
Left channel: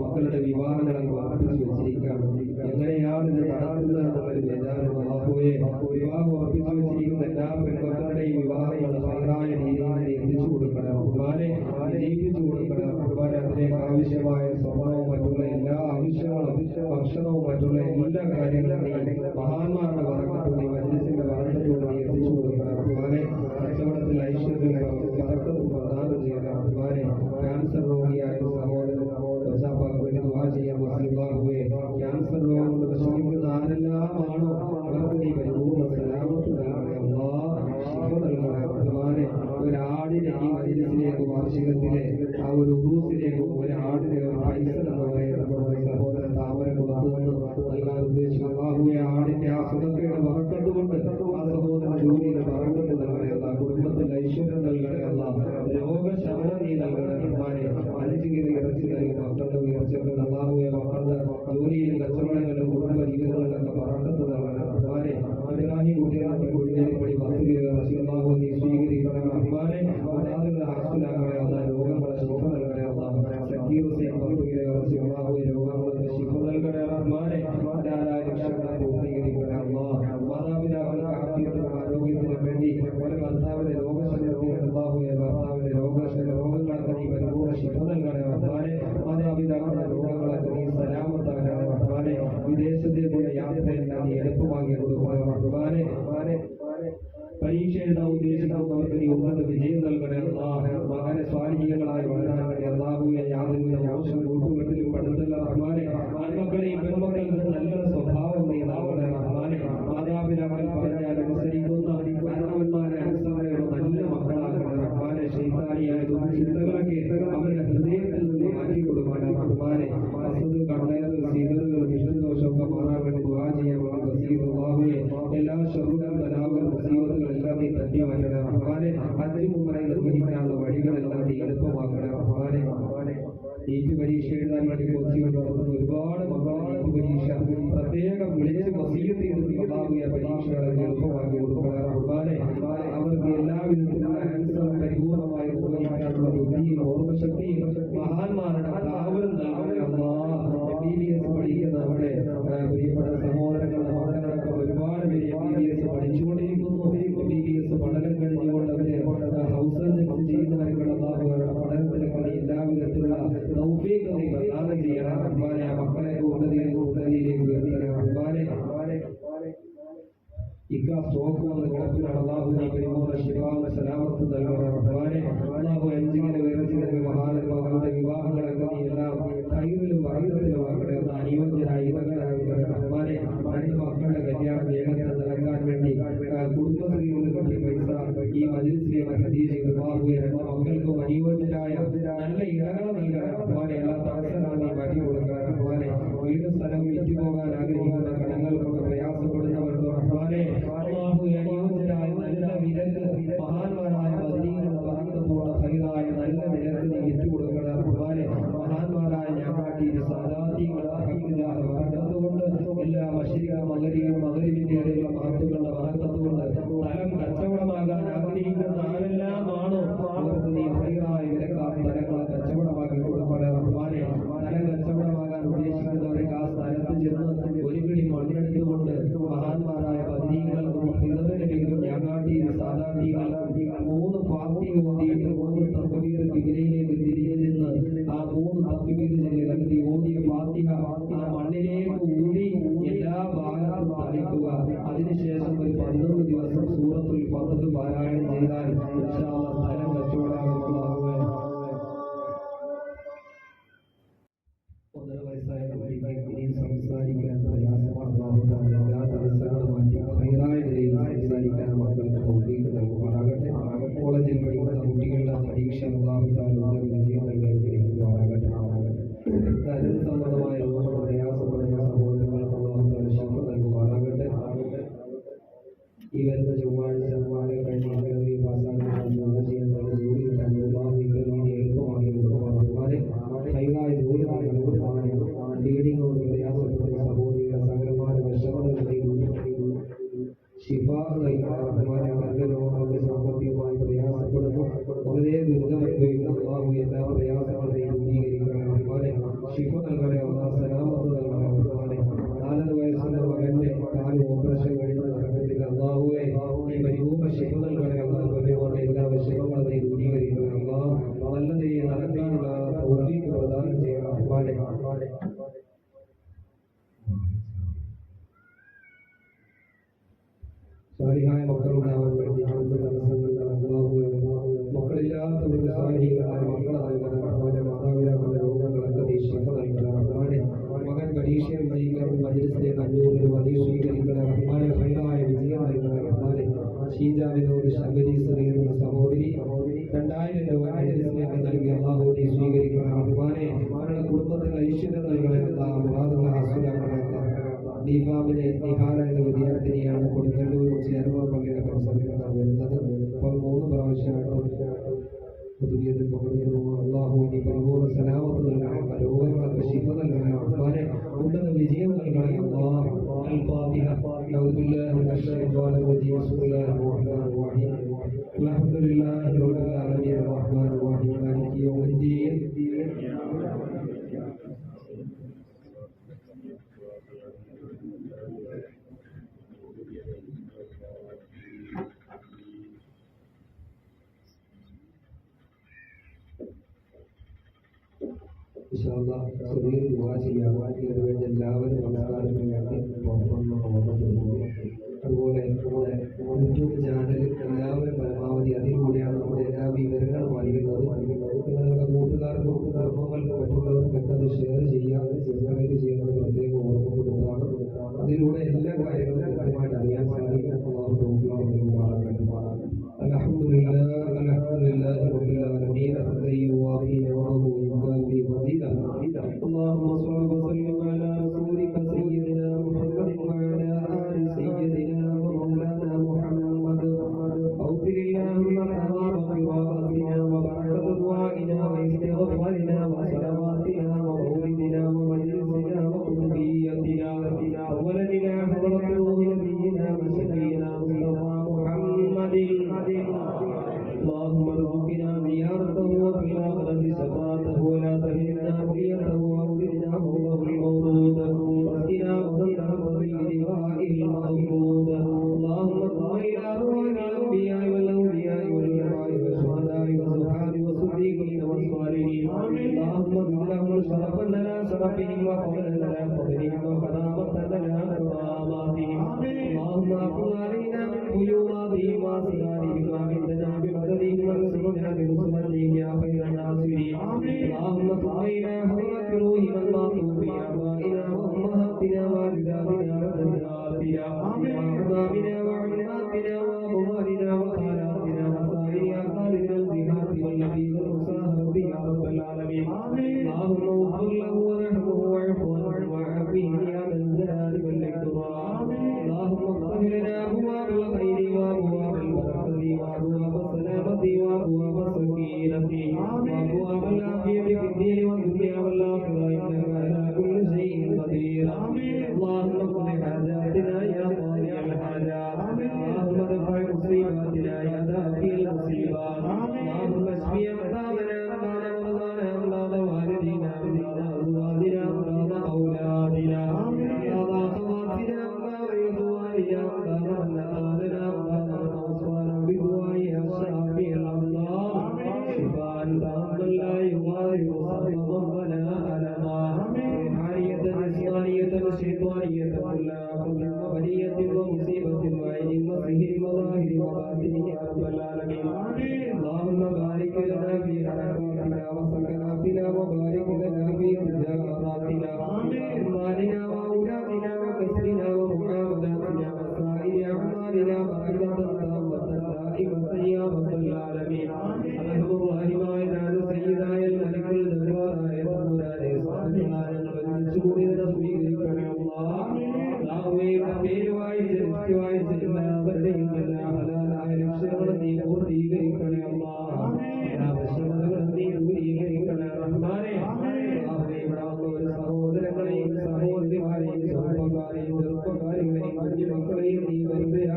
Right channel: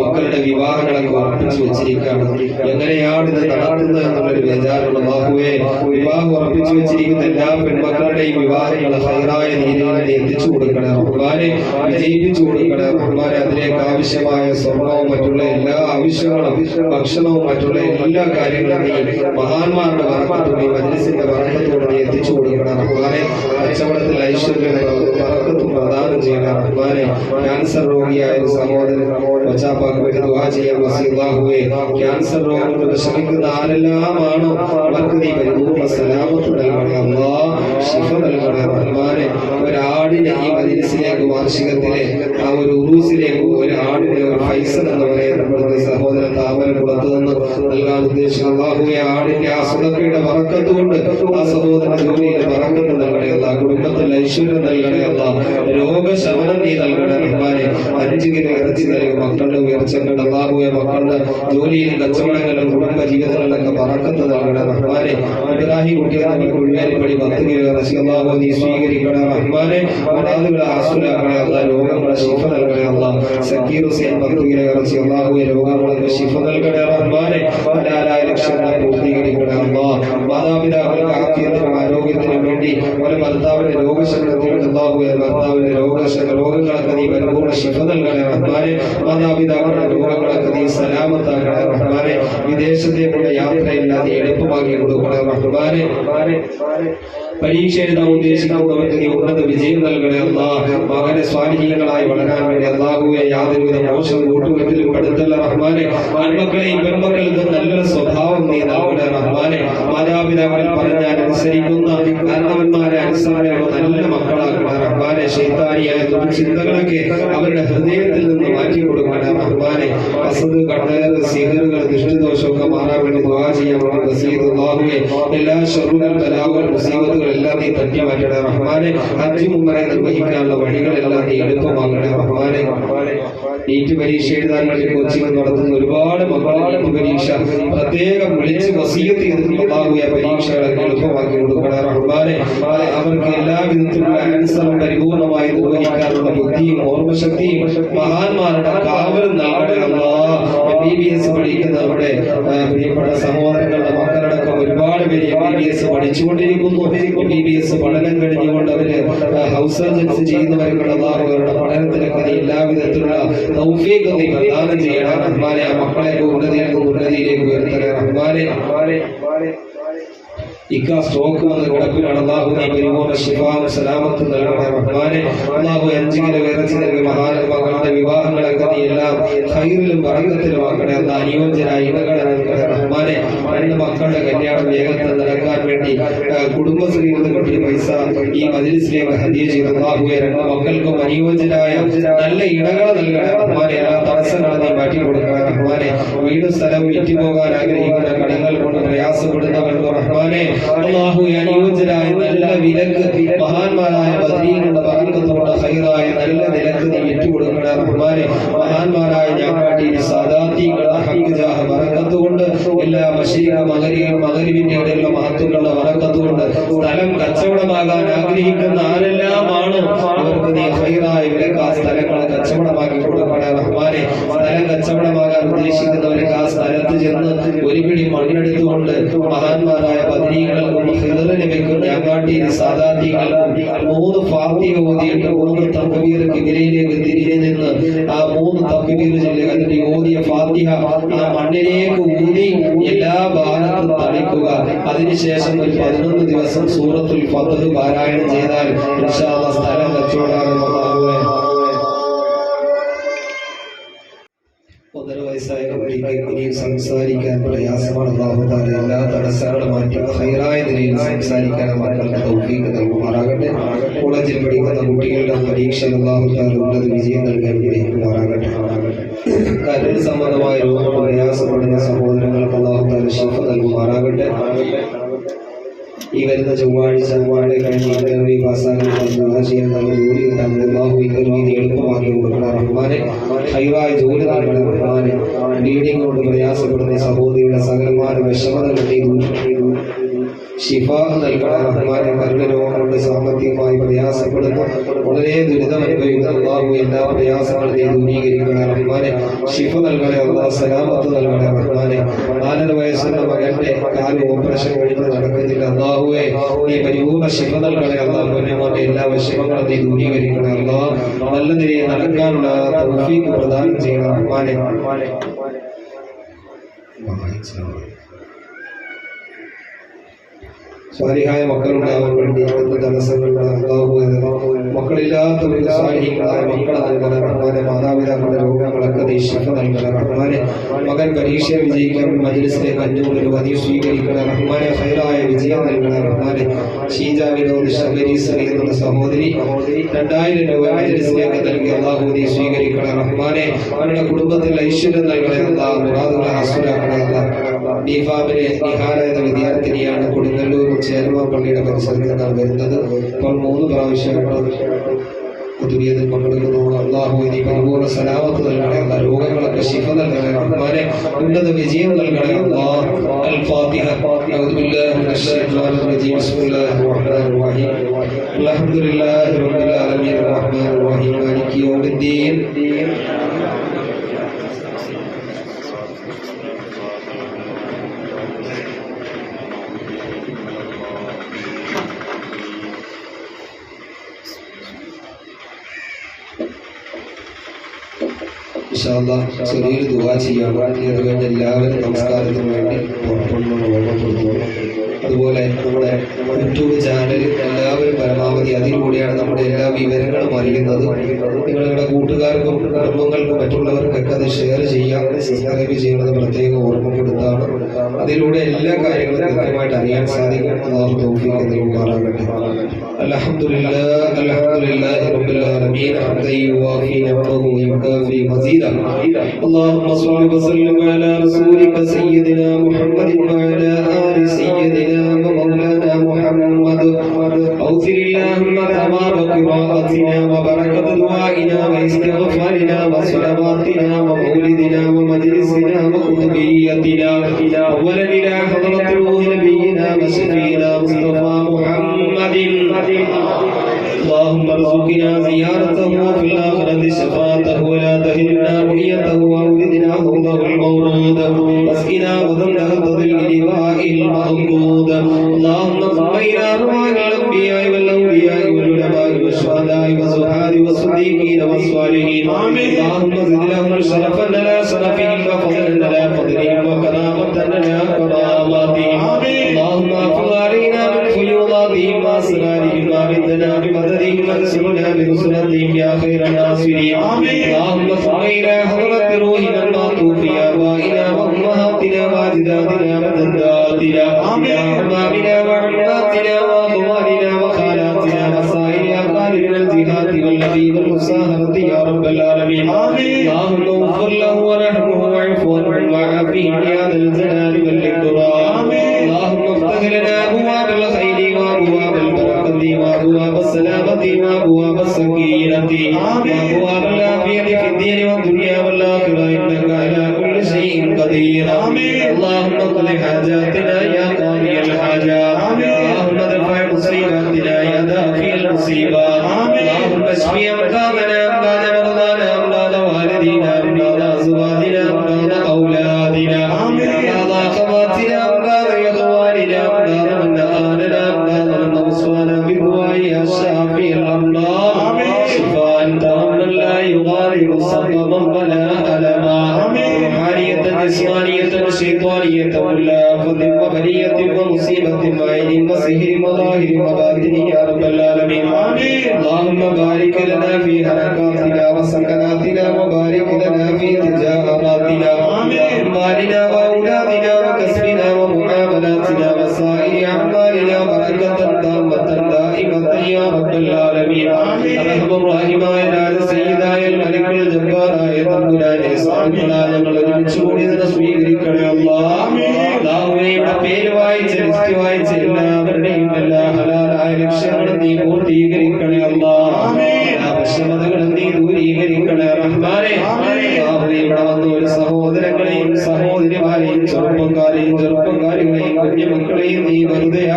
മക്കളുടെ വിവാഹങ്ങളൊക്കെ ഉറപ്പിച്ചു വെച്ചിരിക്കുകയാണ്. എങ്ങനെയാണ് ഇത് നടത്തുന്നത് എന്നുള്ളൊരു ബേജാറുള്ള അല്ലാഹുവേ, വിവാഹം ഉറപ്പിച്ചു വെച്ചിരിക്കുന്ന എല്ലാ പെൺമക്കളുടെയും വിവാഹങ്ങൾ ഹൈറായ രീതിയിൽ എത്തിച്ചു കൊടുക്കണേ റഹ്മാനെ, വിജയിപ്പിച്ചു കൊടുക്കണേ റഹ്മാനെ. അതിലേക്ക് ആവശ്യമായ സ്വർണവും മറ്റുള്ള എല്ലാ ആവശ്യങ്ങളും, ഭക്ഷണവും മറ്റുള്ള എല്ലാ കാര്യങ്ങളും മഹാന്മാരുടെ ബറക്കത്തോടെ മജ്ലിസിന്റെ ബറക്കത്തോടെ എത്തിച്ചു കൊടുക്കണം റഹ്മാനെ. കച്ചവടത്തിൽ ഐശ്വര്യം ബറക്കത്തും പ്രദാനം ചെയ്യണം റഹ്മാനെ. ക്യാൻസർ രോഗിയായ ഒരു സഹോദരൻ വച്ചാപ്പാക്ക് വേണ്ടി ദുആ ചെയ്യാൻ വസിയല്ലാഹുവേ, ക്യാൻസർ രോഗം കൊണ്ട് വിഷമിക്കുന്ന ആരെല്ലാമാണോ അവർക്ക് നീ പരിപൂർണ്ണ സലാമത്ത് നൽകണേ അല്ലാഹ്, ശിഫ നൽകണേ റഹ്മാനെ. ഒരാടിനെ ഈ മജ്ലിസിലേക്ക് വാർഷികത്തിലെ ആ ഒരു ഉറൂസിലേക്ക് ഒരു ആടിനെ ഒരു ഫൈസൽ എന്ന് പറയുന്ന സഹോദരൻ താമരക്കുളത്ത് നിന്ന് നൽകാൻ ഉദ്ദേശിക്കുന്ന അല്ലാഹുവേ, ആടിന്റെ ആ സുദഖയുടെ ബറക്കത്ത് കൊണ്ട് ആ സഹോദരൻ ജോലിയിൽ ബറക്കത്ത് നൽകണേ അല്ലാഹ്, കുടുംബത്തിൽ ഐശ്വര്യം നൽകണേ അല്ലാഹ്, രോഗശമനം നീ നൽകണേ റഹ്മാനെ. 5 കിലോ ഇറച്ചി നൽകി മക്കളുടെ ഉയർച്ചകൾ അല്ലാഹുവേ, മക്കളുടെ ജോലിയിലും കച്ചവടങ്ങളിലും കുടുംബ ജീവിതങ്ങളിലൊക്കെ ബറക്കത്ത് നൽകണേ റഹ്മാനെ. ഇബ്രാഹിം കുട്ടികളെ കുഴിവേലിപ്പടി 10 കിലോ ഇറച്ചി അല്ലാഹു നീ സ്വീകരിക്കണേ റഹ്മാനെ. മുറാദുകളെ ആസുലാക്കണേ അല്ലാഹ്, രോഗങ്ങളെ ശിഫ നൽകണേ അല്ലാഹ്. സക്കീർ ഹുസൈൻ 10 കിലോ ഇറച്ചി അല്ലാഹുവേ, രോഗങ്ങൾക്ക് ശിഫ നൽകണേ റഹ്മാനെ. ഹലാലായ ലക്ഷ്യങ്ങളെ പൂർത്തീകരിക്കണേ അല്ലാഹ്. മാതാപിതാക്കൾക്ക് ആഫിയത്തിനും ആരോഗ്യത്തിനും വേണ്ടി ഒരു ഭർത്താവിന്റെ രോഗശമനത്തിന് അല്ലാഹുവേ, ഭർത്താവിന്റെ രോഗങ്ങളൊക്കെ നീ പരിപൂർണ്ണ ശിഫ നൽകണേ റഹ്മാനെ. മാതാപിതാക്കളുടെ രോഗങ്ങളൊക്കെ നീ സലാമത്താക്കണേ റഹ്മാനെ. വിദേശത്തേക്കുള്ള യാത്രയില്ലാതെ എളുപ്പമാക്കി കൊടുക്കണേ റഹ്മാനെ. പരീക്ഷ എഴുതാൻ ഉദ്ദേശിക്കുന്നവർക്ക് നീ ഉന്നത വിജയം നൽകണേ അല്ലാഹ്. മകനെ സ്വാലിഹീങ്ങളായി വളരാൻ വേണ്ടി അല്ലാഹുവേ, യാതൊരുവിധ മോശം കൂട്ടുകെട്ടിലും പെടുത്തല്ല റഹ്മാനെ. ആൺമക്കളെയും പെൺമക്കൾക്ക് നല്ലൊരു സ്വഭാവം നീ നൽകണേ റഹ്മാനെ. മാതാപിതാക്കളിൽ പറഞ്ഞാൽ അനുസരിക്കുന്ന കാരണവന്മാരെ അനുസരണയുള്ള നല്ല മക്കളാക്കണേ റഹ്മാനെ. ശൈത്താനിയായ ചിന്തകളൊക്കെ അവരുടെ ഹൃദയത്തിൽ നിന്ന് മാറ്റി കൊടുക്കണേ റഹ്മാനെ. അസദ്, കണ്ണേറ്, സിഹറുകൾ, ദൃഷ്ടിദോഷമൊക്കെ മാറാൻ വേണ്ടി ദുആ ചെയ്യാൻ വേണ്ടി വസീയത്ത് അല്ലാഹുവേ, എല്ലാ ശർറുകൾ, ബലാകൾ, മുസീബത്തുകൾ എല്ലാം നീ തട്ടി മാറ്റണേ റഹ്മാനെ. ഹജ്ജ് ഉംറ നിർവഹിക്കാനുള്ള വഴികളെല്ലാം നീ എളുപ്പമാക്കണേ റഹ്മാനെ. നീറ്റ് പരീക്ഷ എഴുതാൻ വേണ്ടി കോച്ചിങ് നടത്തുന്ന ഒരുപാട് മക്കൾ നീറ്റ് പരീക്ഷ പ്രത്യേകം വിളിച്ച് വസീയത്ത് ചെയ്തിട്ടുള്ള അല്ലാഹുവേ, പരീക്ഷകളൊക്കെ എളുപ്പമാക്കി കൊടുക്കണേ റഹ്മാനെ. അവർക്ക് എല്ലാ വിധത്തിലുള്ള ആൻസറും പരിപൂർണമായി നിർവഹിക്കാനുള്ള ബുദ്ധിയും ഓർമ്മശക്തിയും മഹാന്മാരുടെ കാവലും നൽകണേ അല്ലാഹ്. MBBS പഠിക്കുന്ന നമ്മുടെ പ്രിയപ്പെട്ട സഹോദരങ്ങളുടെ മക്കളടക്കം ഒരുപാട് പേര് MBBS പഠിച്ചുകൊണ്ടിരിക്കുന്നു. MBBS പഠനം കഴിഞ്ഞുകൊണ്ട് അവര് ഹൗസ് സർജൻസി ചെയ്യുന്നവർക്കുള്ള അവരുടെ പഠനത്തിലൊക്കെ നീ എല്ലാവിധത്തിലുള്ള തൗഫീഖ് നീ പ്രദാനം ചെയ്യണം റഹ്മാനെ. ആ മക്കളെ ഉന്നതിയിൽ നിന്ന് ഉന്നതിയിലേക്ക് ഉയർത്തണേ റഹ്മാനെ. സ്റ്റോക്ക് വന്ന് കിടപ്പിലാണ് അല്ലാഹു നീ പരിപൂർണ്ണ ശിഫാവും സലാമത്തും നൽകണേ റഹ്മാനെ. അല്ലാഹു 5 കിലോ ഇറച്ചി നൽകി മകളുടെ വിവാഹങ്ങളൊക്കെ നീ എല്ലാം ഖൈറിലും ബറക്കത്തിലും ആക്കണേ. അല്ലാഹ് അനുയോജ്യരായ ഇണകളെ നൽകണേ റഹ്മാനെ. 2 മക്കളുടെ കല്യാണം വേഗത്തിൽ നടക്കാൻ വേണ്ടി കുടുംബശ്രീയിൽ നിന്ന് കിട്ടിയ പൈസ ഈ മജ്ലിസിലേക്ക് ഹദിയ ചെയ്തു അല്ലാഹുവേ, 2 മക്കൾക്കും അനുയോജ്യരായ നല്ല ഇണകളെ നൽകണേ റഹ്മാനെ. എല്ലാ തടസ്സങ്ങളും നീ മാറ്റി കൊടുക്കണേ റഹ്മാനെ. വീട് സ്ഥലം വിറ്റുപോകാൻ ആഗ്രഹിക്കുന്ന കടങ്ങൾ കൊണ്ട് പ്രയാസപ്പെടുന്നവർക്ക് റഹ്മാനെ അല്ലാഹു അനുയോജ്യരായ നല്ല വിലക്ക് മഹാന്മാരായ ബദരീങ്ങളുടെ ബറക്കത്തോടെ ഖൈറായ നല്ല നിലക്ക് നീ വിറ്റുകൊടുക്കണേ റഹ്മാനെ. മഹാന്മാരായ ഞങ്ങളുടെ സാദാത്തികളുടെ ഹഖ് ജാഹ ബറക്കത്ത് കൊണ്ട് എല്ലാ മശീഖ് മഗ്രിബിന്റെ ഇടയിലുള്ള മഹത്തുക്കളുടെ ബറക്കത്ത് കൊണ്ട് സ്ഥലം കച്ചവടമാകാൻ ആഗ്രഹിക്കുന്ന ആരെല്ലാമാണോ അവർക്ക് നീ ഖൈറായ വിലക്ക് ആ സ്ഥലങ്ങളെ കച്ചവടമാക്കി കൊടുക്കണേ റഹ്മാനെ. സ്ഥലം കച്ചവടമാകാൻ ഉദ്ദേശിക്കുന്നവർക്ക് ആ സ്ഥലത്ത് ചെന്ന് ഒരു പിടി മണ്ണെടുത്തുകൊണ്ട് മഹാന്മാരായ ബദരീകൾക്കും ഖിദർ നബിക്കും ഞങ്ങാട്ടിയിലെ സാദാത്തികൾക്കും 3 ഫാത്തിഹ ഓതിയിട്ട് 3 തക്ബീർ ഖിബലയിലേക്ക് തിരിഞ്ഞു നിന്ന് ആ 3 തക്ബീർ ചൊല്ലി അതിന്റെ ഓതിയ ഫാത്തിഹ ആ മണ്ണിലേക്ക് ഊതി എല്ലാ ഭാഗത്തും തളിക്കുക. അതിനുശേഷം ഒരു 11 ദിവസം സൂറത്തുൽ ഫത്ഹ് പാരായണം ചെയ്താൽ ഇൻഷാ അല്ലാഹ് സ്ഥലം കച്ചവടമാകുന്നതാകുമേ. 1.5 വയസ്സായ കുട്ടിക്ക് ഇനിയും സംസാരിക്കാൻ പ്രയാസമാണ്. അല്ലാഹു തആല എല്ലാ തടസ്സങ്ങളും മാറ്റി ഖൈറായ നിലയിൽ സംസാരിക്കാൻ മക്കൾക്ക് തൗഫീഖ് നൽകുമാറാകട്ടെ. കോളേജിൽ പഠിക്കുന്ന കുട്ടികളുടെ പരീക്ഷയിൽ അല്ലാഹു തആല ഉന്നത വിജയം നൽകാൻ അനുഗ്രഹിക്കുമാറാകട്ടെ. കരൾ സംബന്ധമായ രോഗങ്ങൾ പ്രയാസപ്പെടുന്ന സഹോദരങ്ങൾക്ക് അല്ലാഹു തആല ശിഫ നൽകുമാറാകട്ടെ. ഈ വരുന്ന ചൊവ്വാഴ്ച കഴിഞ്ഞ് ഇന്റർവ്യൂ പാസ്സാകാൻ ചെയ്യാൻ നല്ല ജോലി കിട്ടാൻ അല്ലാഹു ഇന്റർവ്യൂ എളുപ്പമാക്കി കൊടുക്കണം റഹ്മാനെ. ഖൈറായ ജോലി നൽകണം റഹ്മാനെ. ബ്ലീഡിംഗ് കൊണ്ട് പ്രയാസപ്പെടുന്ന സഹോദരിയുടെ സകലമായ വിഷമതകൾ നീ ദൂരം ചെയ്തു ശിഫ നൽകണ റഹ്മാനെ. കർമ്മരോഗം കൊണ്ട് സാമ്പത്തികമായി പ്രയാസപ്പെടുന്നു, വളരെ ദുരിതം അനുഭവിക്കുന്ന അല്ലാഹു എല്ലാ പ്രയാസങ്ങളും നീ ദൂരീകരിക്കണ റഹ്മാനെ. ശിഫ നൽകണേ അല്ലാഹ്, സലാമത്ത് നൽകണേ റഹ്മാനെ. 4 വയസ്സുള്ള മകന്റെ കാല് ഓപ്പറേഷൻ കഴിഞ്ഞ് നടക്കുന്നില്ല അല്ലാഹുവേ, നീ പരിപൂർണ്ണ ശിഫ നൽകണേ അല്ലാഹ്. പൊന്നുമോന്റെ എല്ലാ വിഷമങ്ങളും നീ ദൂരീകരിക്കണേ അല്ലാഹ്. നല്ല നിലയിൽ നടക്കാനുള്ള തൗഫീഖ് പ്രദാനം ചെയ്യണം റഹ്മാനെ. സ്വാലിഹായ മക്കളുണ്ടാവാൻ വേണ്ടി എന്ത് തടസ്സങ്ങളുണ്ടാകുക, മക്കളില്ലാത്തവർക്ക് സ്വാലിഹീങ്ങളായ മക്കളെ നൽകണ റഹ്മാനെ. മാതാപിതാക്കളുടെ രോഗങ്ങളൊക്കെ നീ ശിഫ നൽകണ റഹ്മാനെ. മകൻ പരീക്ഷ വിജയിക്കാൻ മജ്‌ലിസിലേക്ക് 500 രൂപ നീ സ്വീകരിക്കണ റഹ്മാനെ. ഹൈറായ വിജയം നൽകണ റഹ്മാനെ. ഷീജ വിനോദ് ശബരീസറി എന്നുള്ള സഹോദരി 2000 രൂപ മജ്‌ലിസിലേക്ക് നൽകി അല്ലാഹു നീ സ്വീകരിക്കണ റഹ്മാനെ. അവരുടെ കുടുംബത്തിൽ ഐശ്വര്യം നൽകണേ അല്ലാഹ്, മുറാദുകളെ ഹാസിലാക്കണേ അല്ലാഹ്. ഡിഫാമിലെ നിഹാല എന്ന വിദ്യാർത്ഥിനിയാണ് കൊടുങ്ങല്ലൂർ ചേരുവ പള്ളിയുടെ പരിസരത്താണ് വരുന്നത്. ഇപ്പോൾ 3 പ്രാവശ്യമായിട്ട് കുതുബിയതിൽ പങ്കെടുക്കുന്നു. അല്ലാഹു നീ പരിപൂർണ്ണ സലാമത്ത് നൽകണേ അല്ലാഹ്. രോഗങ്ങളൊക്കെ ശിഫ നൽകണേ റഹ്മാനെ. ഉന്നത വിജയം നൽകണേ അല്ലാഹ്. അൽ ഫാത്തിഹ. അഊദു ബില്ലാഹി മിനശ് ശൈത്വാനിർ റജീം. ബിസ്മില്ലാഹിർ റഹ്മാനിർ റഹീം. അൽഹംദുലില്ലാഹി റബ്ബിൽ ആലമീൻ റഹ്മാനിർ റഹീം മാലികി യൗമിദ്ദീൻ. ചെറിയൊരു ദുആ ചെയ്യാണ്. അത് കഴിഞ്ഞ് എല്ലാവരും നമസ്കാരത്തിന് വേണ്ടി പുറത്തുനിന്ന് ഓർമ്മപ്പെടുത്തുന്നു. അതുപോലെ നമ്മുടെ യൂട്യൂബ് ചാനൽ എല്ലാവരും പരമാവധി അതിലൂടെയാണ് നമ്മുടെ എല്ലാ വിവരങ്ങളും അറിയുന്നത്. നിങ്ങളുടെ കൂട്ടുകാർക്കും കുടുംബങ്ങൾക്കും മറ്റുള്ളവർക്കൊക്കെ അത് ഷെയർ ചെയ്യാം, സബ്സ്ക്രൈബ് ചെയ്യുന്നത് പ്രത്യേകം ഓർമ്മപ്പെടുത്താണ്. അതിലൂടെ എല്ലാ കാര്യങ്ങളും കൃത്യമായിട്ട് അറിയാൻ സാധിക്കും. അല്ലാഹു തൗഫീഖ് നൽകുമാറാകട്ടെ. അൽഹംദുലില്ലാഹ് അൽഹംദുലില്ലാഹി റബ്ബിൽ ആലമീൻ. ഹംദൻ യുവാഫി നഅമഹു വയുകാഫി മസീദ. اللهم صل وسلم على رسولك سيدنا محمد وعلى آل سيدنا ومولانا محمد. أغفر اللهم ثواب قراءتنا وبركة دعائنا واستغفارنا وصلواتنا ومولدنا ومجلسنا وخطبيتنا أولا إلى حضرة روح نبينا وشفينا مصطفى محمد. اللهم ارزقنا زيارته في الآخرة شفاعته ولا تهلنا رؤيته وأولدنا حوضه المورود واسقنا وذنه تضل لواء المأمود. اللهم صل إلى أرواح الأنبياء والأولياء والعلماء والشهداء والزهاد والصديقين والصالحين. اللهم زد لهم شرفا على شرفهم وفضلا على فضلهم وكرامة على كراماتهم. اللهم احفظ علينا من فيوضاتهم وأسرارهم وأمدنا بمددهم وانصرنا بنصرتهم يا خير الناصرين. اللهم صل إلى حضرة روحنا المعطوف في آبائنا وأمهاتنا وأجدادنا وجداتنا وأحبابنا وعماتنا وأخواننا وخالاتنا وسائر أقاربنا الجهات والنبي والمساهرة يا رب العالمين. اللهم اغفر له ورحمه واعف عنه وعافيه يا ذا الجلال والإكرام. اللهم افتح لنا أبواب الخير وأبواب البركة وأبواب السلامة وأبواب السكينة وأبواب العافية في الدين والدنيا والآخرة إنك على كل شيء قدير. اللهم اقض حاجاتنا يا قاضي الحاجات. اللهم ادفع مصيباتنا يا دافع المصيبات. اللهم اشف أمراضنا أمراض مرضانا أمراض والدينا أمراض أزواجنا أمراض أولادنا أمراض أخواتنا أمراض إخواننا أمراض من آلنا أمراض من أوصانا بالدعاء يا شافي الأمراض. شفاء تاما لا يغادر سقما ولا ألما. روحانية جسمانية شيطانية ولا آفة وبلية ومصيبة وعين وسحر وظاهر وباطن يا رب العالمين. اللهم بارك لنا في حركاتنا وسكناتنا وبارك لنا في تجاراتنا وأموالنا وأولادنا وكسبنا ومعاملاتنا وسائر أعمالنا بركة تامة دائمة يا رب العالمين. أرحم الراحمين على سيدنا الملك الجبار തമ്പുരാനെ ഞങ്ങൾ ഒരുമിച്ച് കൂടി ഇതിനെ സ്വീകരിക്കണേ അല്ലാഹ്. അല്ലാഹുവേ പേര് വായിച്ച് ലിസ്റ്റ് വായിച്ച് എല്ലാവരുടെയും എല്ലാ ഹലാലായ ലക്ഷ്യങ്ങളും നീ പൂർത്തീകരിക്കണേ അല്ലാഹ്. എല്ലാ വിഷമതകളും നീ ദൂരീകരിക്കണേ റഹ്മാനെ. അല്ലാഹുവേ ഇവിടെ വന്ന ഒരു സഹോദരങ്ങളെ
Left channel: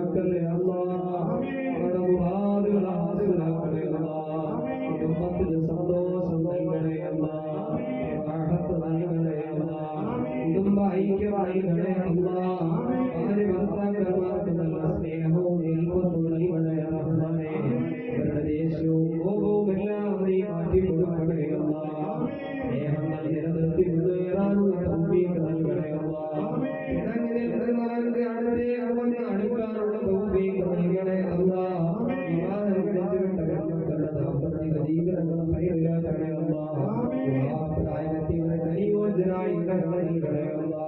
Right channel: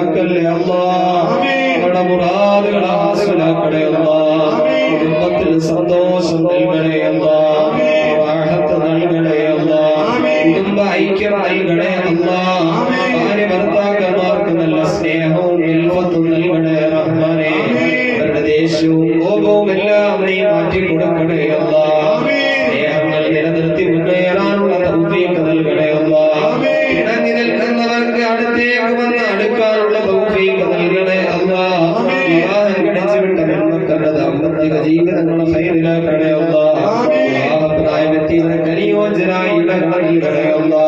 ഹാസിലാക്കല്ലേ അല്ലാ. നമ്മുടെ മുറാദുകളെ ഹാസിലാക്കണേ അല്ലാ. കുടുംബത്തിൽ സന്തോഷം നൽകണേ അല്ലാ. റാഹത്ത് നൽകണേ അല്ലാ. കുടുംബ ഐക്യം നൽകണേ അല്ലാ. ഭാര്യ ഭർത്താക്കന്മാർക്ക് നല്ല സ്നേഹവും ഇൽഫത്തും നൽകണേ റഹ്മാനേ. അവരുടെ ദേഷ്യവും കോപവും എല്ലാം നീ മാറ്റി കൊടുക്കണേ അല്ലാ. സ്നേഹങ്ങൾ നിലനിർത്തി മുന്നേറാനുള്ള തൗഫീഖ് നൽകണേ അല്ലാ. ഇണങ്ങി നിൽക്കുന്നവർക്ക് അടുത്തേക്ക് വന്ന് അടുക്കാനുള്ള തൗഫീഖ് നൽകണേ അല്ലാ. വിവാഹം കഴിച്ചു വിട്ട പെൺമക്കളുടെ ദാമ്പത്തിക ജീവിതങ്ങൾ ഖൈറിലാക്കണേ അല്ലാ. വിവാഹപ്രായമെത്തിയവർക്ക് അനുയോജ്യരായ ഇണകൾ നൽകണേ അല്ലാ.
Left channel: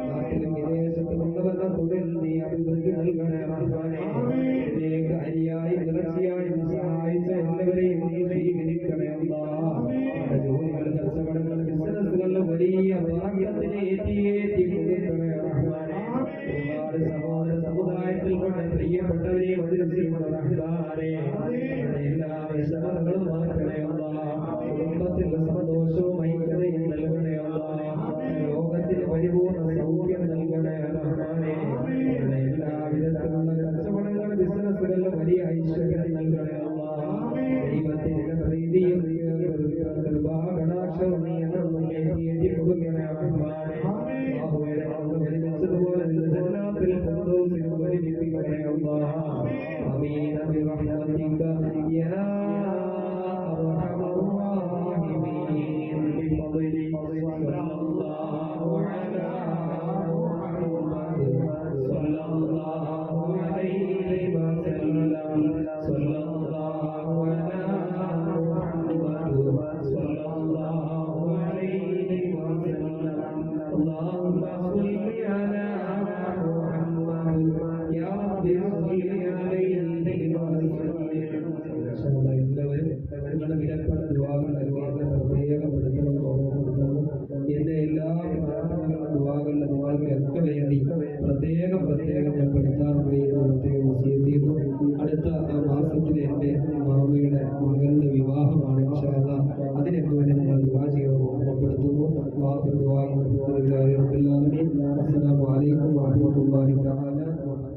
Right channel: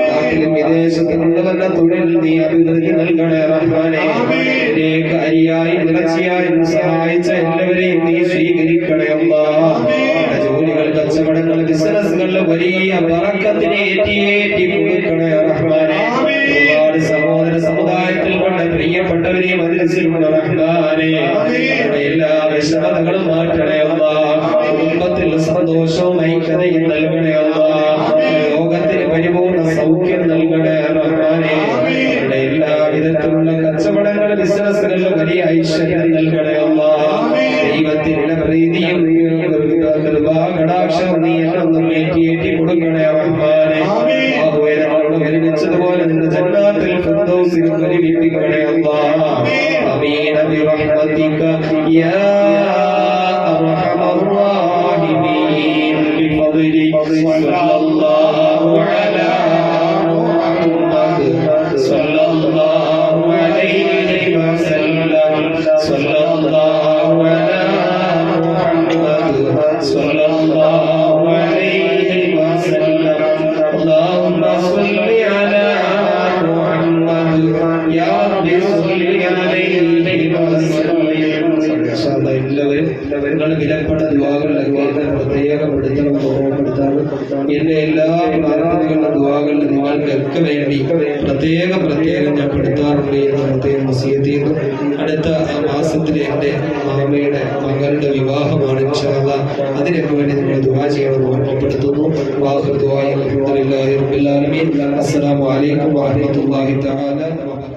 നാട്ടിലും വിദേശത്തും കൊണ്ടുവന്ന തൊഴിൽ നീ അഭിവൃദ്ധി നൽകണേ റഹ്മാനേ. ഇതിലേക്ക് അരിയായി നിറച്ചിയായും സഹായിച്ച എല്ലാവരെയും നീ സ്വീകരിക്കണേ അല്ലാ. ജോലികൾ, കച്ചവടങ്ങൾ, ബിസിനസ്സുകളിൽ വലിയ ബറക്കത്തിനെ ഏറ്റി കൊടുക്കണേ റഹ്മാനേ. ഒരുപാട് സഹോദര സമുദായത്തിൽ കൊണ്ട് പ്രിയപ്പെട്ടവരെ മദ്രസയിലുള്ള റഹ്മാനേ. അവരുടെ എല്ലാ വിഷമതകളും മാറ്റണേ അല്ലാ. കുടുംബത്തിൽ സന്തോഷവും ഐക്യതയും നൽകണേ അല്ലാ. ലോകത്തിന് പരിപൂർണ്ണ സൗഖ്യം നൽകണേ റഹ്മാനേ. അവരുടെ എല്ലാ വിധത്തിലുള്ള കച്ചവടങ്ങൾ, ബിസിനസ്സുകളിൽ വലിയ ഐശ്വര്യം നൽകണേ അല്ലാ. ദൈവത്തിന്റെ പ്രീതിയും കൃപാകടാക്ഷവും നീ എന്നൊന്നും ഏറ്റി കൊടുക്കണേ റഹ്മാനേ. ഞങ്ങളോട് ഒരുമിച്ചതുപോലെ നിന്റെ ജന്നാത്തിൽ ഫിർദൗസിൽ ഒരുമിപ്പിക്കണേ അല്ലാ. ആമീൻ ബിറഹ്മതിക യാ അർഹമർ റഹീമീൻ. ബിഫദ്ലി സ്വല്ലല്ലാഹു അലാ മുഹമ്മദ് സ്വല്ലല്ലാഹു അലൈഹി വസല്ലം. സ്വല്ലല്ലാഹു അലാ മുഹമ്മദ് സ്വല്ലല്ലാഹു അലൈഹി വസല്ലം. اللهم صل على محمد يا رب صل عليه وسلم. എല്ലാവരും നിങ്ങൾ വിലപ്പെട്ട ദുആകളിലൊക്കെ പ്രത്യേകം എടുത്തണം, ഓർമ്മപ്പെടുത്താണ്. എന്റെ എല്ലാ പ്രാർത്ഥനകളുടെ ദുആകളിൽ നിങ്ങൾക്കൊക്കെ വേണ്ടി പ്രത്യേകം ഞാൻ പെടുത്താറുണ്ട് എന്ന് പ്രത്യേകം വസിയത്ത് ചെയ്യുന്നു. അടുത്ത മാസത്തിൽ എൻ്റെ മാമയുടെ മകളുടെ വിവാഹമാണ് ഇൻഷാ അല്ലാഹ്. അതിനൊക്കെ വേണ്ടി നിങ്ങൾ ദുആ ചെയ്യണമെന്ന് ഓർമ്മപ്പെടുത്തുന്നു. വാഖിർ ദുആഇ അൽഹംദുലില്ലാഹി റബ്ബിൽ ആലമീൻ. അസ്സലാമു അലൈക്കും വറഹ്മത്തുള്ളാഹി തആല വബറകാതുഹു.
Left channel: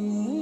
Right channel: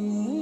Mm-hmm.